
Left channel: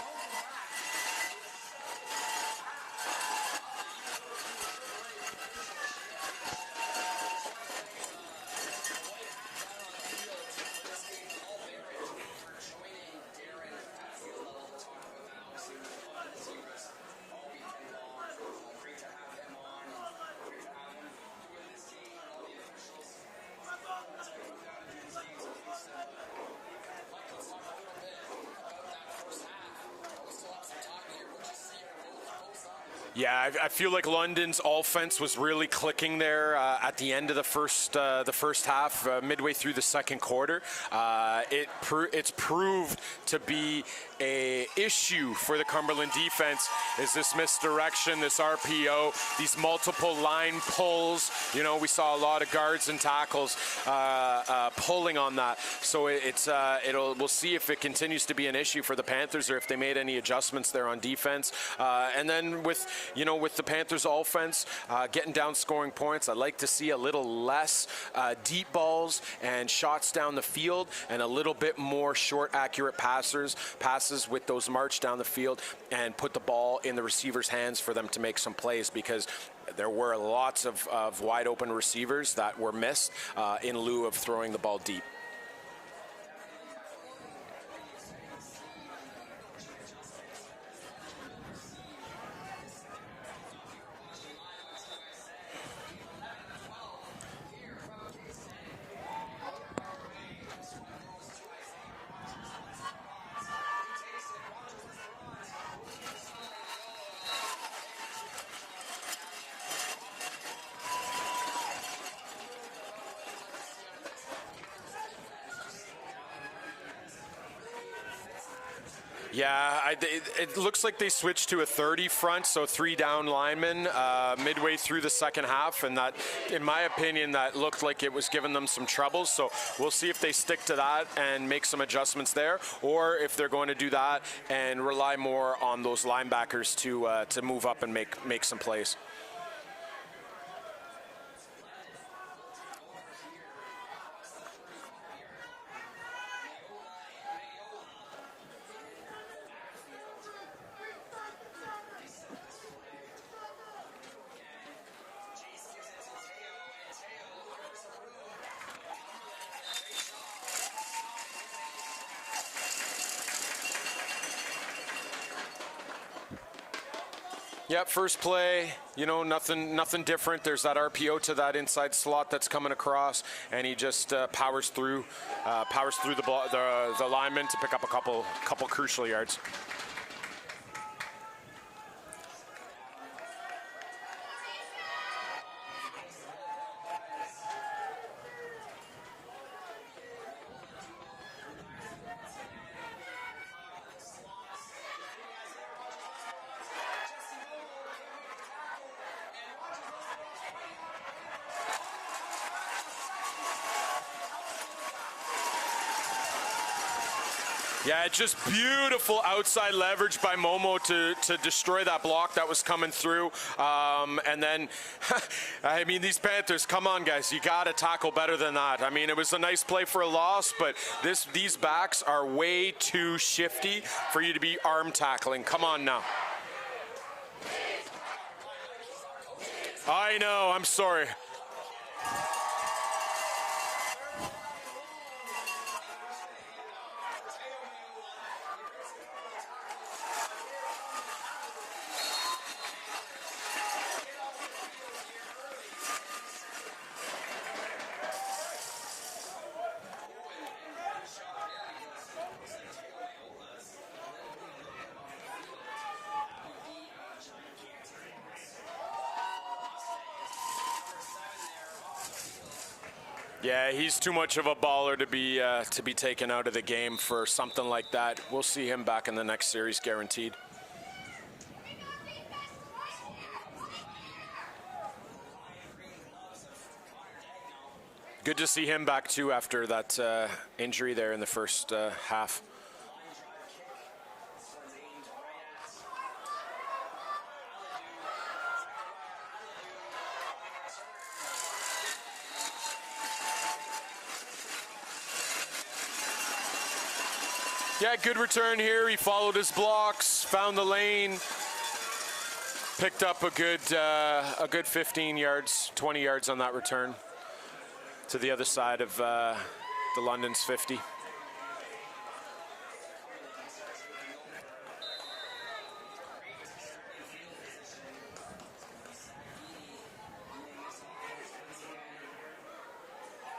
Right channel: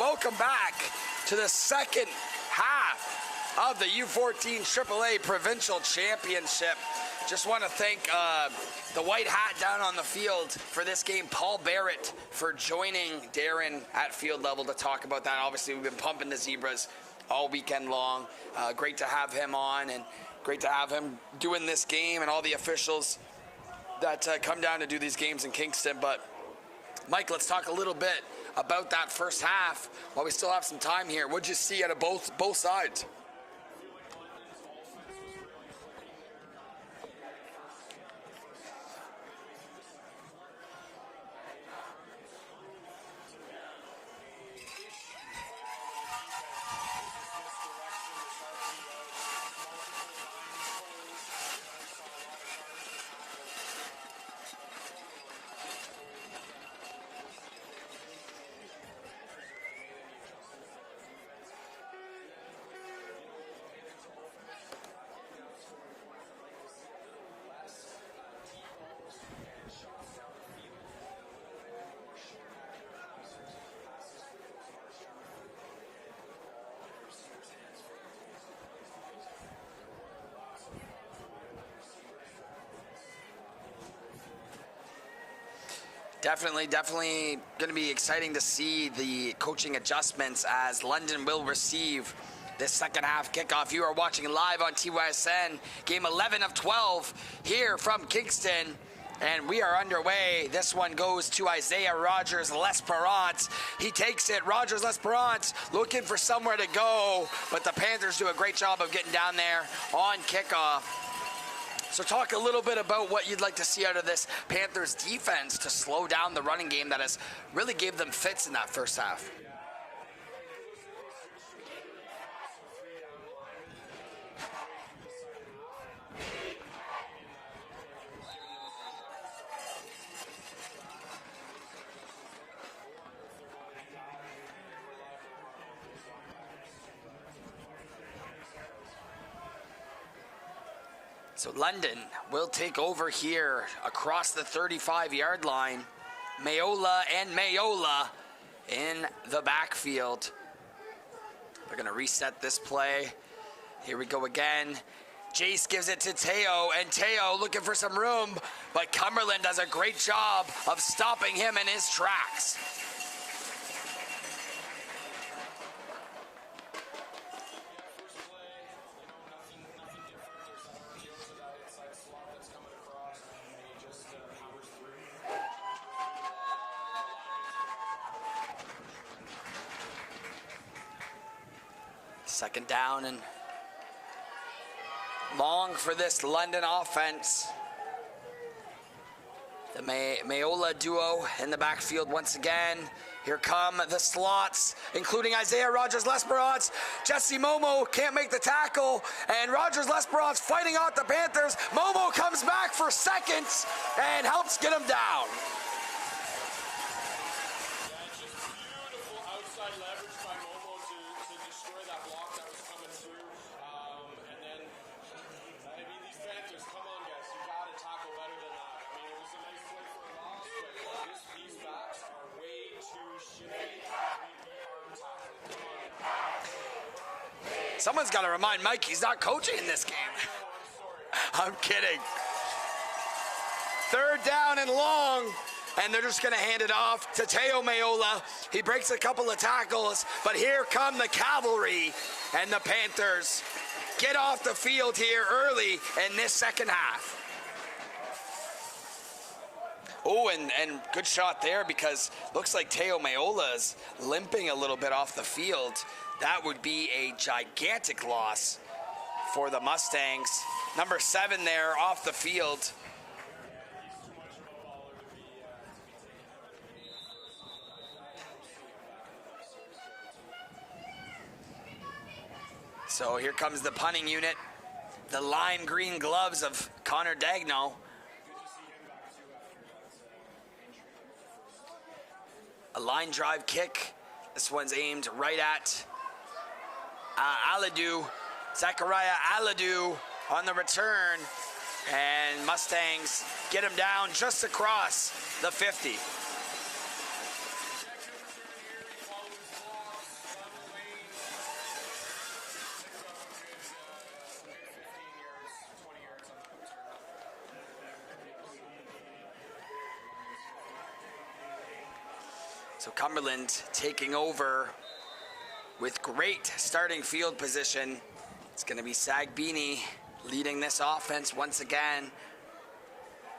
welcome back to the second half of the U14 AAA Provincial Championship. Just want to thank the white hat down on the field for this game, Paul Barrett, for joining Darren at field level to talk about that. Obviously, we've been pumping the Zebras all weekend long. Great to have him on, and great to have him doing this game and all the officials that come down to do these games in Kingston. But Mike, let's talk a little bit about that first half while we still have some time here. What'd you see out of both sides? Yeah, I feel like London's offense was really clicking there at the end of the first half, midway through the second quarter. It's proved to be a issue for the Cumberland defense is this misdirection, this RPO, these multiple line pulls. You know, we saw a lot of guards and tackles pulling on that. So we'll see if it continues to be an issue for the Panthers or if they made any adjustments there on defense. And then with the Panthers offense getting down scoring points, I'd like to see a little less deep balls and shots down the field and a little bit more short, accurate passes with those march down the field and put the ball in the receiver's hands for them to make some plays, because there were lots of wide open receivers that were missed in lieu of throwing the ball deep. Definitely going to be exciting to see the coaching adjustments as London will receive this second half kickoff. You are watching live on TYSN, game 11 of 12 here from Kingston. And we are underway. This one goes to Isaiah Rogers-Lesperance. He takes it. Rogers-Lesperance looking for somewhere to go, but the Panthers do a great job of getting down there on kickoff. So talk a little bit about what you'd like to see out of this Panthers defense to slow down the running game that has really gave them fits in that first half. Yeah, it looks like they switched to a 30 front, so 3 down linemen midway through the second half, and that, in my opinion, that looked like it was giving them some troubles. So we'll see if they stick to that and make some adjustments there, or if they're going to do that and rely more on those linebackers to move up and make some plays. So London will take over here across the 35-yard line. Mayola in the backfield. They're going to reset this play. Here we go again. Jace gives it to Teo, and Teo looking for some room, but Cumberland does a great job of stopping him in his tracks. Yep, first play, nothing different. There's that RPO to that inside slot that's coming across, and he just powers through the lineman to pick up a couple crucial yards. Second down and long for this London offense. The Mayola duo in the backfield once again. Here come the slots, including Isaiah Rogers-Lesperance. Jesse Momo can't make the tackle, and Rogers-Lesperance fighting out the Panthers. Momo comes back for seconds and helps get him down. Yeah, just beautiful outside leverage by Momo to destroy that block that was coming through. And then, I mean, these Panthers, come on, guys. You got to tackle better than that. I mean, it was a nice play for a loss, but these backs are way too shifty for you to be arm tackling. Come on now. Someone's got to remind Mike he's not coaching in this game. I know. I'm sorry. I'm kidding. Third down and long. And they're just going to hand it off to Teo Mayola. He breaks a couple of tackles, but here come the cavalry, and the Panthers get off the field here early in this second half. Oh, and good shot there, because looks like Teo Mayola is limping a little bit off the field. That would be a gigantic loss for the Mustangs. Number 7 there off the field. Yeah, he's too much of a baller to be taken out of the game for something like that. We'll see him back in the next series, guaranteed. So here comes the punting unit. The lime green gloves of Connor Dagno. Good to see him back too after that injury there in the first half. A line drive kick. This one's aimed right at Aladu. Zachariah Aladu on the return. And Mustangs get him down just across the 50. Yeah, good return here. He followed his blocks, found the lane, picked up a good 15 yards, 20 yards on that return to the other side of the London's 50. So Cumberland taking over with great starting field position. It's going to be Sagbini leading this offense once again.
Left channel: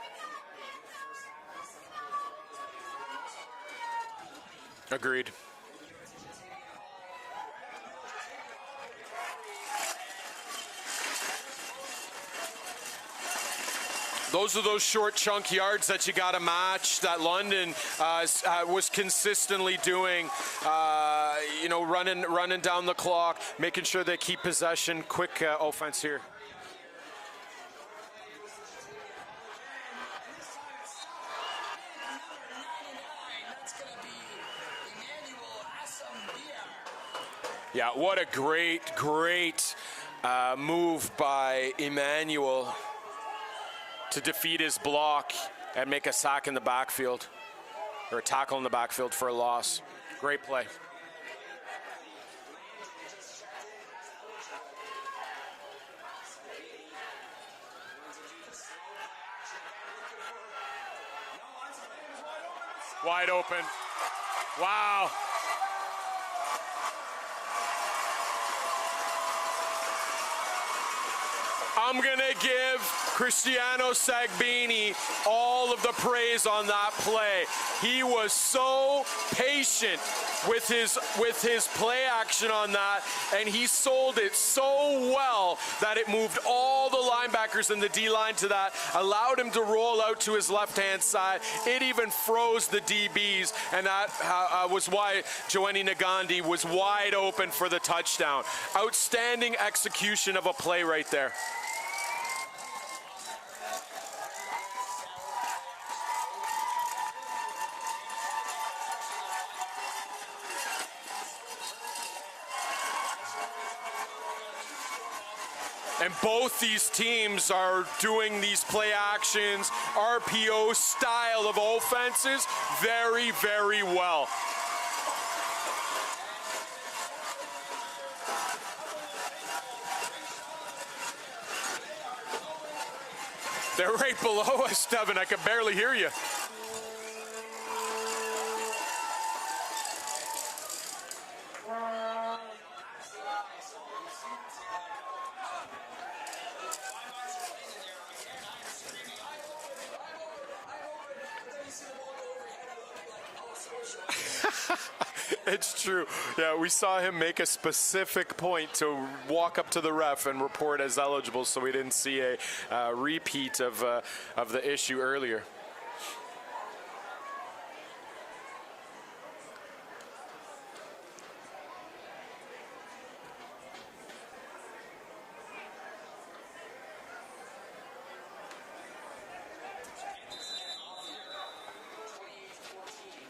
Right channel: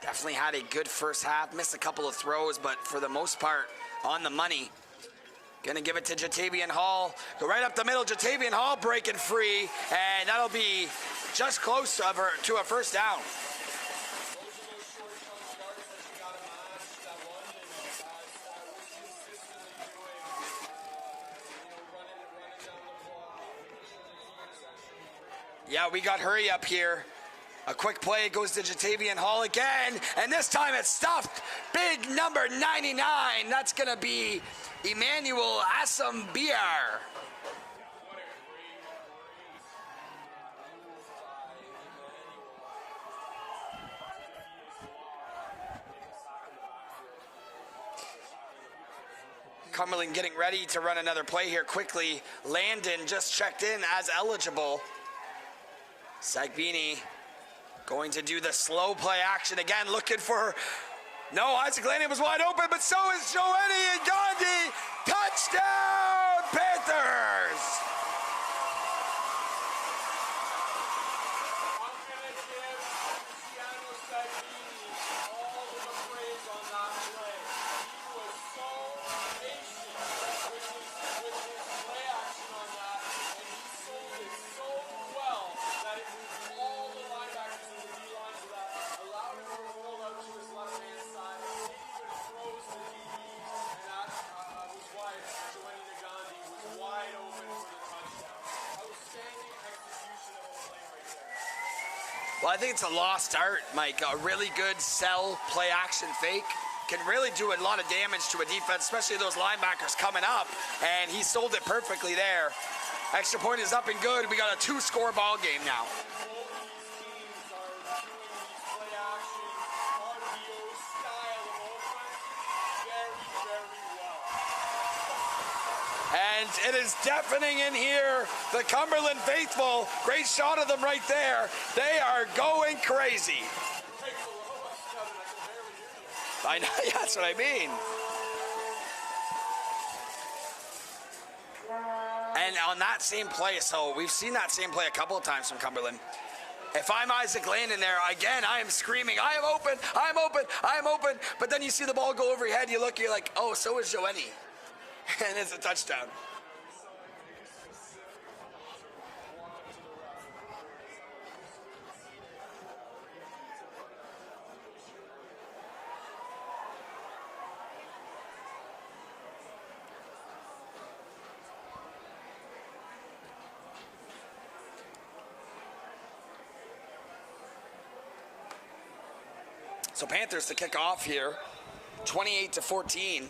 Definitely had a good first half, missed a couple of throws, but for the most part, on the money. Agreed. Gonna give it to Jatavian Hall. Go right up the middle. Jatavian Hall breaking free, and that'll be just close to a first down. Those are those short chunk yards that you got to match that London was consistently doing, running down the clock, making sure they keep possession, quick offense. Yeah, we got hurry up here. A quick play goes to Jatavian Hall again, and this time it's stuffed. Big number 99. That's going to be Emmanuel Assambiar. Yeah, what a great move by Emmanuel to defeat his block and make a sack in the backfield, or a tackle in the backfield for a loss. Cumberland getting Great ready play. to run another play here quickly. Landon just checked in as eligible. Sagbini going to do the slow play action again, looking for... No, Isaac Landon was wide open, but so is Joanie and Gandhi. Wow. Touchdown, Panthers! I'm going to give Cristiano Sagbini all of the praise on that play. He was so patient with his play action on that, and he sold it so well that it moved all the linebackers in the D-line to that, allowed him to roll out to his left-hand side. It even froze the DBs, and that was why Joanie Nagandi was wide open for the touchdown. Outstanding execution of a play right there. Well, I think it's a lost art, Mike. A really good sell play action fake can really do a lot of damage to a defense, especially those linebackers coming up, and he sold it perfectly there. Extra point is up and good. We got a 2-score ball game now. And both these teams are doing these play actions, RPO style of offenses very, very well. And it is deafening in here. The Cumberland faithful, great shot of them right there. They are going crazy. They're right below us, Devin. I can barely hear you. I know, yeah, that's what I mean. And on that same play, so we've seen that same play a couple of times from Cumberland. If I'm Isaac Landon there, again, I am screaming, I am open, I'm open, I'm open. But then you see the ball go over your head, you look, you're like, oh, so is Joanie. It's true. Yeah, we saw him make a specific point to walk up to the ref and report as eligible, so we didn't see a repeat of the issue earlier. So Panthers to kick off here, 28-14.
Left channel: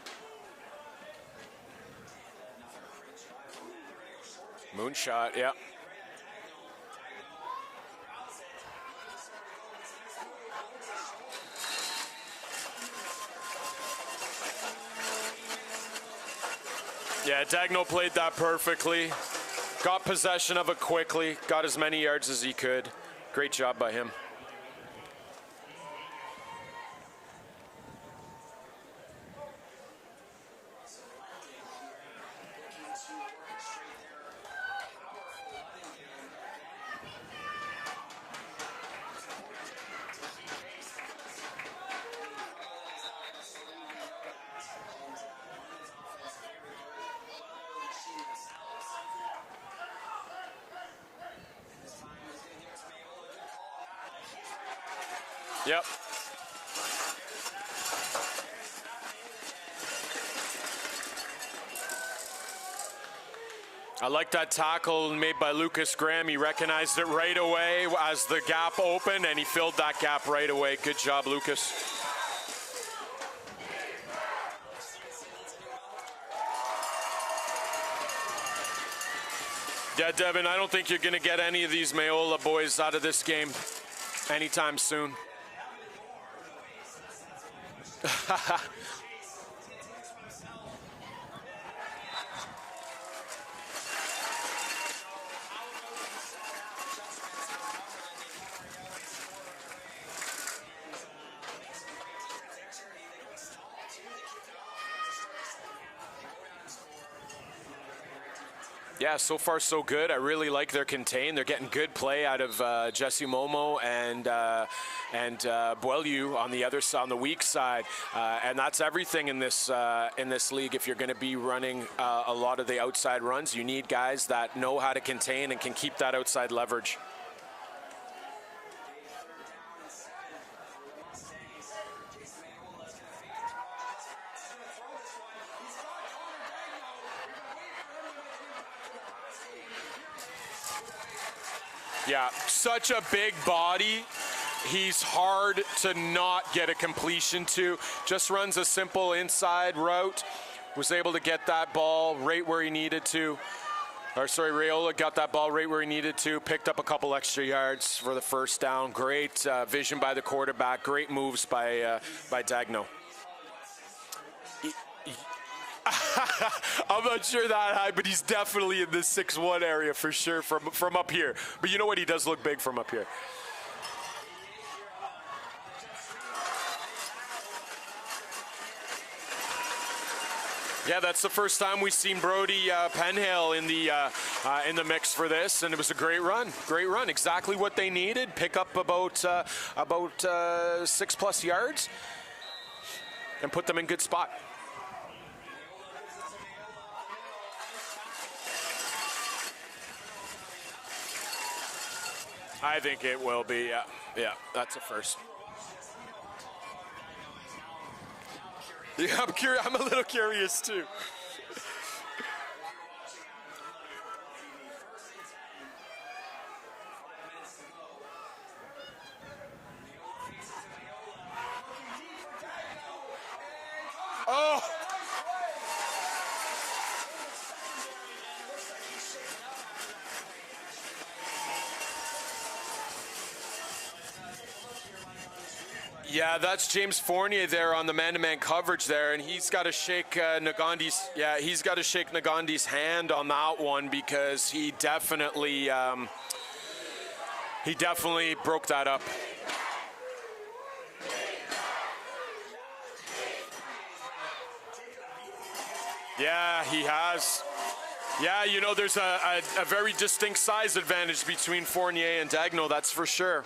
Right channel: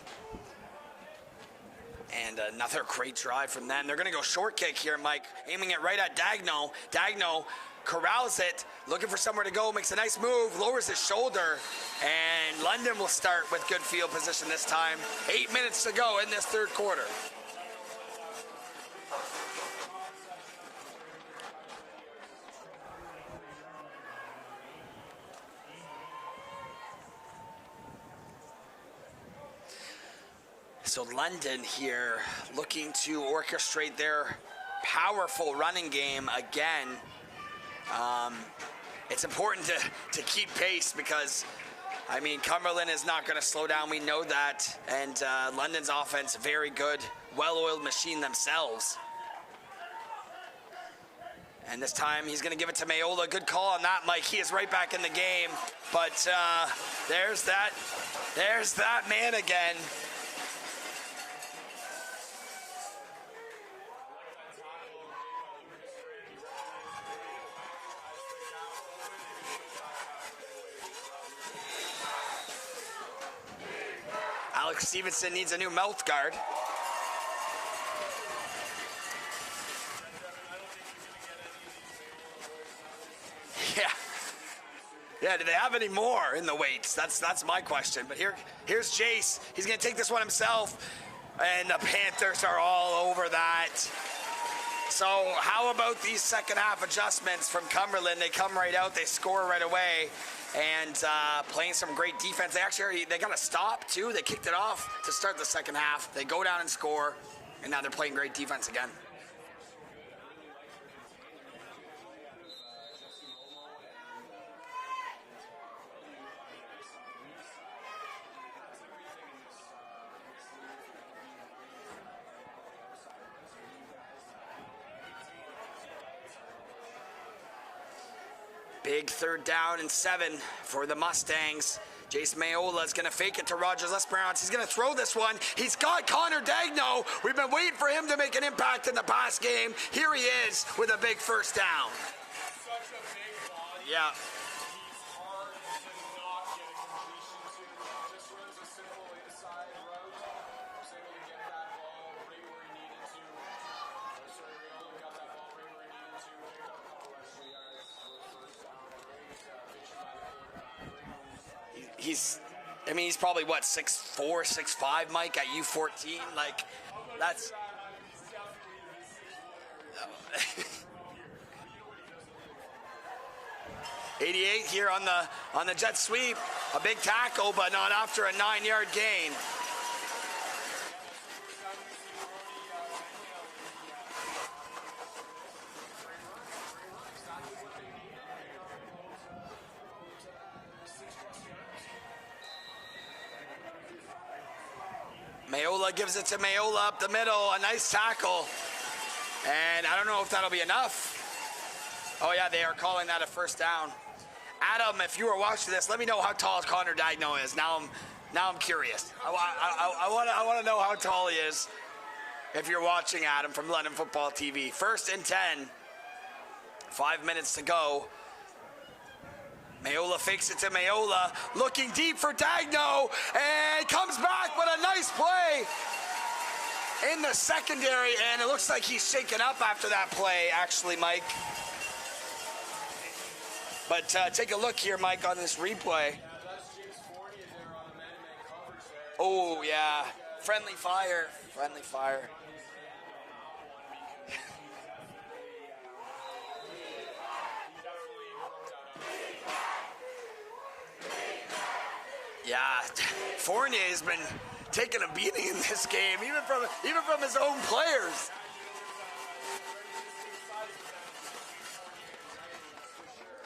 And another great drive from them. They're going to go short kick here, Mike. Yep. Aiming it right at Dagno. Dagno corrals it, looking for somewhere to go, makes a nice move, lowers his shoulder, and London will start with good field position this time. 8 minutes to go in this third quarter. Yeah, Dagno played that perfectly. Got possession of it quickly, got as many yards as he could. Great job by him. So London here looking to orchestrate their powerful running game again. It's important to keep pace because, I mean, Cumberland is not going to slow down. We know that. And London's offense, very good, well-oiled machine themselves. And this time he's going to give it to Mayola. Good call on that, Mike. He is right back in the game. Yep. But there's that man again. I like that tackle made by Lucas Graham. He recognized it right away as the gap opened, and he filled that gap right away. Good job, Lucas. Alex Stevenson needs a new mouth guard. Yeah, Devin, I don't think you're going to get any of these Mayola boys out of this game. Yeah, anytime soon. Yeah, do they have any more in the weights? That's my question. Here's Chase. He's going to take this one himself. And the Panthers are all over that. So how about these second half adjustments from Cumberland? They come right out, they score right away, and playing some great defense. They got a stop too. They kicked it off to start the second half. They go down and score, and now they're playing great defense again. Yeah, so far so good. I really like their contain. They're getting good play out of Jesse Momo and Boileau on the other side, on the weak side, and that's everything in this league. If you're going to be running a lot of the outside runs, you need guys that know how to contain and can keep that outside leverage. Big 3rd down and 7 for the Mustangs. Jace Mayola is going to fake it to Rogers L'Esperance. He's going to throw this one. He's got Connor Dagno. We've been waiting for him to make an impact in the past game. Here he is with a big 1st down. Yeah, such a big body. Yeah. He's hard to not get a completion to. Just runs a simple inside route. Was able to get that ball right where he needed to. Raiola got that ball right where he needed to, picked up a couple extra yards for the 1st down. Great vision by the quarterback, great moves by Dagno. I mean, he's probably, what, 6'4", 6'5", Mike, at U14? I'm not sure that high, but he's definitely in the 6'1" area for sure from up here. But you know what? He does look big from up here. 88 here on the jet sweep. A big tackle, but not after a 9-yard gain. Yeah, that's the first time we've seen Brody Penhale in the mix for this, and it was a great run. Great run, exactly what they needed. Pick up about 6+ yards, and put them in good spot. Mayola gives it to Mayola up the middle, a nice tackle, and I don't know if that'll be enough. Oh yeah, they are calling that a 1st down. Yeah. That's Adam, if you were watching this, let me know how tall Connor Dagno is. Now I'm curious. Yeah, I'm a little curious I want to too. know how tall he is. If you're watching Adam from London Football TV. 1st and 10. 5 minutes to go. Mayola fakes it to Mayola. Looking deep for Dagno. And comes back with a nice play in the secondary. And it looks like he's shaken up after that play, actually, Mike. But take a look here, Mike, on this replay. Yeah, that's James Fournier there on the man-to-man coverage there, and he's got to shake Nagandi's. Yeah, he's got to shake Nagandi's hand on that one because he definitely broke that up. Yeah, Fournier has been taking a beating in this game. Yeah, he has. From his own players. Yeah, you know, there's a very distinct size advantage between Fournier and Dagno, that's for sure.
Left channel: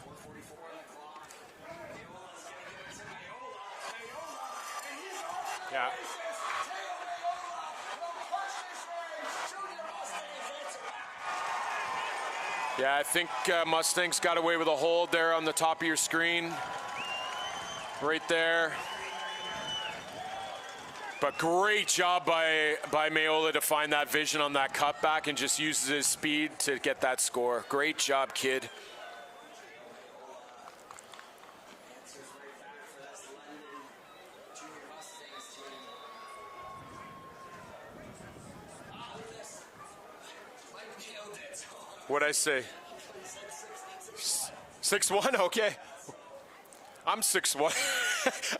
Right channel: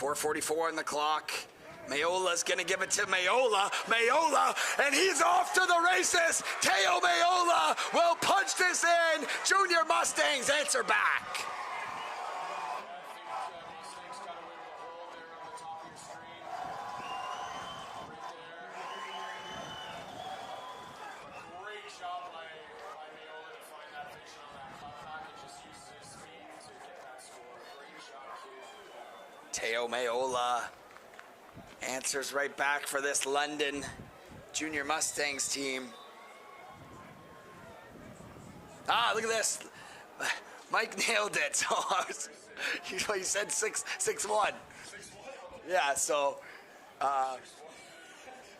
4:44 on the clock. Mayola's gonna give it to Mayola, and he's off to the races. Teo Mayola will punch this in. Junior Mustangs answer back. Yeah, I think Mustangs got away with a hold there on the top of your screen. Right there. But great job by Mayola to find that vision on that cutback and just uses his speed to get that score. Great job, kid. Teo Mayola answers right back for this London Junior Mustangs team. Look at this. Mike nailed it. What'd I say? He said 6'1". 6'1", okay. Yeah, so. I'm 6'1".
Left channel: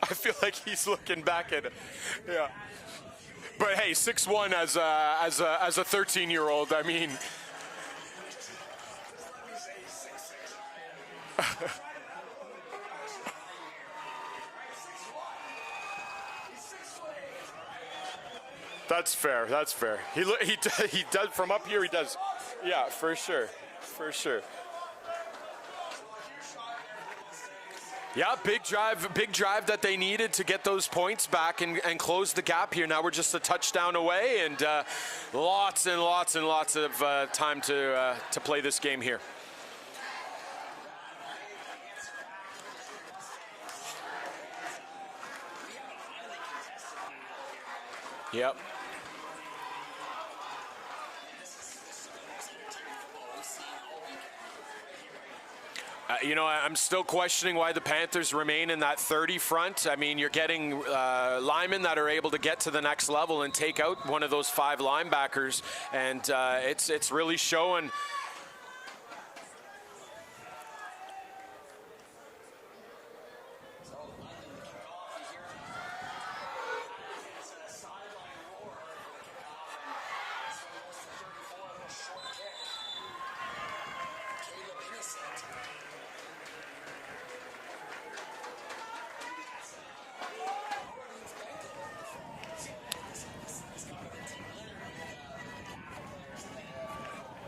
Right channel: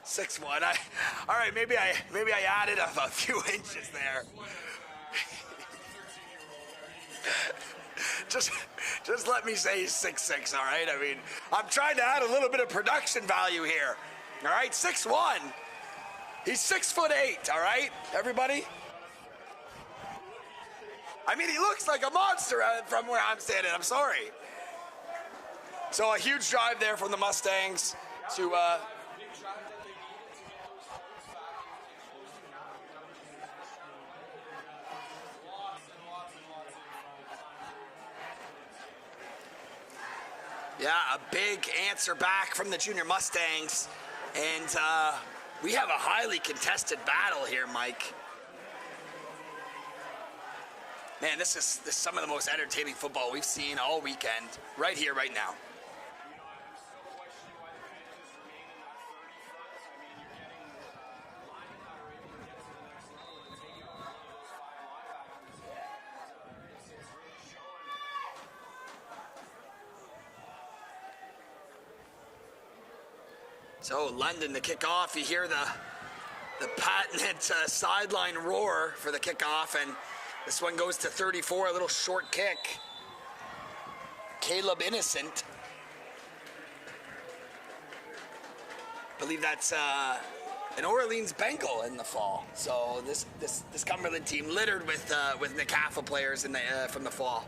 I feel like he's looking back. All right, maybe I added a few inches. But hey, 6'1" as a 13-year-old, I mean. Just let me say he's 6'6", all right? I mean, I'm trying to add a little bit of production value here. All right, 6'1". He's 6'8", all right, everybody? That's fair. That's fair. He does from up here. He looks like a monster from where I'm standing. I'm sorry. For sure. So a huge drive there from the Mustangs. Yeah, big drive that they needed to get those points back and close the gap here. Now we're just a touchdown away, and lots and lots and lots of time to play this game here. Yeah, a big answer back from the Junior Mustangs, and we have a highly contested battle here, Mike. Yep. Man, this is some of the most entertaining football we've seen all weekend, right here, right now. You know, I'm still questioning why the Panthers remain in that 30 front. I mean, you're getting linemen that are able to get to the next level and take out one of those 5 linebackers, and it's really showing. So London to kick off. You hear the patented sideline roar for the kickoff, and this one goes to 34, a little short kick. Caleb Innocent. I believe that's an Orleans Bengal in the fall. So this Cumberland team littered with NCAFA players in the from the fall.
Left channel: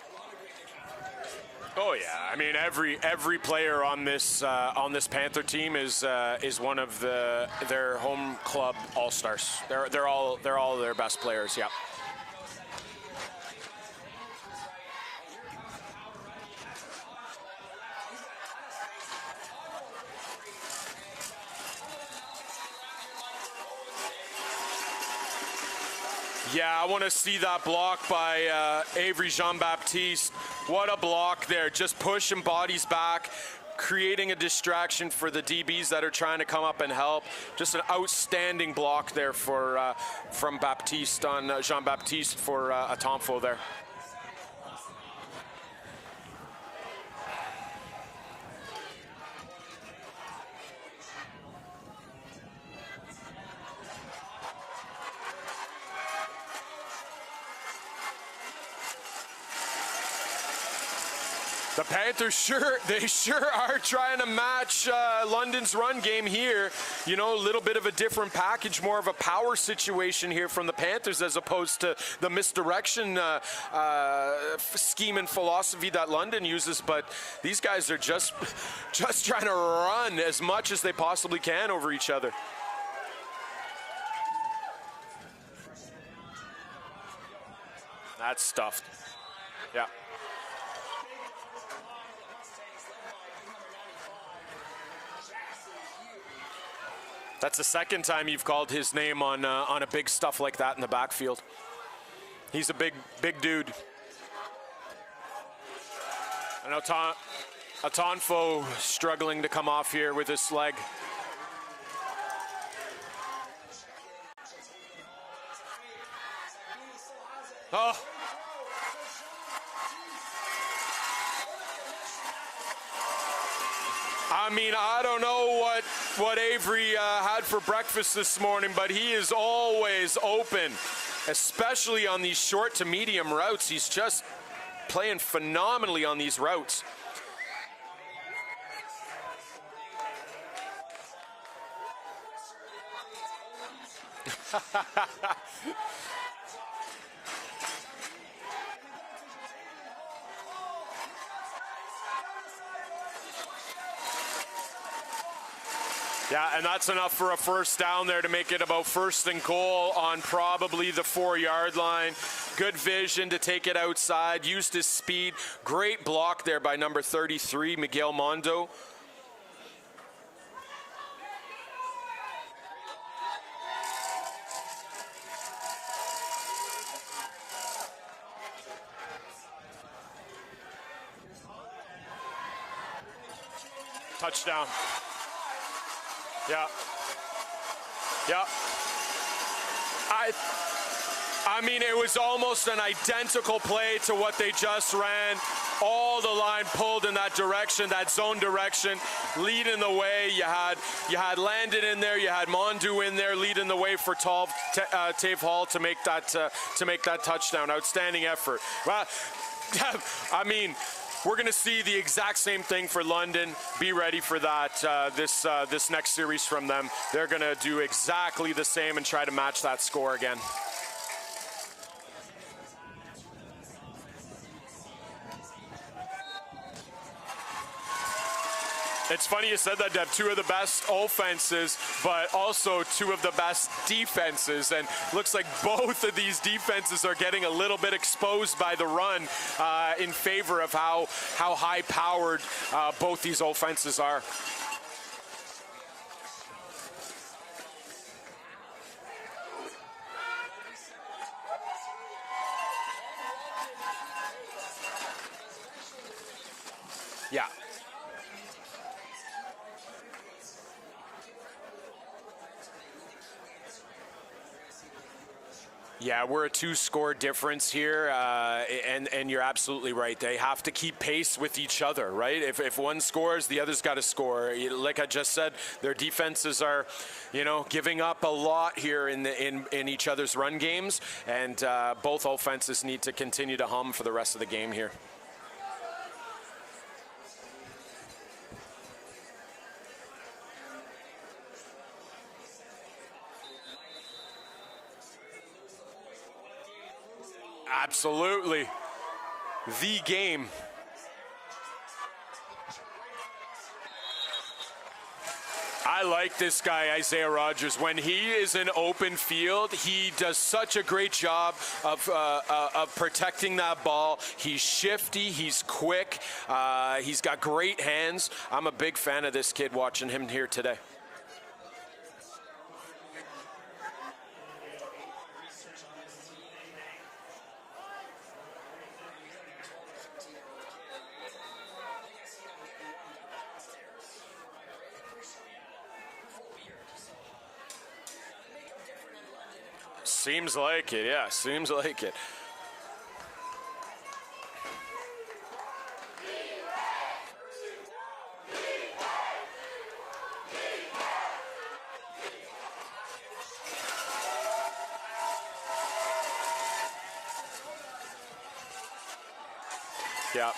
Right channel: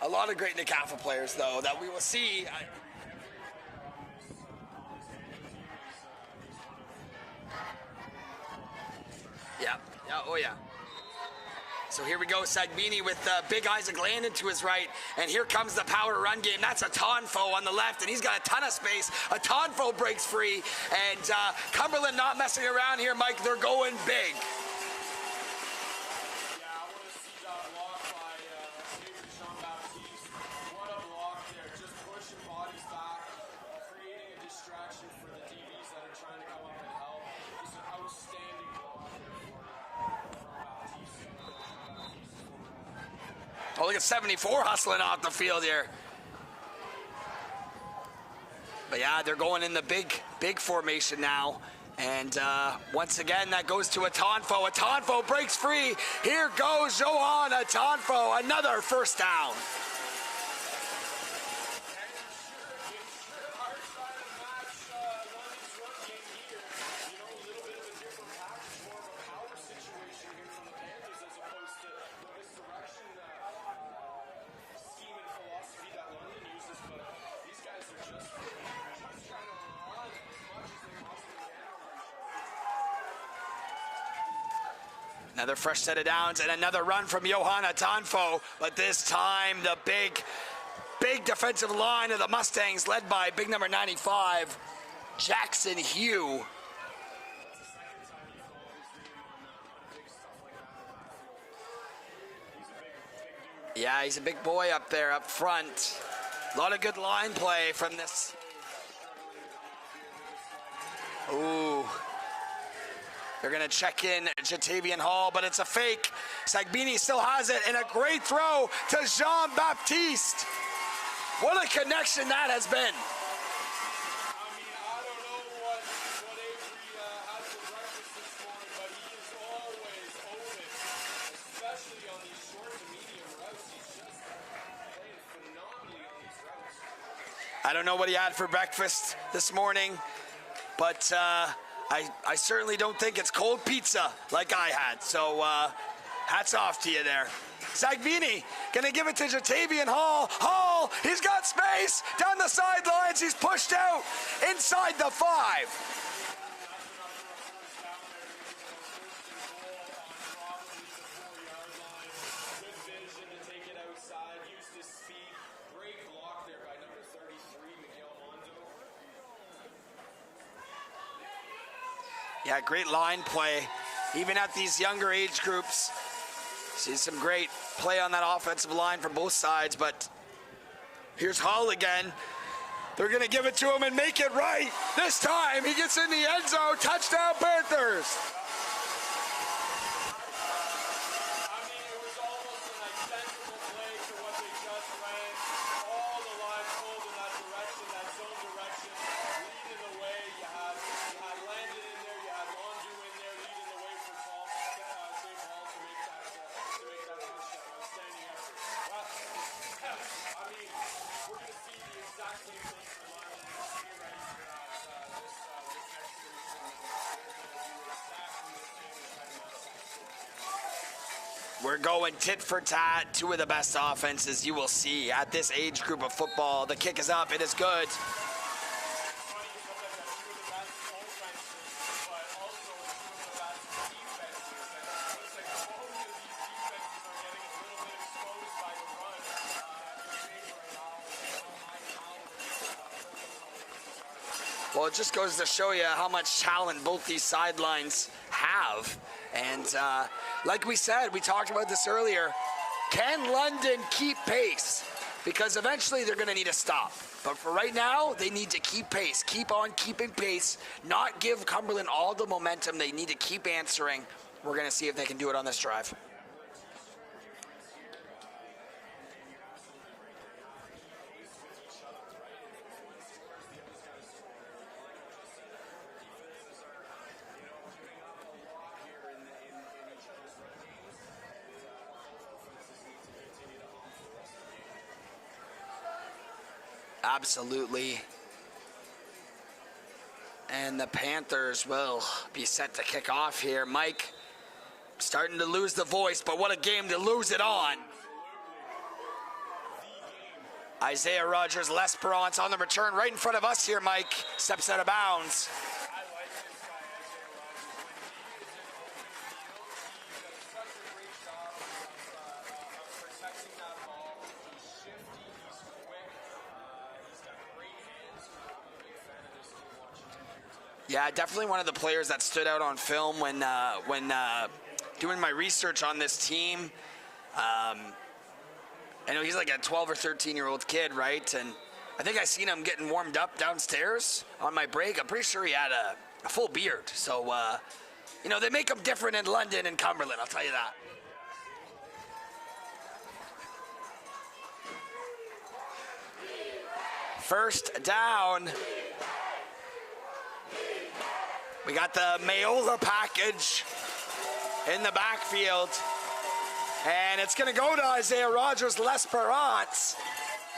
A lot of great NCAFA players, though, that we'll see. I mean, every player on this Panther team is one of their home club all-stars. Yeah. They're all their best players. Yeah. So here we go, Sagbini with Big Isaac Landon to his right, and here comes the power run game. That's a Tonfo on the left, and he's got a ton of space. A Tonfo breaks free, and Cumberland not messing around here, Mike. They're going big. Yeah, I want to see that block by Avery Jean-Baptiste. What a block there. Just pushing bodies back, creating a distraction for the DBs that are trying to come up and help. Just an outstanding block there from Baptiste on Jean-Baptiste for a Tonfo there. Oh, look at 74 hustling off the field here. But yeah, they're going in the big formation now. And once again, that goes to a Tonfo. A Tonfo breaks free. Here goes Johan Tonfo, another first down. The Panthers sure are trying to match London's run game here. You know, a little bit of a different package, more of a power situation here from the Panthers as opposed to the misdirection scheme and philosophy that London uses. But these guys are just trying to run as much as they possibly can over each other. Another fresh set of downs and another run from Johanna Tonfo. But this time, the big defensive line of the Mustangs, led by big number 95, Jackson Hugh. That's the second time you've called his name on a big stuff like that in the backfield. He's a big dude. Yeah, he's a big boy up there, up front. A lot of good line play from Tonfo struggling to come off here with his leg. Ooh. They're going to check in Jatavian Hall, but it's a fake. Sagbini still has it, and a great throw to Jean-Baptiste. What a connection that has been. I mean, I don't know what Avery had for breakfast this morning, but he is always open, especially on these short to medium routes. He's just playing phenomenally on these routes. I don't know what he had for breakfast this morning, but I certainly don't think it's cold pizza like I had. So hats off to you there. Sagbini gonna give it to Jatavian Hall. Hall, he's got space down the sidelines. He's pushed out inside the 5. Yeah, and that's enough for a first down there to make it about 1st and goal on probably the 4-yard line. Good vision to take it outside, used his speed. Great block there by number 33, Miguel Mondo. Yeah, great line play, even at these younger age groups. See some great play on that offensive line from both sides, but here's Hall again. They're gonna give it to him and make it right. This time, he gets in the end zone. Touchdown, Panthers. Yeah. I mean, it was almost an identical play to what they just ran. All the line pulled in that direction, that zone direction, leading the way. You had Landon in there, you had Mondu in there, leading the way for Tave Hall to make that touchdown. Outstanding effort. Well, I mean, we're going to see the exact same thing for London. Be ready for that. This next series from them, they're going to do exactly the same and try to match that score again. We're going tit for tat. 2 of the best offenses you will see at this age group of football. The kick is up. It is good. It's funny you said that, Deb. 2 of the best offenses, but also 2 of the best defenses. And looks like both of these defenses are getting a little bit exposed by the run in favor of how high-powered both these offenses are. Well, it just goes to show you how much talent both these sidelines have. And like we said, we talked about this earlier, can London keep pace? Because eventually they're going to need to stop. But for right now, they need to keep pace, keep on keeping pace, not give Cumberland all the momentum. They need to keep answering We're going to see if they can do it on this drive. Yeah, we're a 2-score difference here, and you're absolutely right. They have to keep pace with each other, right? If one scores, the other's got to score. Like I just said, their defenses are, giving up a lot here in each other's run games, and both offenses need to continue to hum for the rest of the game here. Absolutely. And the Panthers will be set to kick off here. Mike, starting to lose the voice, but what a game to lose it on. Absolutely. The game. Isaiah Rogers-L'Esperance on the return right in front of us here, Mike. Steps out of bounds. I like this guy, Isaiah Rogers. When he is in open field, he does such a great job of protecting that ball. He's shifty, he's quick, he's got great hands. I'm a big fan of this kid watching him here today. Yeah, definitely one of the players that stood out on film when doing my research on this team. I know he's like a 12 or 13-year-old kid, right? And I think I seen him getting warmed up downstairs on my break. I'm pretty sure he had a full beard. So, they make them different in London and Cumberland. Seems like it, yeah. Seems like it. First down. We got the Mayola package in the backfield. And it's going to go to Isaiah Rogers-L'Esperance. Yeah.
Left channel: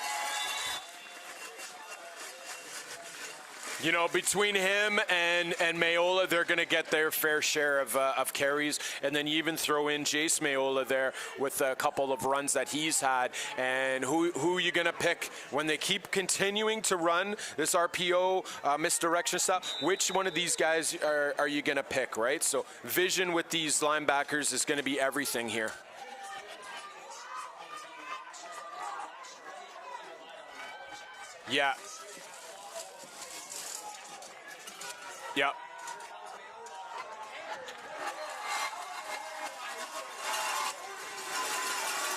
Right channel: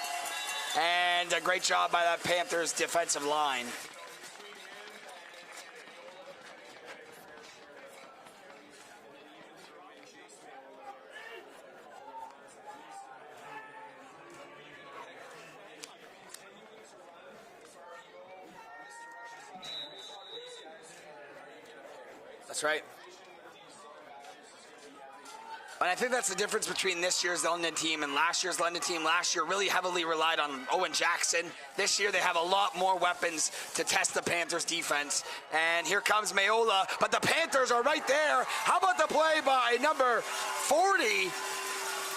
And a great job by that Panthers defensive line. Between him and Mayola, they're going to get their fair share of carries. And then you even throw in Jace Mayola there with a couple of runs that he's had. And who are you going to pick when they keep continuing to run this RPO misdirection stuff? Which one of these guys are you going to pick, right? So that's right. Vision with these linebackers is going to be everything here. And I think that's the difference between this year's London team and last year's London team. Last year really heavily relied on Owen Jackson. Yeah. This year they have a lot more weapons to test the Panthers defense. Yeah. And here comes Mayola, but the Panthers are right there. How about the play by number 40?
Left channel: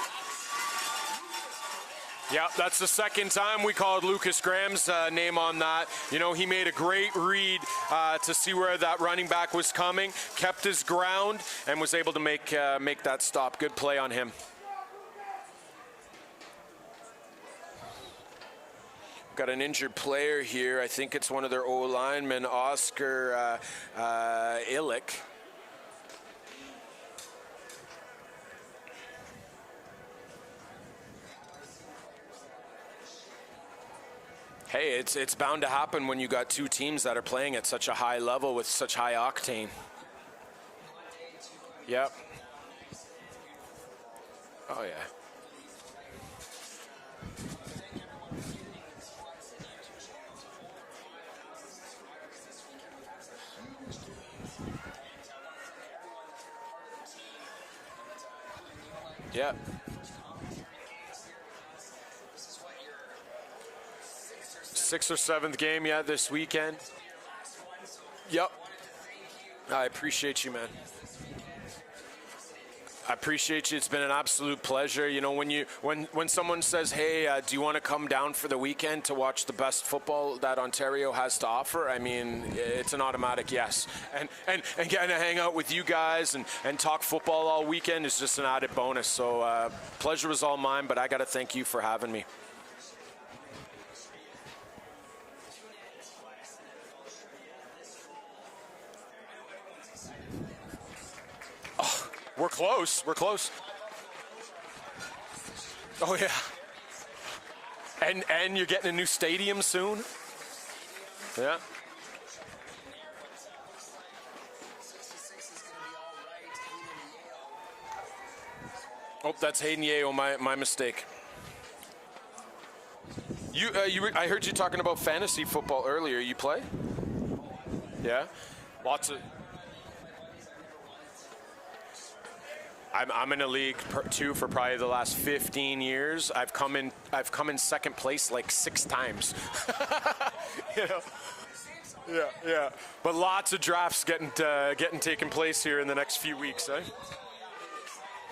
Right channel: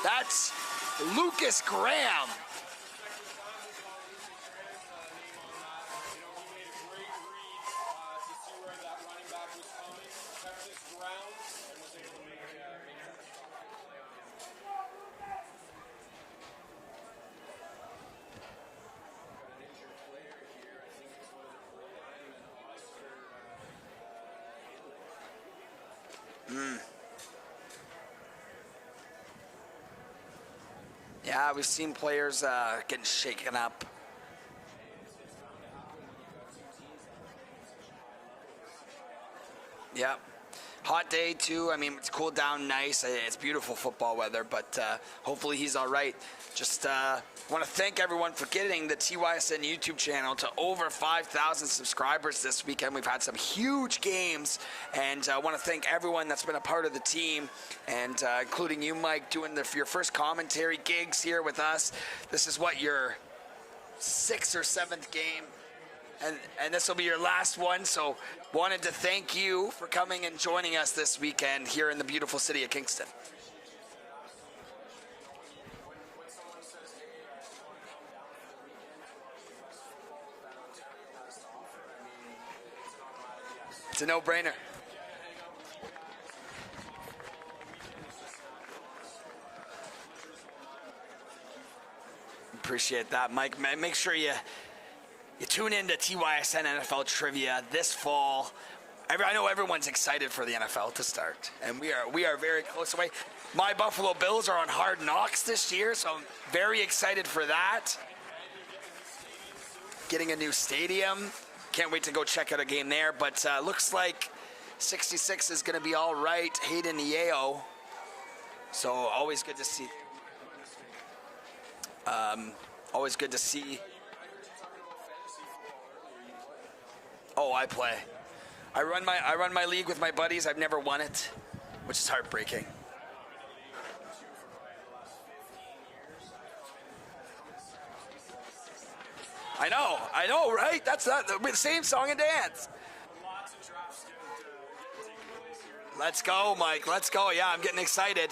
That's Lucas Graham. Yeah, that's the second time we called Lucas Graham's name on that. He made a great read to see where that running back was coming, kept his ground, and was able to make that stop. Good play on him. Got an injured player here. I think it's one of their O-linemen, Oscar Illick. Yeah, we've seen players getting shaken up. Hey, it's bound to happen when you got two teams that are playing at such a high level with such high octane. Yeah. Hot day, too. I mean, Yeah. It's cooled down nice. It's beautiful football weather, but hopefully he's all right. Just want to thank everyone for getting the TYSN YouTube channel to over 5,000 subscribers this weekend. We've had some huge games, and I want to thank everyone that's been a part of the team, and including you, Mike, doing your first commentary gigs here with us. This is what your sixth or seventh game, this weekend. And this will be your last one, so wanted to thank you for coming and joining us this weekend here in the beautiful city of Kingston. I appreciate you. It's been an absolute pleasure. When someone says, hey, do you want to come down for the weekend to watch the best football that Ontario has to offer? I mean, it's an automatic yes. It's a no-brainer. And getting to hang out with you guys and talk football all weekend is just an added bonus. So pleasure was all mine, but I got to thank you for having me. Appreciate that, Mike. Make sure you tune in to TYSN NFL Trivia this fall. I know everyone's excited for the NFL to start, and we are very close. We're close. My Buffalo Bills are on Hard Knocks this year, so very excited for that. And you're getting a new stadium soon. Getting a new stadium. Yeah. Can't wait to go check out a game there. But looks like 66 is going to be all right. Hayden Yeo. So always. That's Hayden Yeo. My mistake. Always good to see you. I heard you talking about fantasy football earlier. You play? Oh, I play. Yeah. I run my league with my buddies. I've never won it, which is heartbreaking. I'm in a league too for probably the last 15 years. I've come in second place like 6 times. I know, right? That's the same song and dance. Yeah. But lots of drafts getting taken place here in the next few weeks. Let's go, Mike. Let's go. Yeah, I'm getting excited.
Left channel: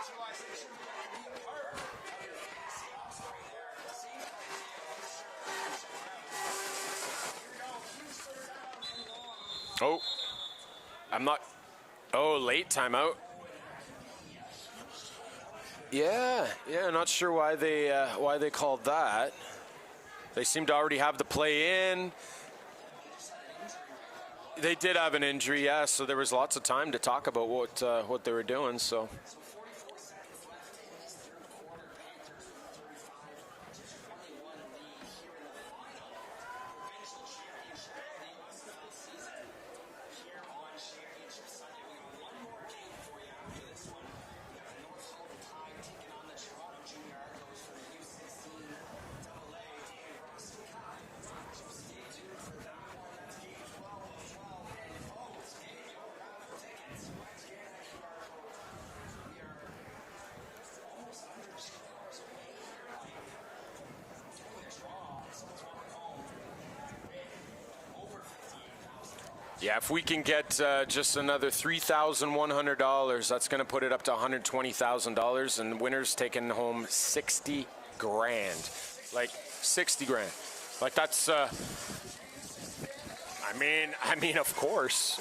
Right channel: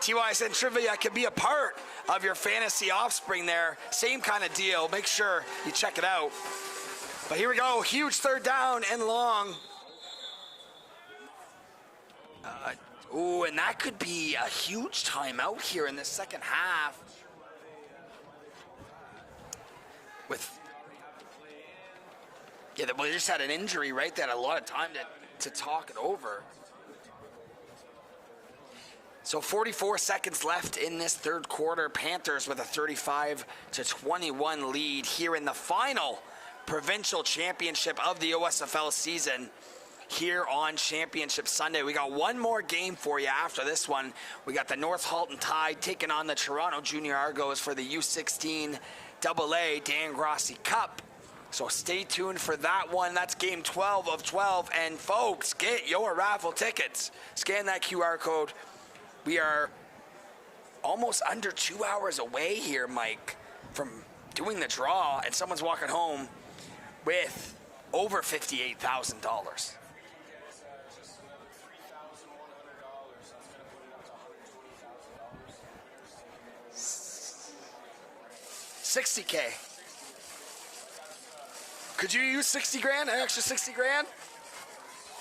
TYSN Trivia can be a part of your fantasy offspring there. Same kind of deal. Make sure you check it out. But here we go. Huge third down and long. Oh, I'm not. Oh, late timeout. Ooh, and that could be a huge timeout here in the second half. Yeah, not sure why they called that. They seem to already have the play in. Yeah, they just had an injury, right? They had a lot of They time did to have an injury, talk yeah. So there was over. lots of time to talk about what they were doing. So 44 seconds left in this third quarter. Panthers with a 35-21 lead here in the final provincial championship of the OSFL season here on Championship Sunday. We got one more game for you after this one. We got the North Halton Tide taking on the Toronto Junior Argos for the U14 AAA Dan Grossi Cup. So stay tuned for that one. That's game 12 of 12. And folks, get your raffle tickets. Scan that QR code. We are almost under 2 hours away here, Mike, from doing the draw. And someone's walking home with over $58,000. yeah, if we can get just another $3,100, that's going to put it up to $120,000, and winners taking home 60 grand. 60K. 60 grand. Like that's. Could you use 60 grand? An extra 60 grand? I mean, of course.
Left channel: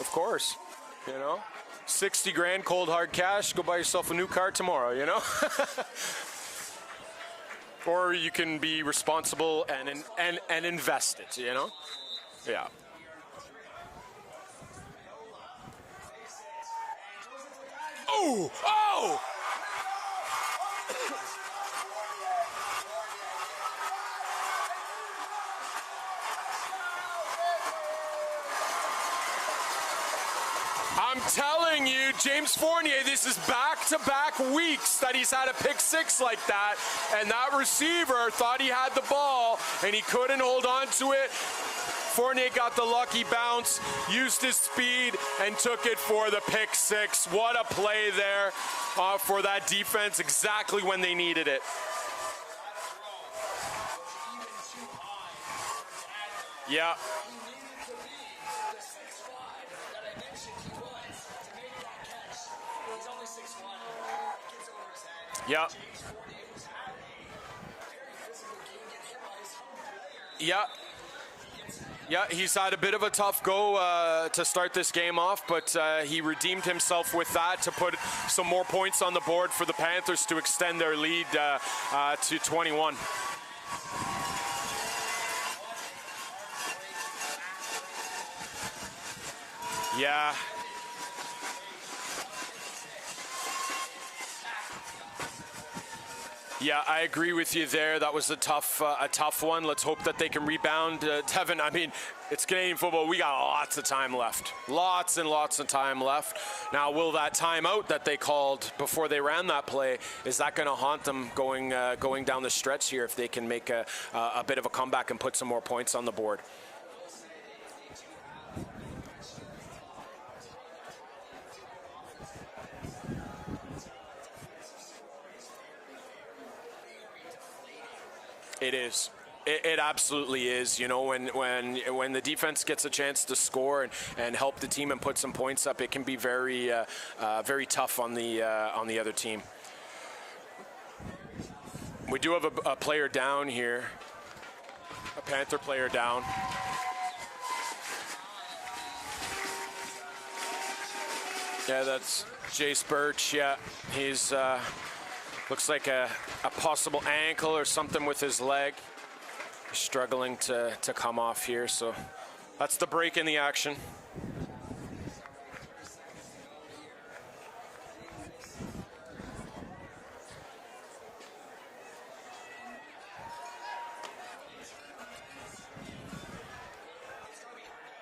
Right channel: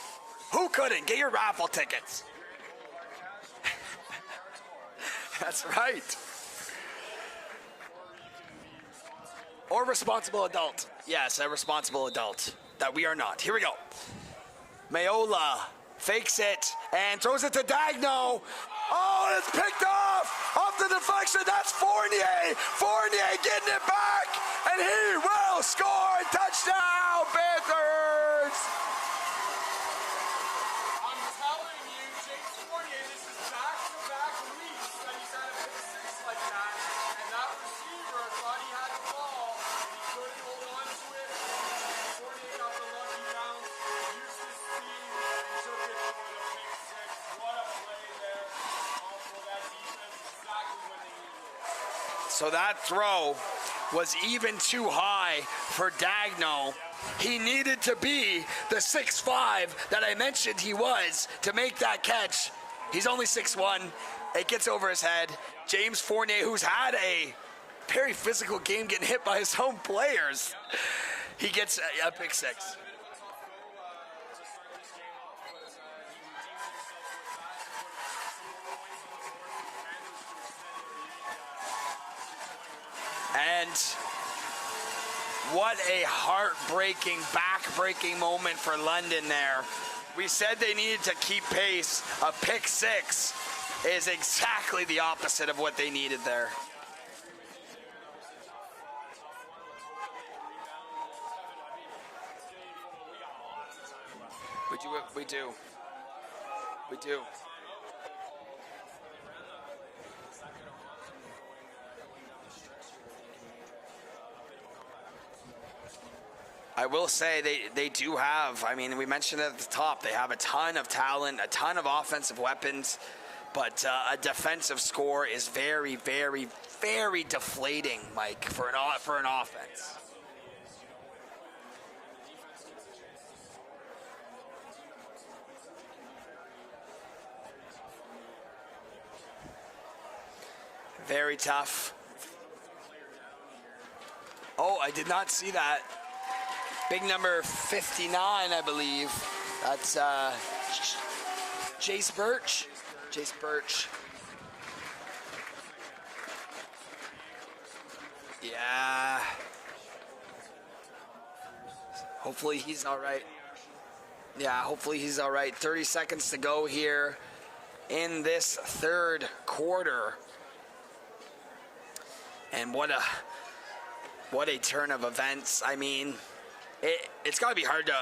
Who couldn't? Get your raffle tickets. 60 grand, cold hard cash. Go buy yourself a new car tomorrow. You know. That's right. Or you can be responsible and invest. Yes, a responsible adult. Yeah. That we are not. Here we go. Mayola fakes it and throws it to Dagno. Oh, it's picked off the deflection. That's Fournier. Fournier getting it back, and he will score. Touchdown, Panthers. I'm telling you, James Fournier, this is back-to-back weeks that he's had a pick six like that, and that receiver thought he had the ball, and he couldn't hold on to it. Fournier got the lucky bounce, used his speed, and took it for the pick six. What a play there for that defense, exactly when they needed it. So that throw was even too high for Dagno. Yeah. He needed to be the 6'5" that I mentioned he was to make that catch. He's only 6'1". It gets over his head. Yeah. James Fournier, who's had a very physical game getting hit by his own players. Yeah. He gets a pick he's six. had a bit of a tough go to start this game off, but he redeemed himself with that to put some more points on the board for the Panthers to extend their lead to 21. And what a heartbreaking, back-breaking moment for London there. Yeah. We said they needed to keep pace. A pick six is exactly the opposite of what they needed there. Yeah, I agree with you there. That was a tough one. Let's hope that they can rebound. Tevin, I mean, it's Canadian football. We got lots of time left. Lots and lots of time left. Now, will that timeout that they called before they ran that play, is that going to haunt them going down the stretch here if they can make a bit of a comeback and put some more points on the board? I will say they do have, I mean, we mentioned it at the top, they have a ton of talent, a ton of offensive weapons, but a defensive score is very, very, very deflating, Mike, for an offense. It absolutely is. You know, when the defense gets a chance to score and help the team and put some points up, it can be very very tough on the other team. Very tough. We do have a player down here. Oh, I did not see Panther that. player down. Big number 59, I believe. That's Jace Birch. Jace Birch, Birch. He's looks like a possible ankle or something with his leg. Yeah. Struggling to come off here, so Hopefully that's he's the break all right. in the action. Yeah, hopefully he's all right. 30 seconds to go here in this third quarter. And what a turn of events. I mean, it's got to be hard to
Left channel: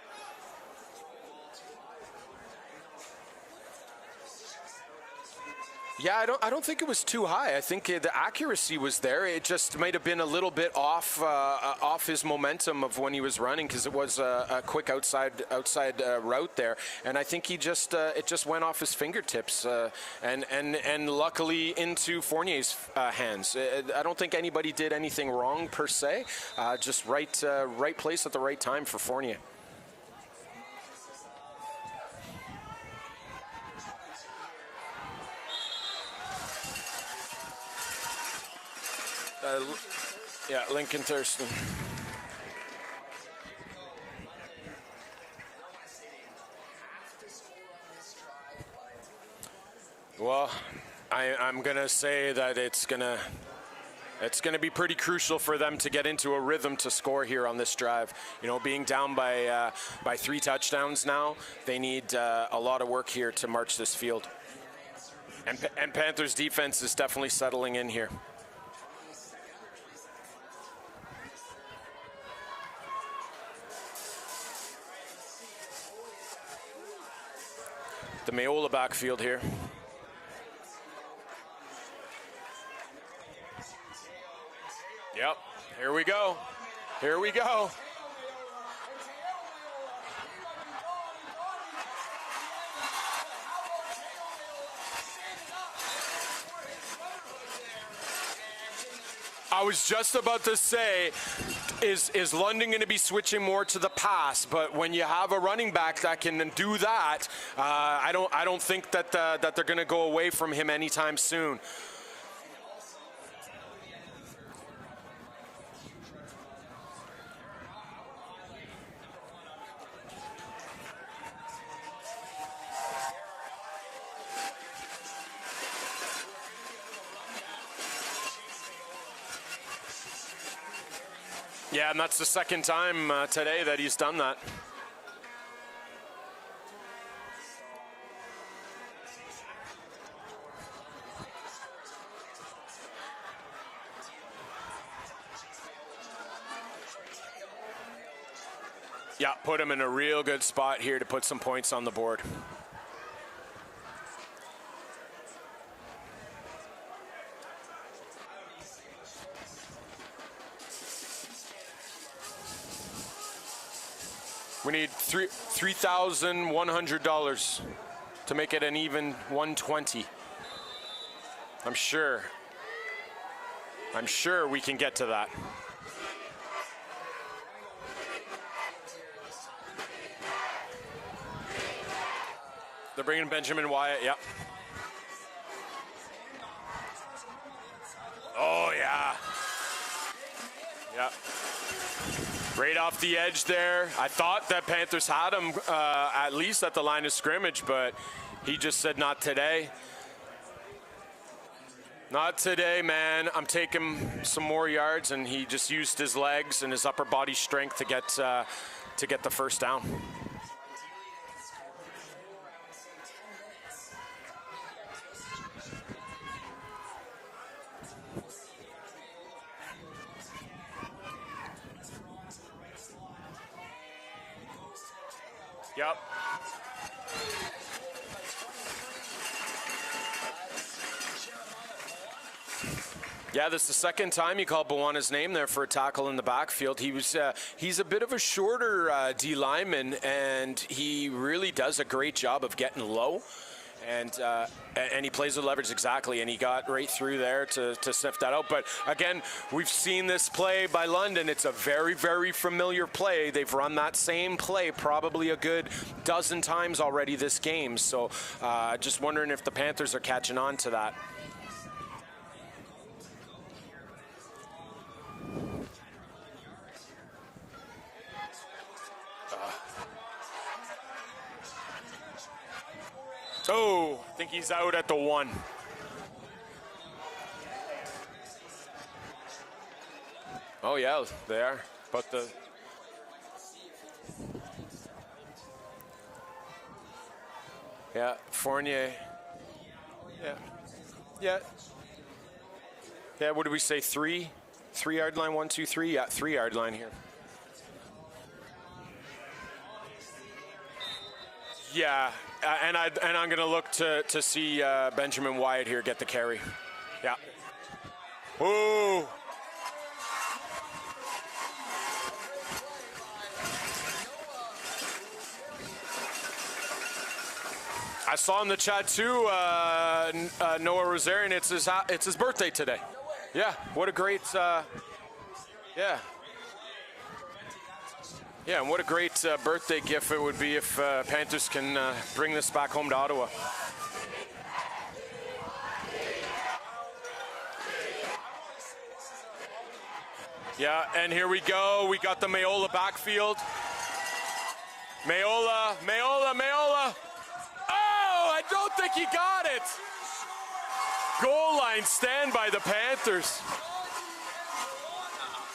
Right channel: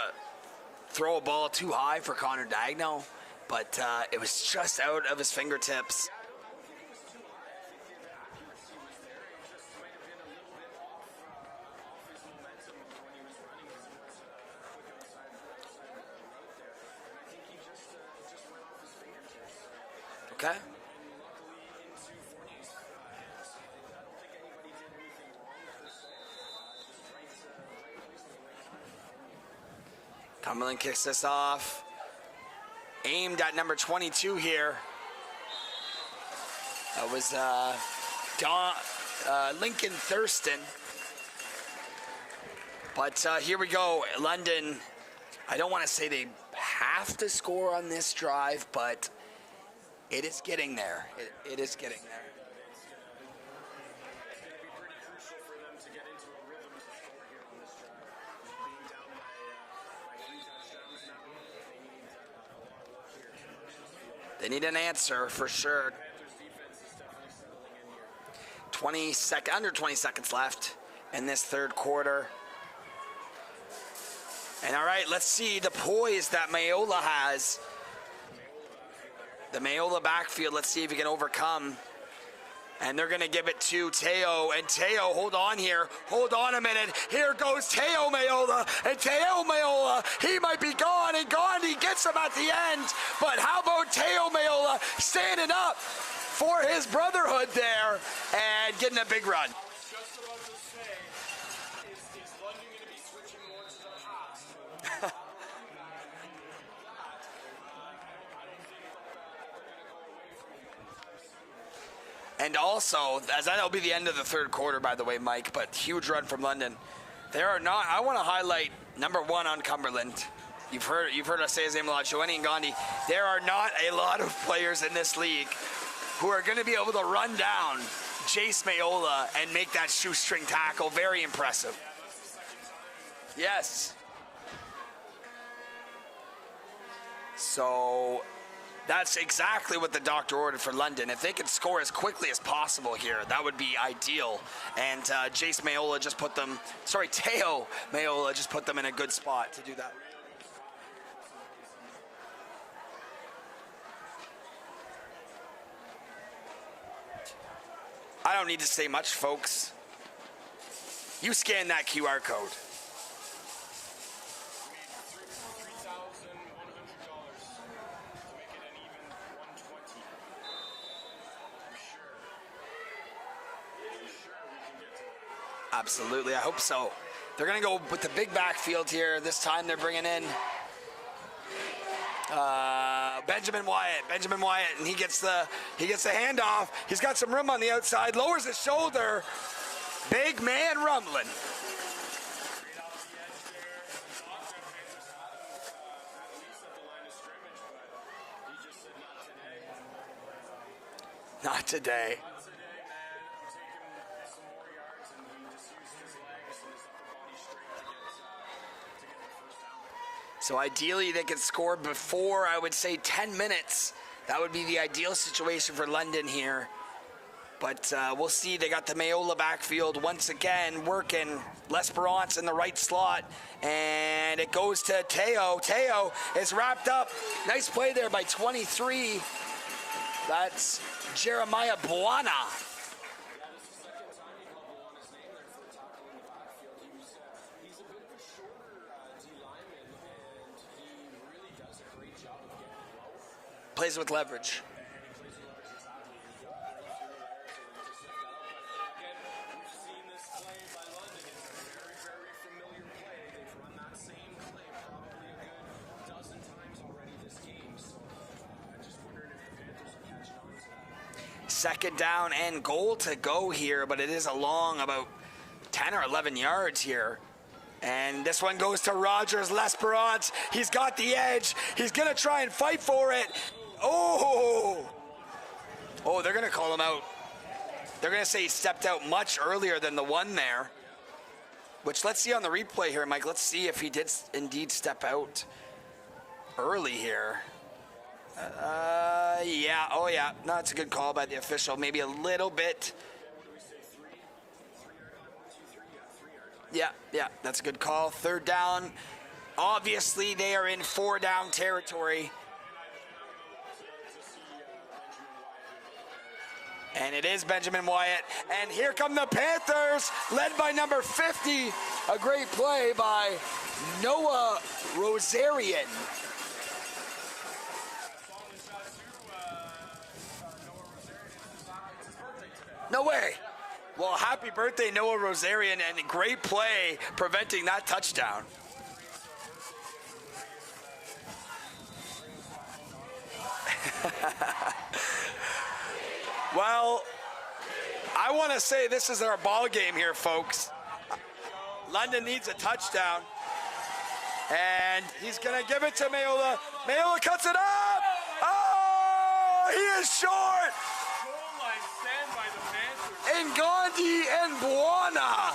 throw a ball too high for Connor Dagno, but it was just out of his fingertips. Yeah, I don't think it was too high. I think the accuracy was there. It just might have been a little bit off his momentum of when he was running, because it was a quick outside route there, and I think he just it just went off his fingertips and luckily into Fournier's hands. I don't think anybody did anything wrong per se. Just right place at the right time for Fournier. Cumberland kicks this off. Aimed at number 22 here. That was Lincoln Thurston. Yeah, Lincoln Thurston. But here we go. London, I don't want to say they have to score on this drive, but it is getting there. I'm going to say that it's going to be pretty crucial for them to get into a rhythm to score here on this drive. You know, being down by 3 touchdowns now, they need a lot of work here to march this field. They need an answer for sure. And Panthers defense is definitely settling in here. Under 20 seconds left in this third quarter. And all right, let's see the poise that Mayola has. The Mayola backfield here. The Mayola backfield, let's see if he can overcome. And they're going to give it to Teo. And Teo, hold on here. Here we go. Hold on a minute. Here goes Teo Mayola. And Teo Mayola, he might be gone. And Gandhi gets him at the end. But how about Teo Mayola standing up for his brotherhood there and getting a big run? I was just about to say, is London going to be switching more to the pass? But when you have a running back that can do that, I don't think that they're going to go away from him anytime soon. And also, as that'll be the end of the third quarter, by the way, Mike, but huge run from London. There are not, I want to highlight number 1 on Cumberland. You've heard us say his name a lot, Joanie and Gandhi. There are not a lot of players in this league who are going to be able to run down Jace Mayola and make that shoestring tackle. Very impressive. Yeah, and that's the second time today that he's done that. So that's exactly what the doctor ordered for London. If they could score as quickly as possible here, that would be ideal. And Jace Mayola just put them, Teo Mayola just put them in a good spot. Yeah, put him in a real good spot here to put some points on the board. I don't need to say much, folks. You scan that QR code. We need $3,100 to make it an even 120. I'm sure we can get to that. Absolutely, I hope so. They're gonna go with the big backfield here. This time they're bringing in Benjamin Wyatt. Yep. Benjamin Wyatt, and he gets the handoff. He's got some room on the outside, lowers his shoulder. Yeah. Big man rumbling. Right off the edge there. I thought that Panthers had him at least at the line of scrimmage, but he just said, not today. Not today. Not today, man. I'm taking some more yards, and he just used his legs and his upper body strength to get the first down. So ideally they could score before, I would say, 10 minutes. That would be the ideal situation for London here. But we'll see. They got the Mayola backfield once again working. L'Esperance in the right slot. And it goes to Teo. Teo is wrapped up. Nice play there by 23. That's Jeremiah Buana. Yeah, this is the second time you called Buana's name there for a tackle in the backfield. He's a bit of a shorter D lineman, and he really does a great job of getting low. Plays with leverage. And he plays with leverage, exactly, and he got right through there to sniff that out. But again, we've seen this play by London. It's a very, very familiar play. They've run that same play probably a good dozen times already this game. So just wondering if the Panthers are catching on to that. Second down and goal to go here, but it is a long about 10 or 11 yards here. And this one goes to Rogers L'Esperance. He's got the edge. He's going to try and fight for it. I think he's out at the 1. Oh, they're going to call him out. They're going to say he stepped out much earlier than the 1 there. Oh, yeah, they are. Which let's see on the replay here, Mike. Let's see if he did indeed step out early here. Yeah, Fournier. No, it's a good call by the official. Maybe a little bit. Yeah, what did we say, 3? 3-yard line, 1, 2, 3? Yeah, 3-yard line. Yeah, that's a good call. Third down. Obviously, they are in 4-down territory. Yeah, and I'm going to look to see Benjamin Wyatt here get the carry. And it is Benjamin Wyatt. Ooh. And here come the Panthers, led by number 50. A great play by Noah Rosarian. I saw in the chat too, Noah Rosarian. It's his birthday today. No way. Yeah, what a great happy birthday, Noah Rosarian, and great play preventing that touchdown. Yeah, and what a great birthday gift it would be if Panthers can bring this back home to Ottawa. Well, I want to say this is our ball game here, folks. Yeah, and here we go. We got the Mayola backfield. And And he's Mayola, going to give it to Mayola, Mayola. Mayola cuts it out. Oh, I don't think he got it. He is short. Goal line stand by the Panthers. And Gandhi and Buona.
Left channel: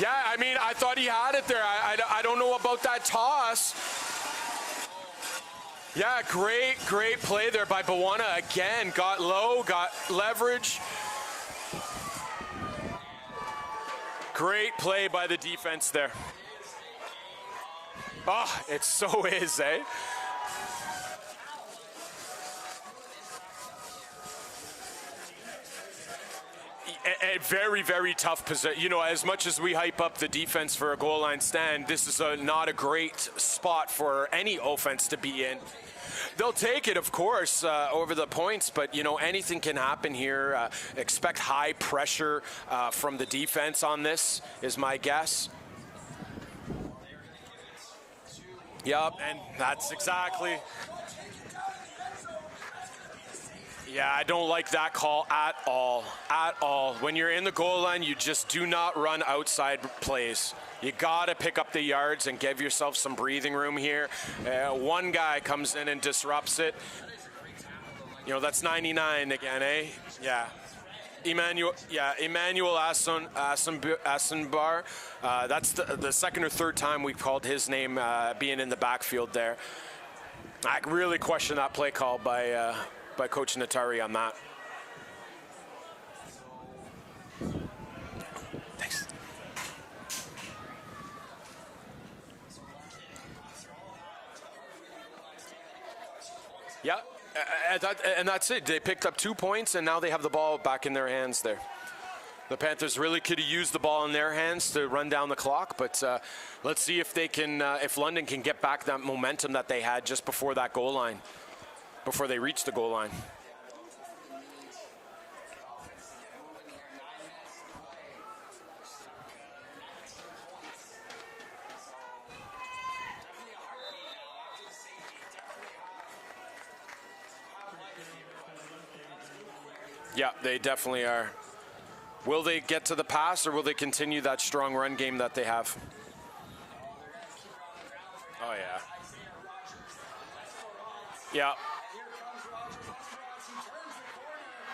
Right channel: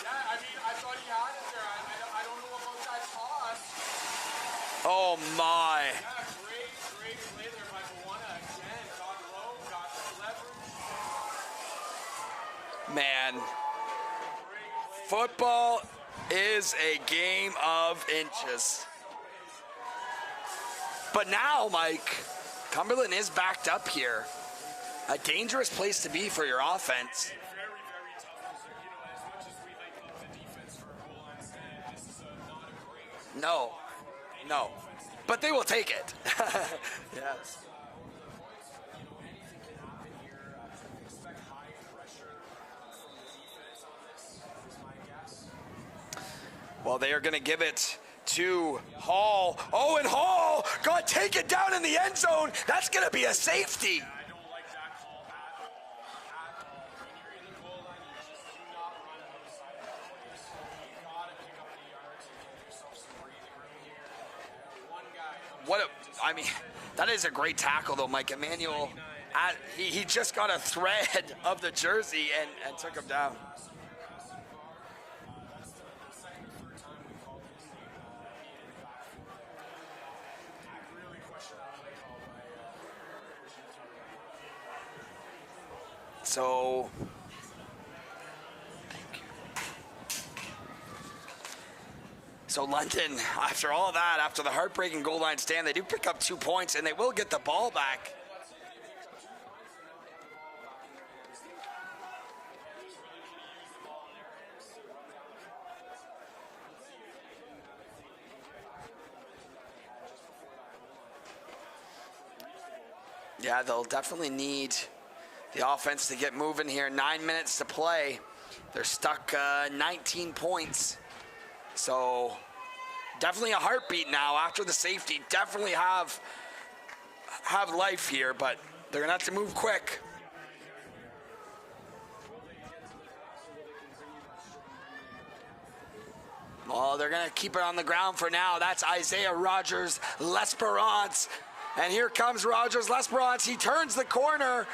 Yeah, I mean, I thought he had it there. I don't know about that toss. Oh, my. Yeah, great play there by Buona. Again, got low, got leverage. Man. Great play by the Football defense there. is a game of inches. Oh, it so is, eh? But now, Mike, Cumberland is backed up here. A dangerous place to be for your offense. A very, very tough position. You know, as much as we hype up the defense for a goal line stand, this is not a great spot for any offense to be in. But they will take it. They'll take it, of course, over the points. But, you know, anything can happen here. Expect high pressure from the defense on this, is my guess. Well, they are going to give it to Yep, Hall. and that's And exactly- Hall, God, take it down in the end zone. That's going to be a safety. Yeah, I don't like that call at all. At all. When you're in the goal line, you just do not run outside plays. You got to pick up the yards and give yourself some breathing room here. One guy comes in and disrupts it. That is a great tackle, though, Mike. You know, that's 99 again, and eh? He just Yeah. got a thread of the jersey. Emmanuel and took him down. Asenbar. That's the second or third time we've called his name being in the backfield there. I really question that play call by Coach Natari on that. So, So London, after all of that, after the heartbreaking goal line stand, they do pick up 2 points, and they will get the ball back. And that's it. They picked up 2 points, and now they have the ball back in their hands there. The Panthers really could have used the ball in their hands to run down the clock, but let's see if they can, if London can get back that momentum that they had just before that goal line, before they reach the goal line. Yeah, they'll definitely need the offense to get moving here. 9 minutes to play. They're stuck 19 points. So definitely a heartbeat now after the safety. Definitely have life here, but they're gonna have to move quick. Yeah, they definitely are. Will they get to the pass, or will they continue that strong run game that they have? Oh, they're gonna keep it on the ground for now. Oh, yeah. That's Isaiah Rogers L'Esperance. Yeah. And here comes Rogers L'Esperance. He turns the corner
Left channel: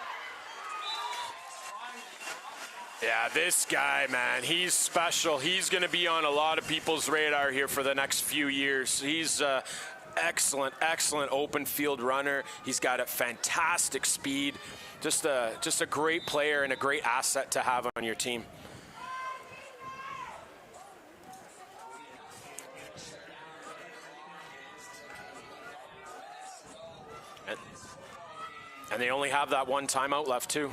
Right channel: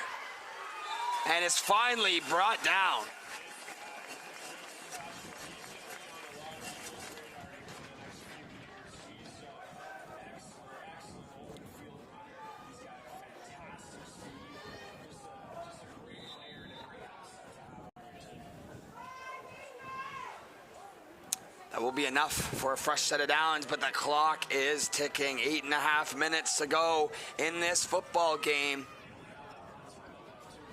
and is finally brought down. Yeah, this guy, man, he's special. He's going to be on a lot of people's radar here for the next few years. He's excellent open field runner. He's got a fantastic speed. Just a great player and a great asset to have on your team. That will be enough for a fresh set of downs, but the clock is ticking. 8.5 minutes to go in this football game. And they only have that one timeout left, too.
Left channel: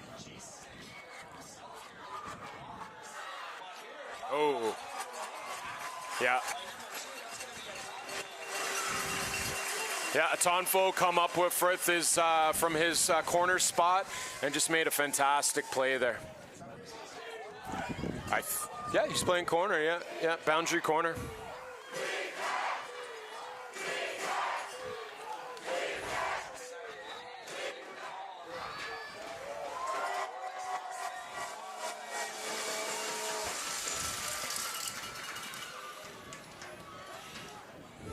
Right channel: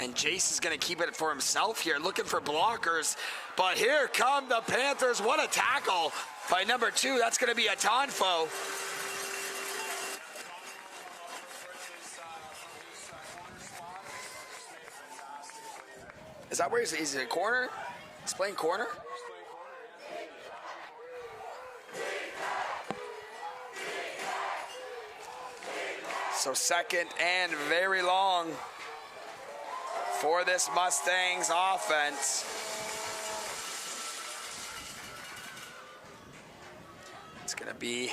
And Jace is going to keep it for himself here, looking for blockers. But here come the Panthers. What a tackle by number 2. That's going to be a Tonfo. Yeah, Atonfo come up with from his corner spot and just made a fantastic play there. Is that where he's in a corner? He's playing corner? Yeah, he's playing corner, yeah, boundary corner. So second and very long for this Mustangs offense. It's going to be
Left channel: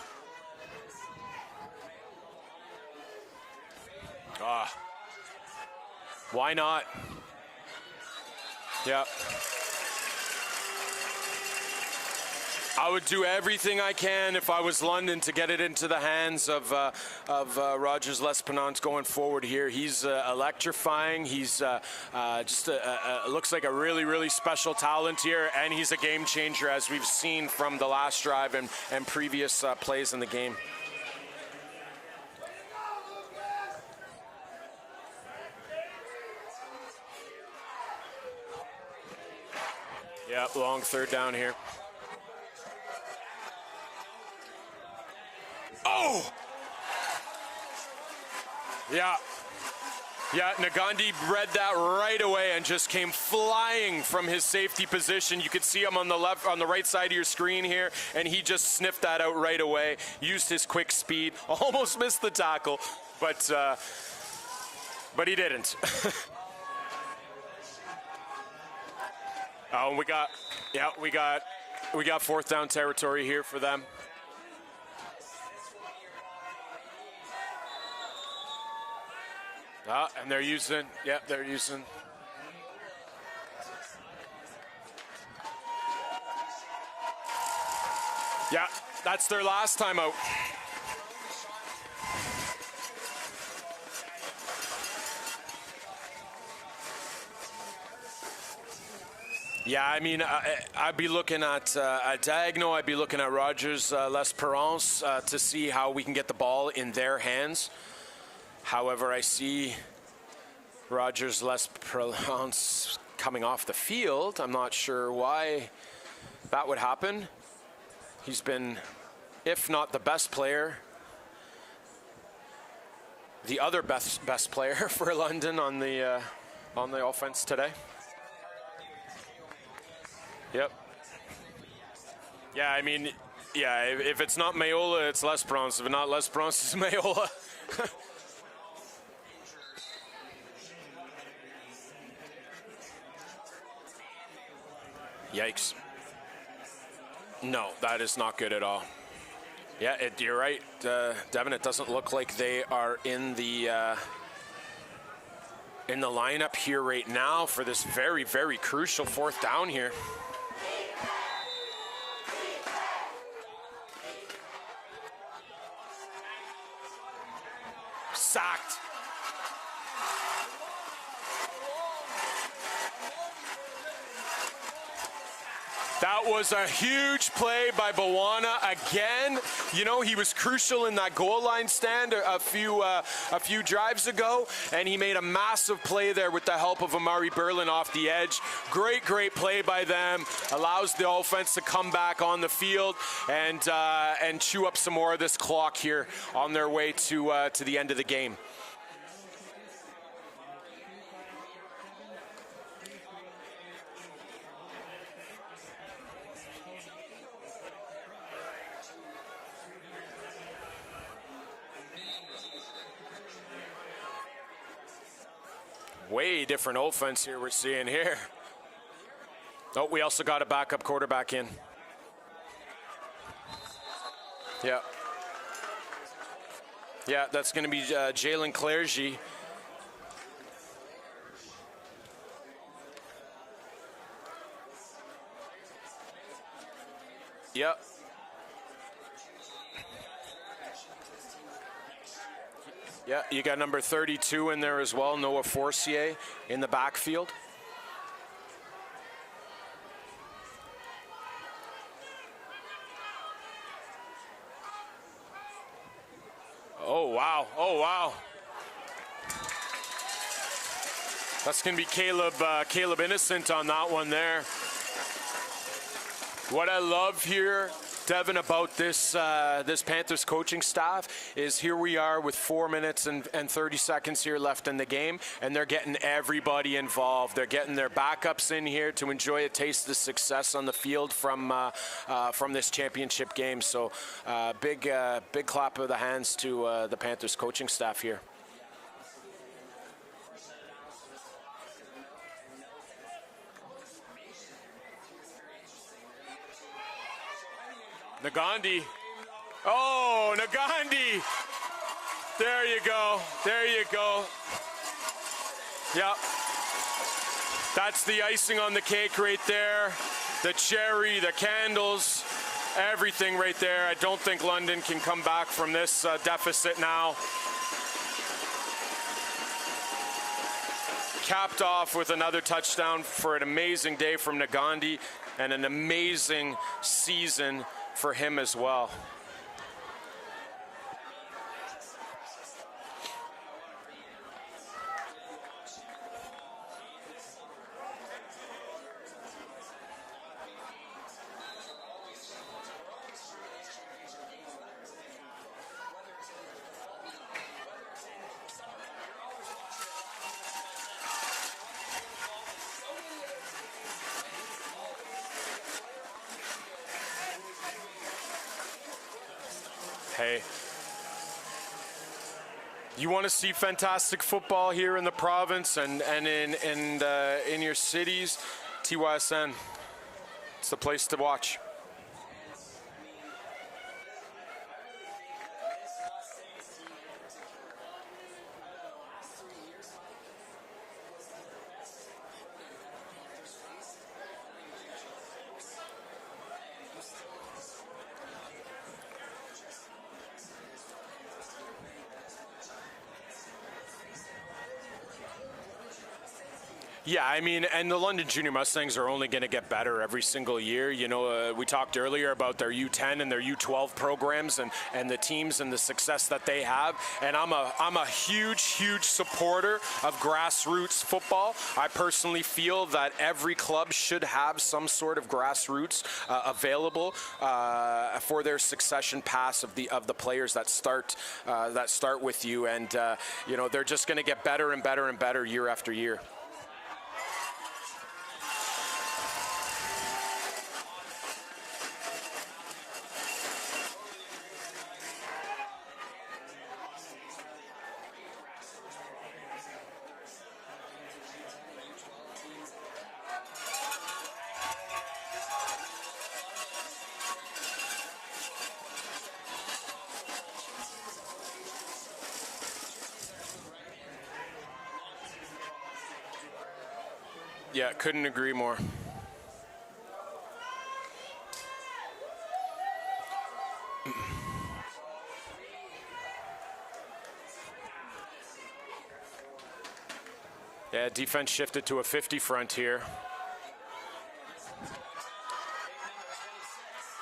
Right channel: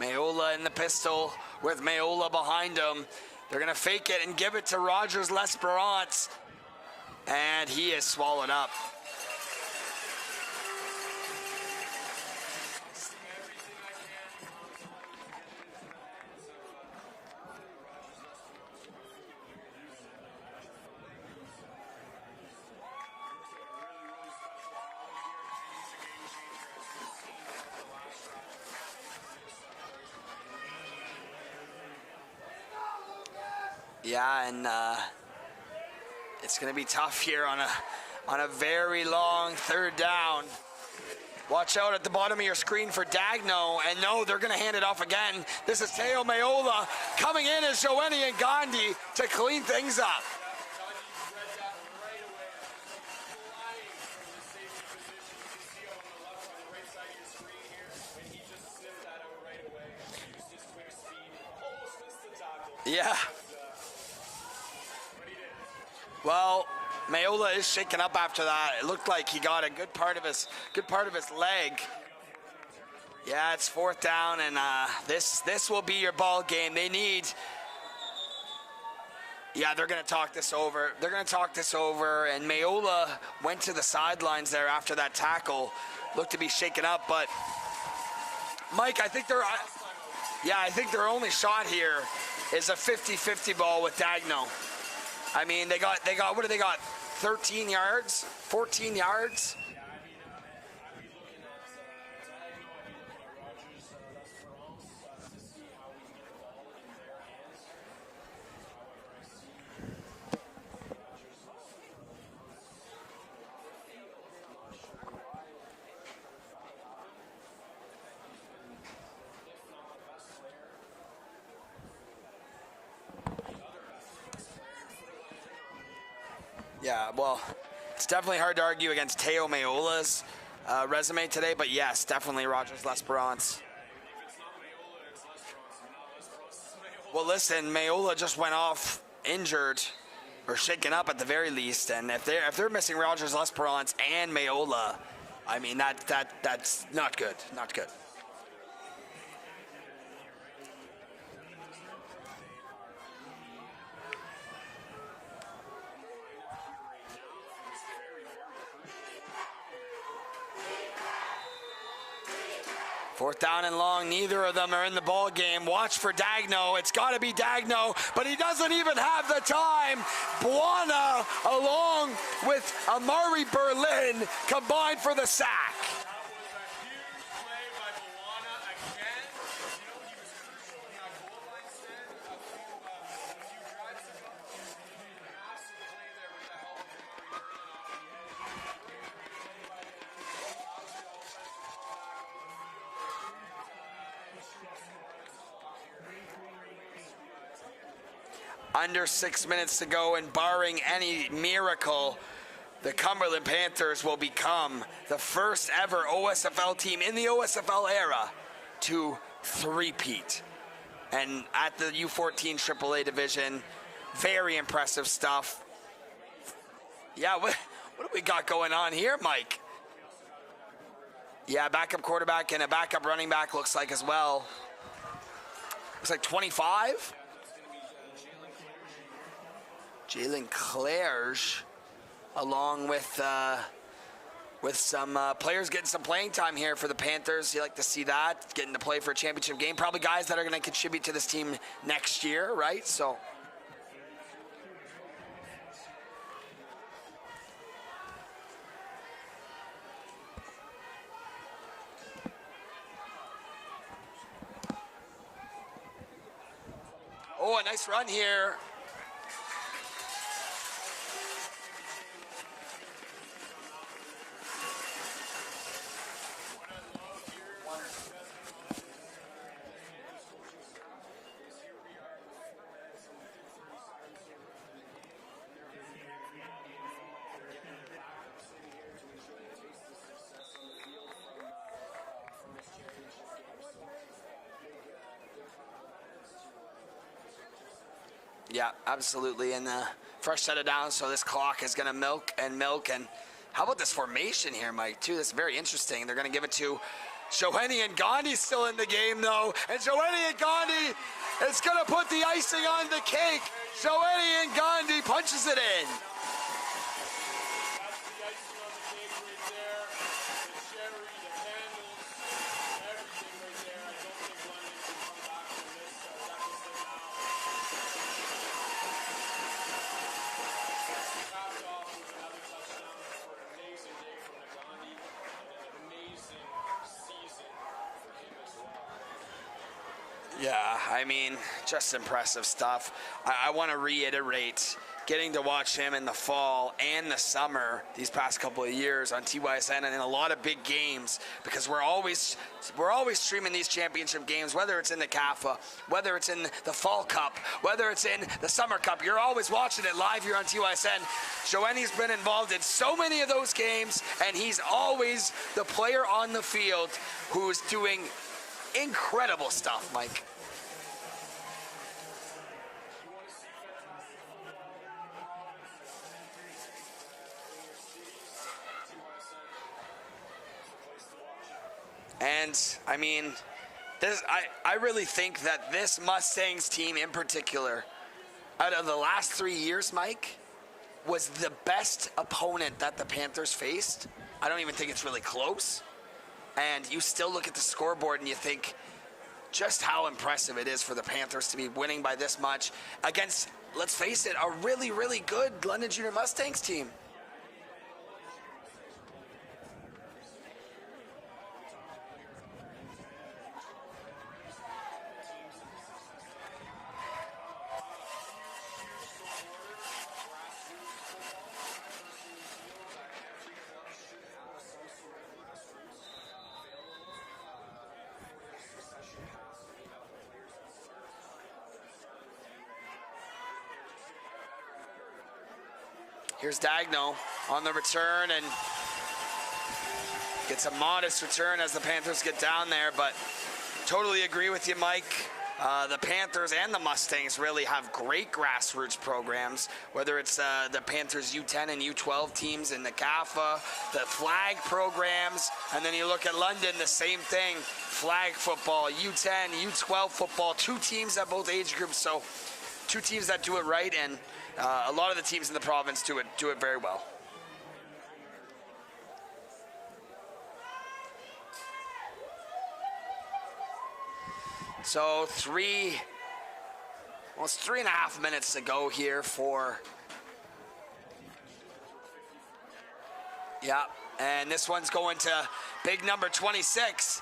Mayola in the pistol with Mayola behind him. They're going to fake it and give it to Rogers L'Esperance. Why not? And he is swallowed up. Yeah. I would do everything I can if I was London to get it into the hands of Rogers L'Esperance going forward here. He's electrifying. He's looks like a really, really special talent here, and he's a game changer, as we've seen from the last drive and previous plays in the game. Yeah, and it's going to be tough here on a very long third down. Yep, long third down here. Watch out at the bottom of your screen for Dagno, and no, they're going to hand it off again. This is Teo Mayola. Coming in is Joeni and Gandhi to clean things up. Yeah, Nagandi read that right away and just came flying from his safety position. You could see him on the right side of your screen here, and he just sniffed that out right away, used his quick speed, almost missed the tackle. Yeah. But he didn't. Well, Mayola is shaken up after that. It looked like he got a good part of his leg. We got fourth down territory here for them. Yeah, it's fourth down, and this will be your ball game. They need. Yeah, they're going to talk this over. They're going to talk this over, and Mayola went to the sidelines there after that tackle. Looked to be shaken up, but yeah, Mike, I think their last time out. Yeah, I think their only shot here is a 50-50 ball with Dagno. I mean, they got what do they got? 13 yards, 14 yards. Yeah, I mean, I'd be looking at Dagno. I'd be looking at Rogers L'Esperance to see how we can get the ball in their hands. However, I see Rogers L'Esperance coming off the field. I'm not sure why that would happen. He's been, if not the best player, the other best player for London on the offense today. It's definitely hard to argue against Teo Mayola's resume today, but yes, definitely Rogers L'Esperance. Yeah, if it's not Mayola, it's L'Esperance. If not L'Esperance, it's Mayola. Well, listen, Mayola just went off injured or shaken up at the very least, and if they're missing Rogers L'Esperance and Mayola, yikes. I mean that's not good. No, not good. That is not good at all. Yeah, you're right, Devin. It doesn't look like they are in the lineup here right now for this very, very crucial fourth down here. Fourth down and long, neither of them are in the ball game. Watch for Dagno. It's got to be Dagno, but he doesn't even have the time. Buona, along with Amari Berlin, combined for the sack. That was a huge play by Buona again. You know, he was crucial in that goal line stand a few drives ago, and he made a massive play there with the help of Amari Berlin off the edge. Great play by them. Allows the offense to come back on the field and chew up some more of this clock here on their way to the end of the game. Under 6 minutes to go, and barring any miracle, the Cumberland Panthers will become the first ever OSFL team in the OSFL era to three-peat. And at the U14 AAA division, very impressive stuff. Way different offense we're seeing here. What we got going on here, Mike? Oh, we also got a backup quarterback in. Yeah, backup quarterback and a backup running back looks like as well. Yeah. Looks like 25. Yeah, that's going to be Jalen Clergy. Jalen Clerge, along with some players getting some playing time here for the Panthers. You like to see that, getting to play for a championship game. Probably guys that are going to contribute to this team next year, right? So yeah, you got number 32 in there as well, Noah Forcier in the backfield. Oh, wow. Oh, a nice run here. That's going to be Caleb Innocent on that one there. What I love here, Devin, about this Panthers coaching staff is here we are with 4 minutes and 30 seconds here left in the game, and they're getting everybody involved. They're getting their backups in here to enjoy a taste of the success on the field from this championship game. So big clap of the hands to the Panthers coaching staff here. Yeah, absolutely. And fresh set of downs, so this clock is going to milk. And how about this formation here, Mike, too? This is very interesting. They're going to give it to Shoheni and Gandhi still in the game, though. And Shoheni and Gandhi is going to put the icing on the cake. There you go. Shoheni and Gandhi punches it in. Yep. That's the icing on the cake right there. The cherry, the candles, everything right there. I don't think London can come back from this deficit now. Capped off with another touchdown for an amazing day from Nagandi and an amazing season for him as well. Yeah, I mean, just impressive stuff. I want to reiterate, getting to watch him in the fall and the summer these past couple of years on TYSN and in a lot of big games, because we're always streaming these championship games, whether it's in the CAFA, whether it's in the Fall Cup, whether it's in the Summer Cup. You're always watching it live here on TYSN. Joenny's been involved in so many of those games, and he's always the player on the field who's doing incredible stuff, Mike. Hey, You want to see fantastic football here in the province and in your cities, TYSN. It's the place to watch. And I mean, I really think that this Mustangs team in particular, out of the last 3 years, Mike, was the best opponent that the Panthers faced. I don't even think it's really close. And you still look at the scoreboard and you think just how impressive it is for the Panthers to be winning by this much against, let's face it, a really, really good London Junior Mustangs team. Yeah, I mean, and the London Junior Mustangs are only going to get better every single year. You know, we talked earlier about their U10 and their U12 programs and the teams and the success that they have. And I'm a huge, huge supporter of grassroots football. I personally feel that every club should have some sort of grassroots available for their succession path of the players that start with you, and you know, they're just going to get better and better and better year after year. Here's Dagno on the return and gets a modest return as the Panthers get down there, but totally agree with you, Mike. The Panthers and the Mustangs really have great grassroots programs, whether it's the Panthers U10 and U12 teams in the CAFA, the flag programs, and then you look at London, the same thing, flag football, U10, U12 football, two teams at both age groups, so two teams that do it right, and a lot of the teams in the province do it very well. Yeah, couldn't agree more. So almost 3.5 minutes to go here for... Yeah, defense shifted to a 50 front here. Yeah, and this one's going to big number 26.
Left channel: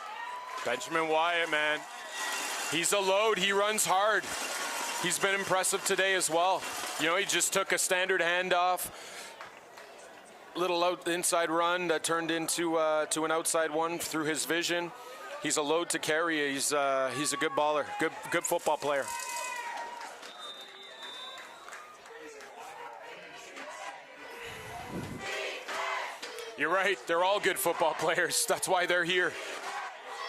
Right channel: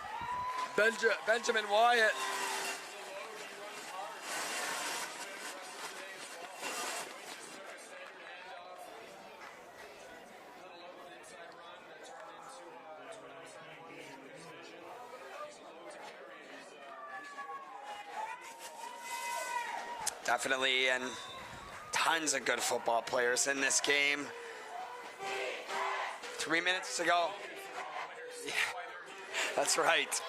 Benjamin Wyatt, man. He's a load. He runs hard. He's been impressive today as well. You know, he just took a standard handoff, little inside run that turned into to an outside one through his vision. He's a load to carry. He's a good baller, good football player. Definitely, and tons of good football players in this game. You're right. They're all good football players. That's why they're here. That's right.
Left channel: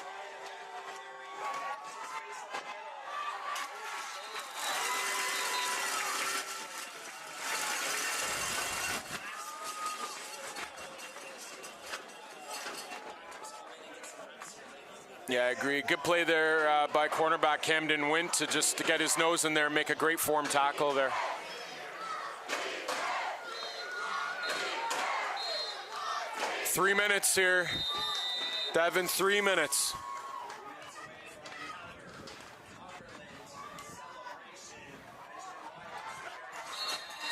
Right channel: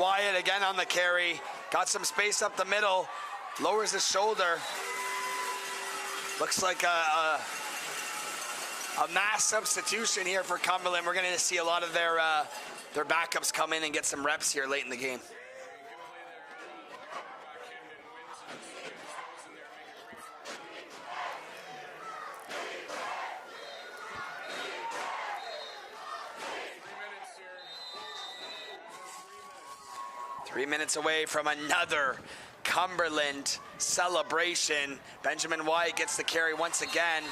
Wyatt again on the carry. Got some space up the middle. Lowers his shoulder. Looks like a mass substitution here for Cumberland. We're going to see a lot of their backups come in and get some reps here late in the game. Yeah, I agree. Good play there by cornerback Camden Wint to get his nose in there and make a great form tackle there. Three minutes here. Devin, 3 minutes. 3 minutes away from another Cumberland celebration. Benjamin Wyatt gets the carry once again.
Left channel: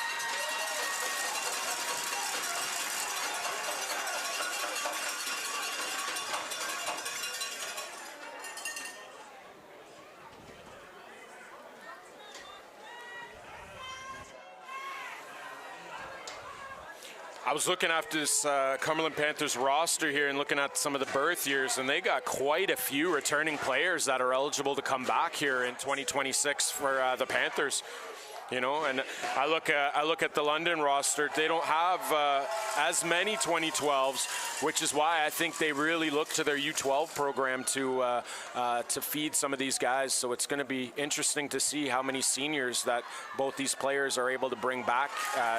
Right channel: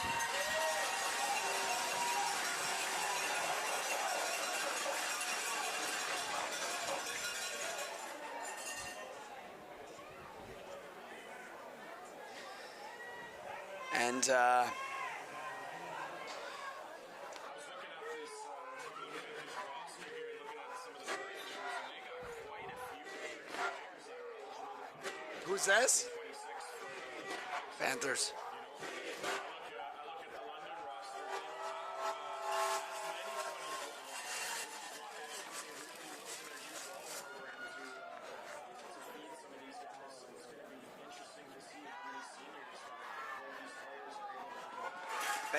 And I was looking after this Cumberland Panthers roster here and looking at some of the birth years, and they got quite a few returning players that are eligible to come back here in 2026 for the Panthers. You know, and I look at the London roster. They don't have as many 2012s, which is why I think they really look to their U12 program to feed some of these guys. So it's going to be interesting to see how many seniors that both these players are able to bring back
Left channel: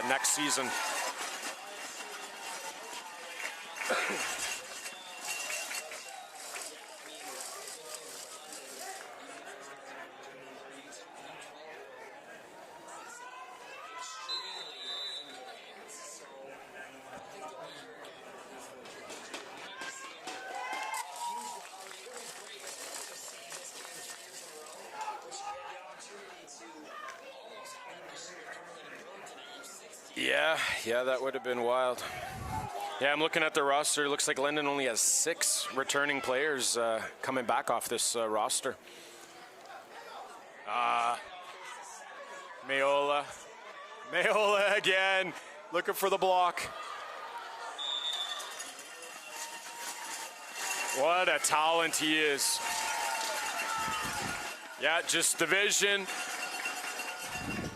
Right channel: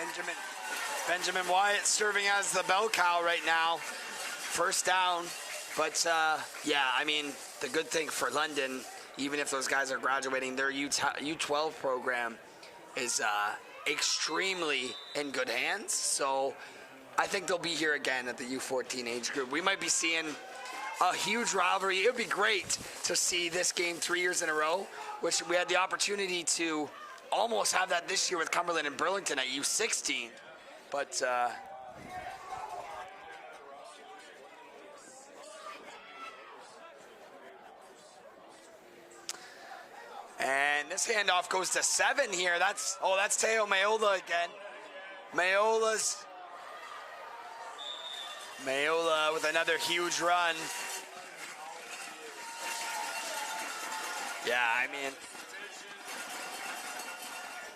next season. Benjamin Wyatt serving as the bell cow right now. First down. But, yeah, I mean, the good thing for London, even if those guys are graduating, their U12 program is extremely in good hands. So I think they'll be here again at the U14 age group. We might be seeing a huge rivalry. It would be great to see this game 3 years in a row, which we had the opportunity to almost have that this year with Cumberland and Burlington at U16. Yeah, but, that would have been wild. Yeah, I'm looking at the roster. It looks like London only has 6 returning players coming back off this roster. And this handoff goes to 7 here. That's Teo Mayola again. Mayola's looking for the block. Mayola with another huge run. What a talent he is. Yeah, I mean, just the vision.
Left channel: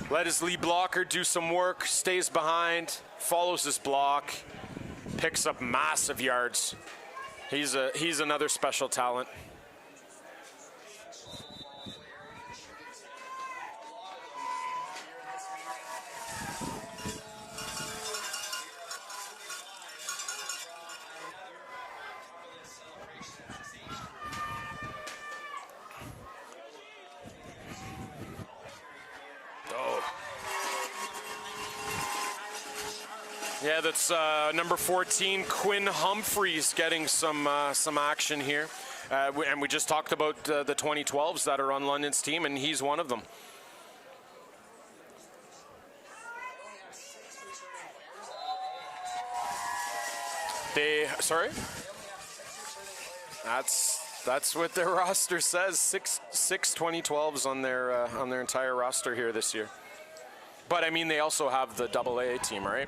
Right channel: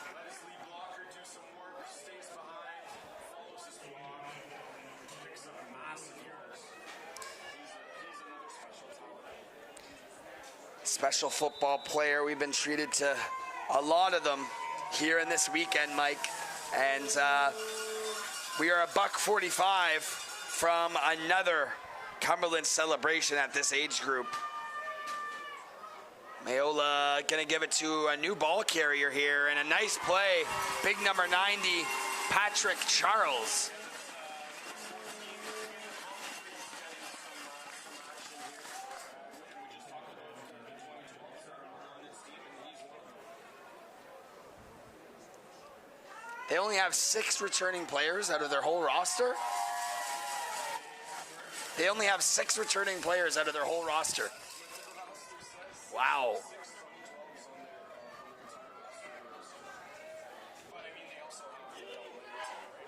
Let his lead blocker do some work, stays behind, follows his block, picks up massive yards. He's another special talent. special football player. We've been treated to a lot of them here in this weekend, Mike. And we are $1.45 from another Cumberland celebration at this age group. Mayola gonna give it to a new ball carrier here, and a nice play. Big number 90, Patrick Charles. Yeah, that's number 14, Quinn Humphreys, getting some action here. And we just talked about the 2012s that are on London's team, and he's one of them. They only have 6 returning players out of their whole roster. They only have 6 returning players out of their whole roster. That's what their roster says. Six 2012s on their entire roster here this year. But I mean, they also have the AA team, right?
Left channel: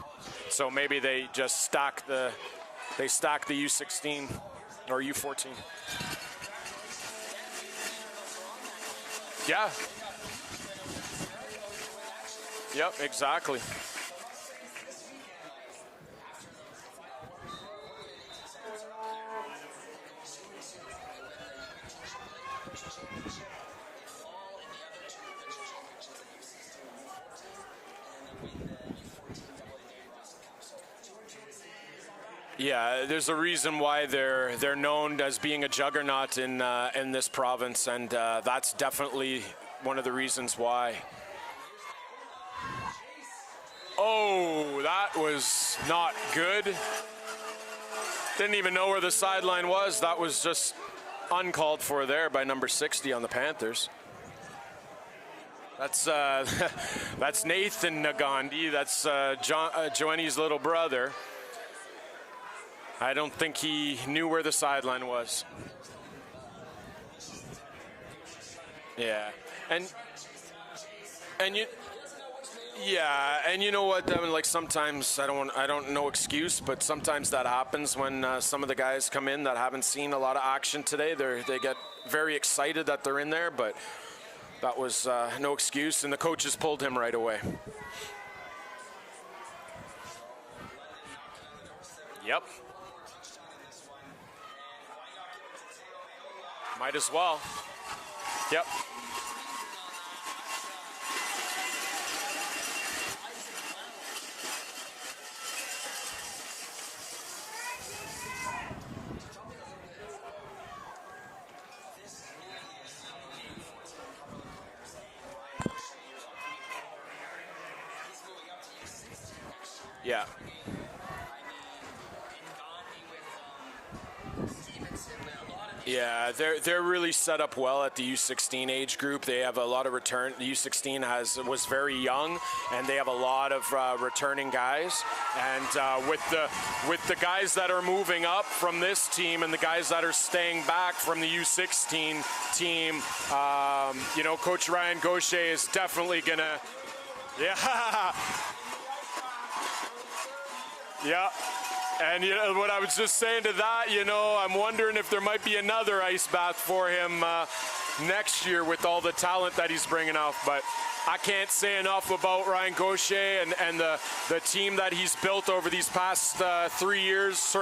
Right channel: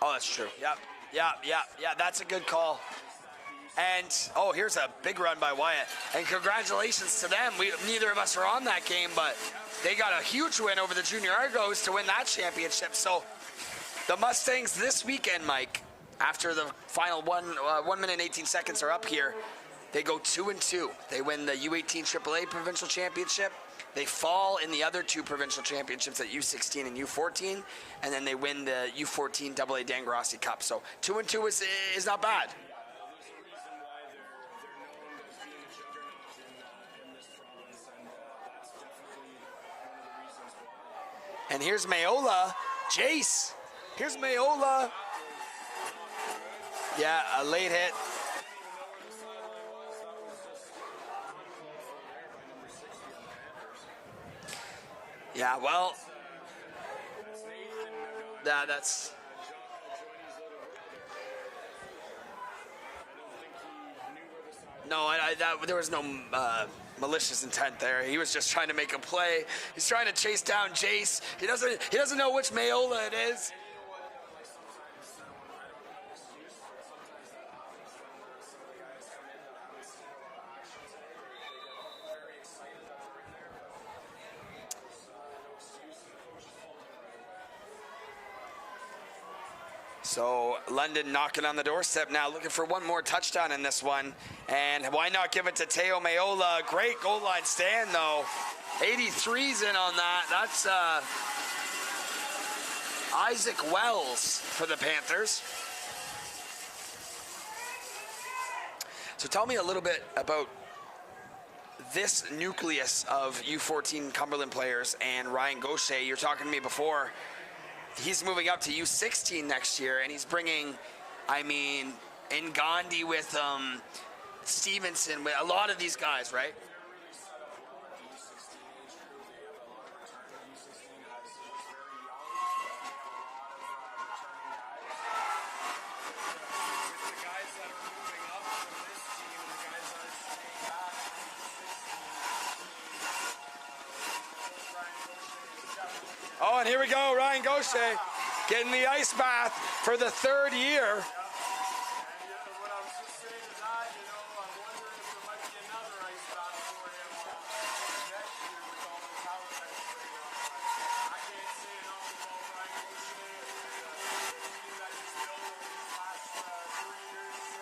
Oh, that's true. So maybe they just stack. That's a good call. They stack the U16. And, here's a big U14. run by Wyatt. And congratulations to them. Neither of us are on that game, but they got a huge win over the Junior Argos to win that championship. Yep, so exactly. The Mustangs this weekend, Mike, after the final 1 minute and 18 seconds are up here, they go 2-2. They win the U18 AAA Provincial Championship. They fall in the other 2 provincial championships at U16 and U14, and then they win the U14 AA Dangarossi Cup. So 2-2 is not bad. Yeah, there's a reason why they're known as being a juggernaut in this province, and that's definitely one of the reasons why. And here's Mayola, Jace. Here's Mayola. That was not good. Yeah, a late hit. Didn't even know where the sideline was. That was just uncalled for there by number 60 on the Panthers. Yeah, well, that's Nathan Nagandi. That's Joanne's little brother. I don't think he knew where the sideline was. There was no malicious intent there. He was just trying to make a play. He's trying to chase down Jace. He doesn't know which Mayola it is. Yeah, and you know what? I mean, like sometimes I don't know excuse, but sometimes that happens when some of the guys come in that haven't seen a lot of action today. They get very excited that they're in there, but that was no excuse, and the coaches pulled him right away. So London knocking on the doorstep now, looking for one more touchdown in this one. And why not give it to Teo Mayola? Great goal line stand, though. 83's in on that. That's Isaac Wells for the Panthers. So tell me a little bit about this nucleus of U14 Cumberland players and Ryan Gaucher. You're talking to me before. He's moving up to U16 next year, and he's bringing, Ngandi with Stevenson, with a lot of these guys, right? They're really set up well at the U16 age group. They have a lot of return. The U16 was very young, and they have a lot of returning guys. And with the guys that are moving up from this team and the guys that are staying back from the U16 team, Coach Ryan Gaucher is definitely gonna. Oh, and here we go, Ryan Gaucher getting the ice bath for the 3rd year. Yeah. And what I was just saying to that, I'm wondering if there might be another ice bath for him next year with all the talent that he's bringing out. But I can't say enough about Ryan Gaucher and the team that he's built over these past 2 years,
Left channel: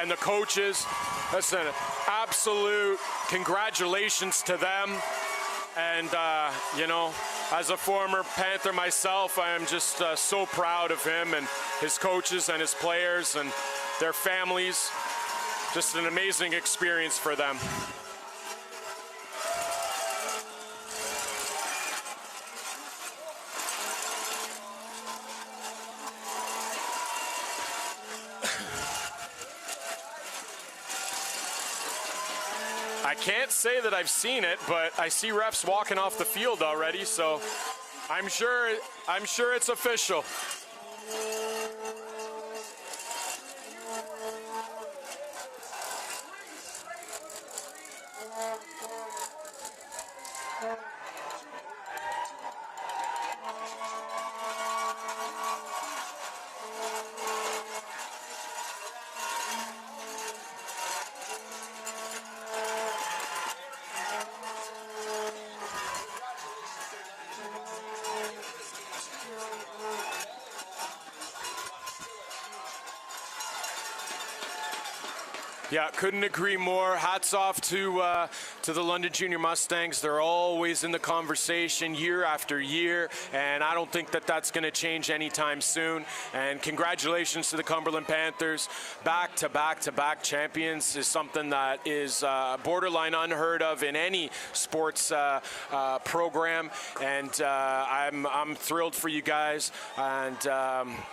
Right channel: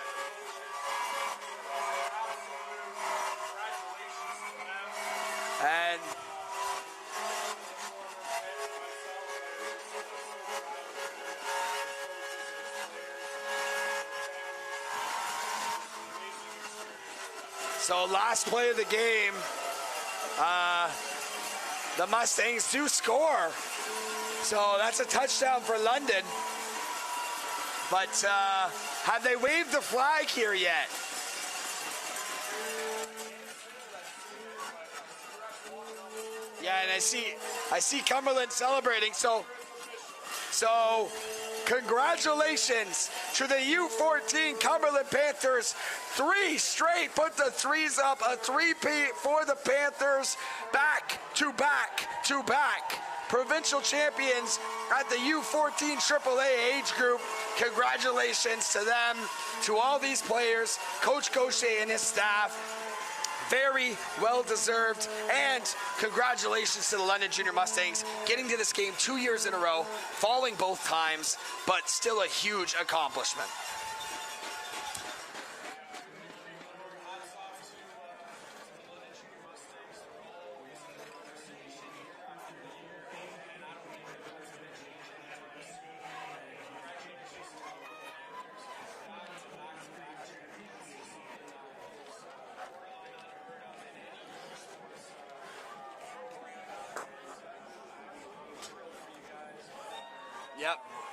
and the coaches. Listen, absolute congratulations to them. And, as a former Panther myself, I am just so proud of him and his coaches and his players and their families. Just an amazing experience for them. So last play of the game, the Mustangs do score. So that's a touchdown for London. But have they waved the flag here yet? I can't say that I've seen it, but I see refs walking off the field already. I see Cumberland celebrating. I'm sure it's official. So, congratulations to the U14 Cumberland Panthers. 3 straight, put the 3s up, a 3-peat for the Panthers. Back to back to back. Provincial champions at the U14 AAA age group. Congratulations to them, to all these players, Coach Gaucher and his staff. Very well deserved, and congratulations to the London Junior Mustangs getting to this game 2 years in a row, falling both times, but still a huge accomplishment. Yeah, couldn't agree more. Hats off to the London Junior Mustangs. They're always in the conversation year after year, and I don't think that that's going to change anytime soon. And congratulations to the Cumberland Panthers. Back-to-back-to-back champions is something that is borderline unheard of in any sports program, and I'm thrilled for you guys, and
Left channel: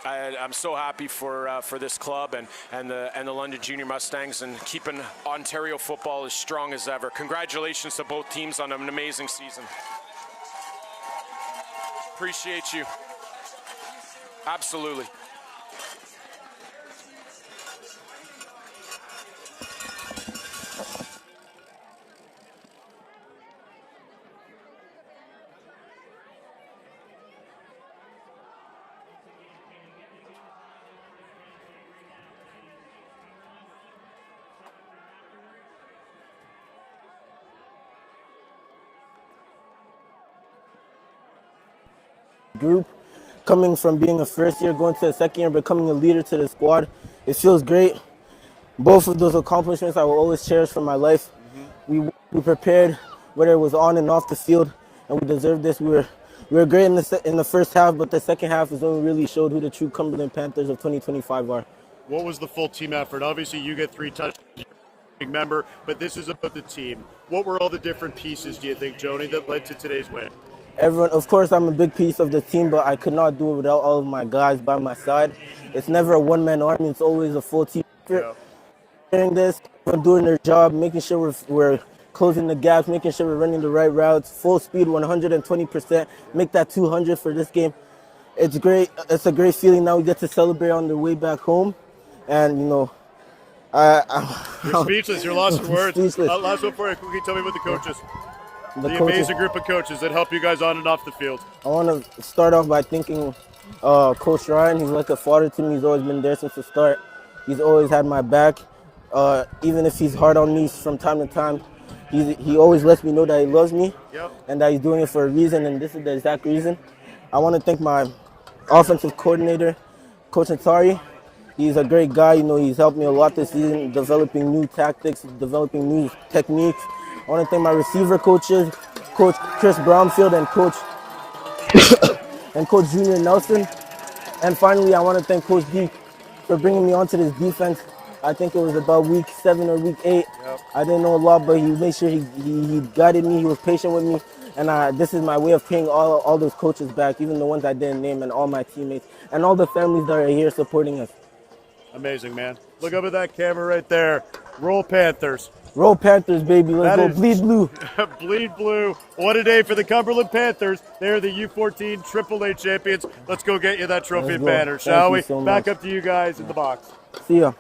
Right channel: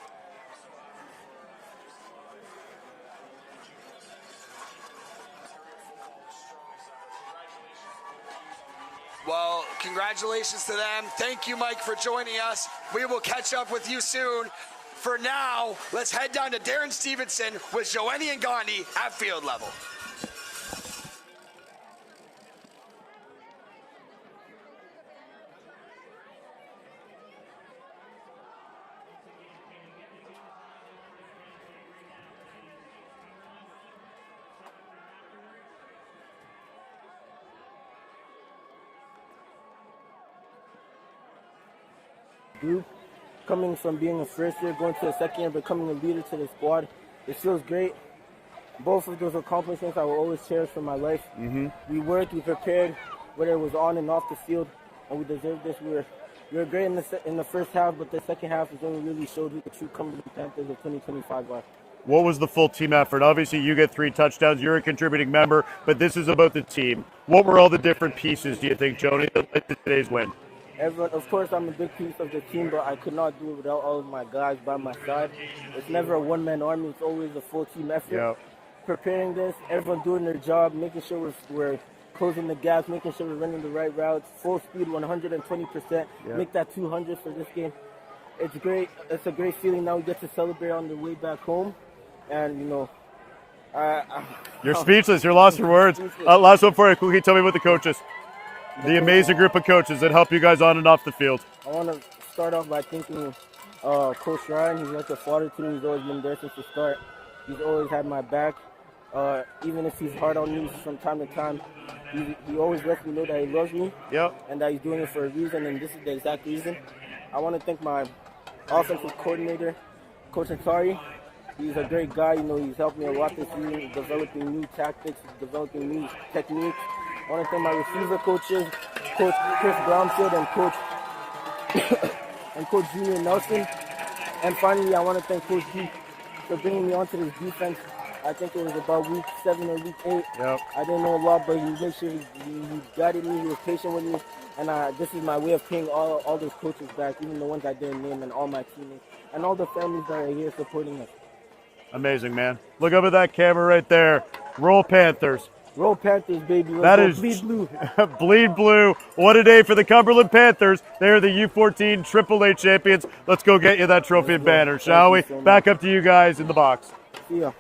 I'm so happy for this club and the London Junior Mustangs, and keeping Ontario football as strong as ever. Congratulations to both teams on an amazing season. Congratulations to them. Thank you, Mike, for joining us. Appreciate you. We will catch up with you soon. Absolutely. For now, let's head down to Darren Stevenson with Joanie and Gandhi at field level. Group, coming from being a first year, going to a second year, becoming a leader to the squad. It feels great. Both of those accomplishments I will always cherish for my life. We worked, we prepared, whether it was on and off the field, and we deserved this. We were great in the first half, but the second half is when we really showed who the true Cumberland Panthers of 2025 are. What was the full team effort? Obviously, you get 3 touchdowns. You're a contributing member, but this is about the team. What were all the different pieces, do you think, Joni, that led to today's win? Everyone, of course, I'm a big piece of the team, but I could not do it without all of my guys by my side. It's never a one-man army. It's always a full team effort. Yeah. Preparing this, everyone doing their job, making sure we're closing the gaps, making sure we're running the right routes, full speed, 120%, make that 200 for this game. It's great. It's a great feeling. Now we get to celebrate on the way back home. And, you know, You're speechless. You're lost for words. Speechless. Last one for you. Can you tell me about the coaches? The coaches. amazing group of coaches that help you guys on and off the field. I want to start off by thanking Coach Ryan. He's like a father to me. He's always been there since the start. He's always had my back. Even if he's hard on me from time to time, he always lets me know that he loves me and that he's doing it for a reason, and this is the exact reason. I want to thank my offensive coordinator, Coach Atari. He's a great guy. You know, he's helped me a lot this season, developing new tactics, developing new techniques. I want to thank my receiver coaches, Coach Chris Brownfield and Coach Junior Nelson. And finally, I want to thank Coach D for bringing me onto this defense. I think it was about week 7 or week 8. I didn't know a lot, but he made sure he guided me. He was patient with me. And this is my way of paying all those coaches back, even the ones I didn't name, and all my teammates, and all the families that are here supporting us. Amazing, man. Look up at that camera right there. Roll Panthers. Roll Panthers, baby. Let's go. Bleed blue. Bleed blue. What a day for the Cumberland Panthers. They're the U14 AAA champions. Let's go get you that trophy and banner, shall we? So Back up to you guys in the box. See ya.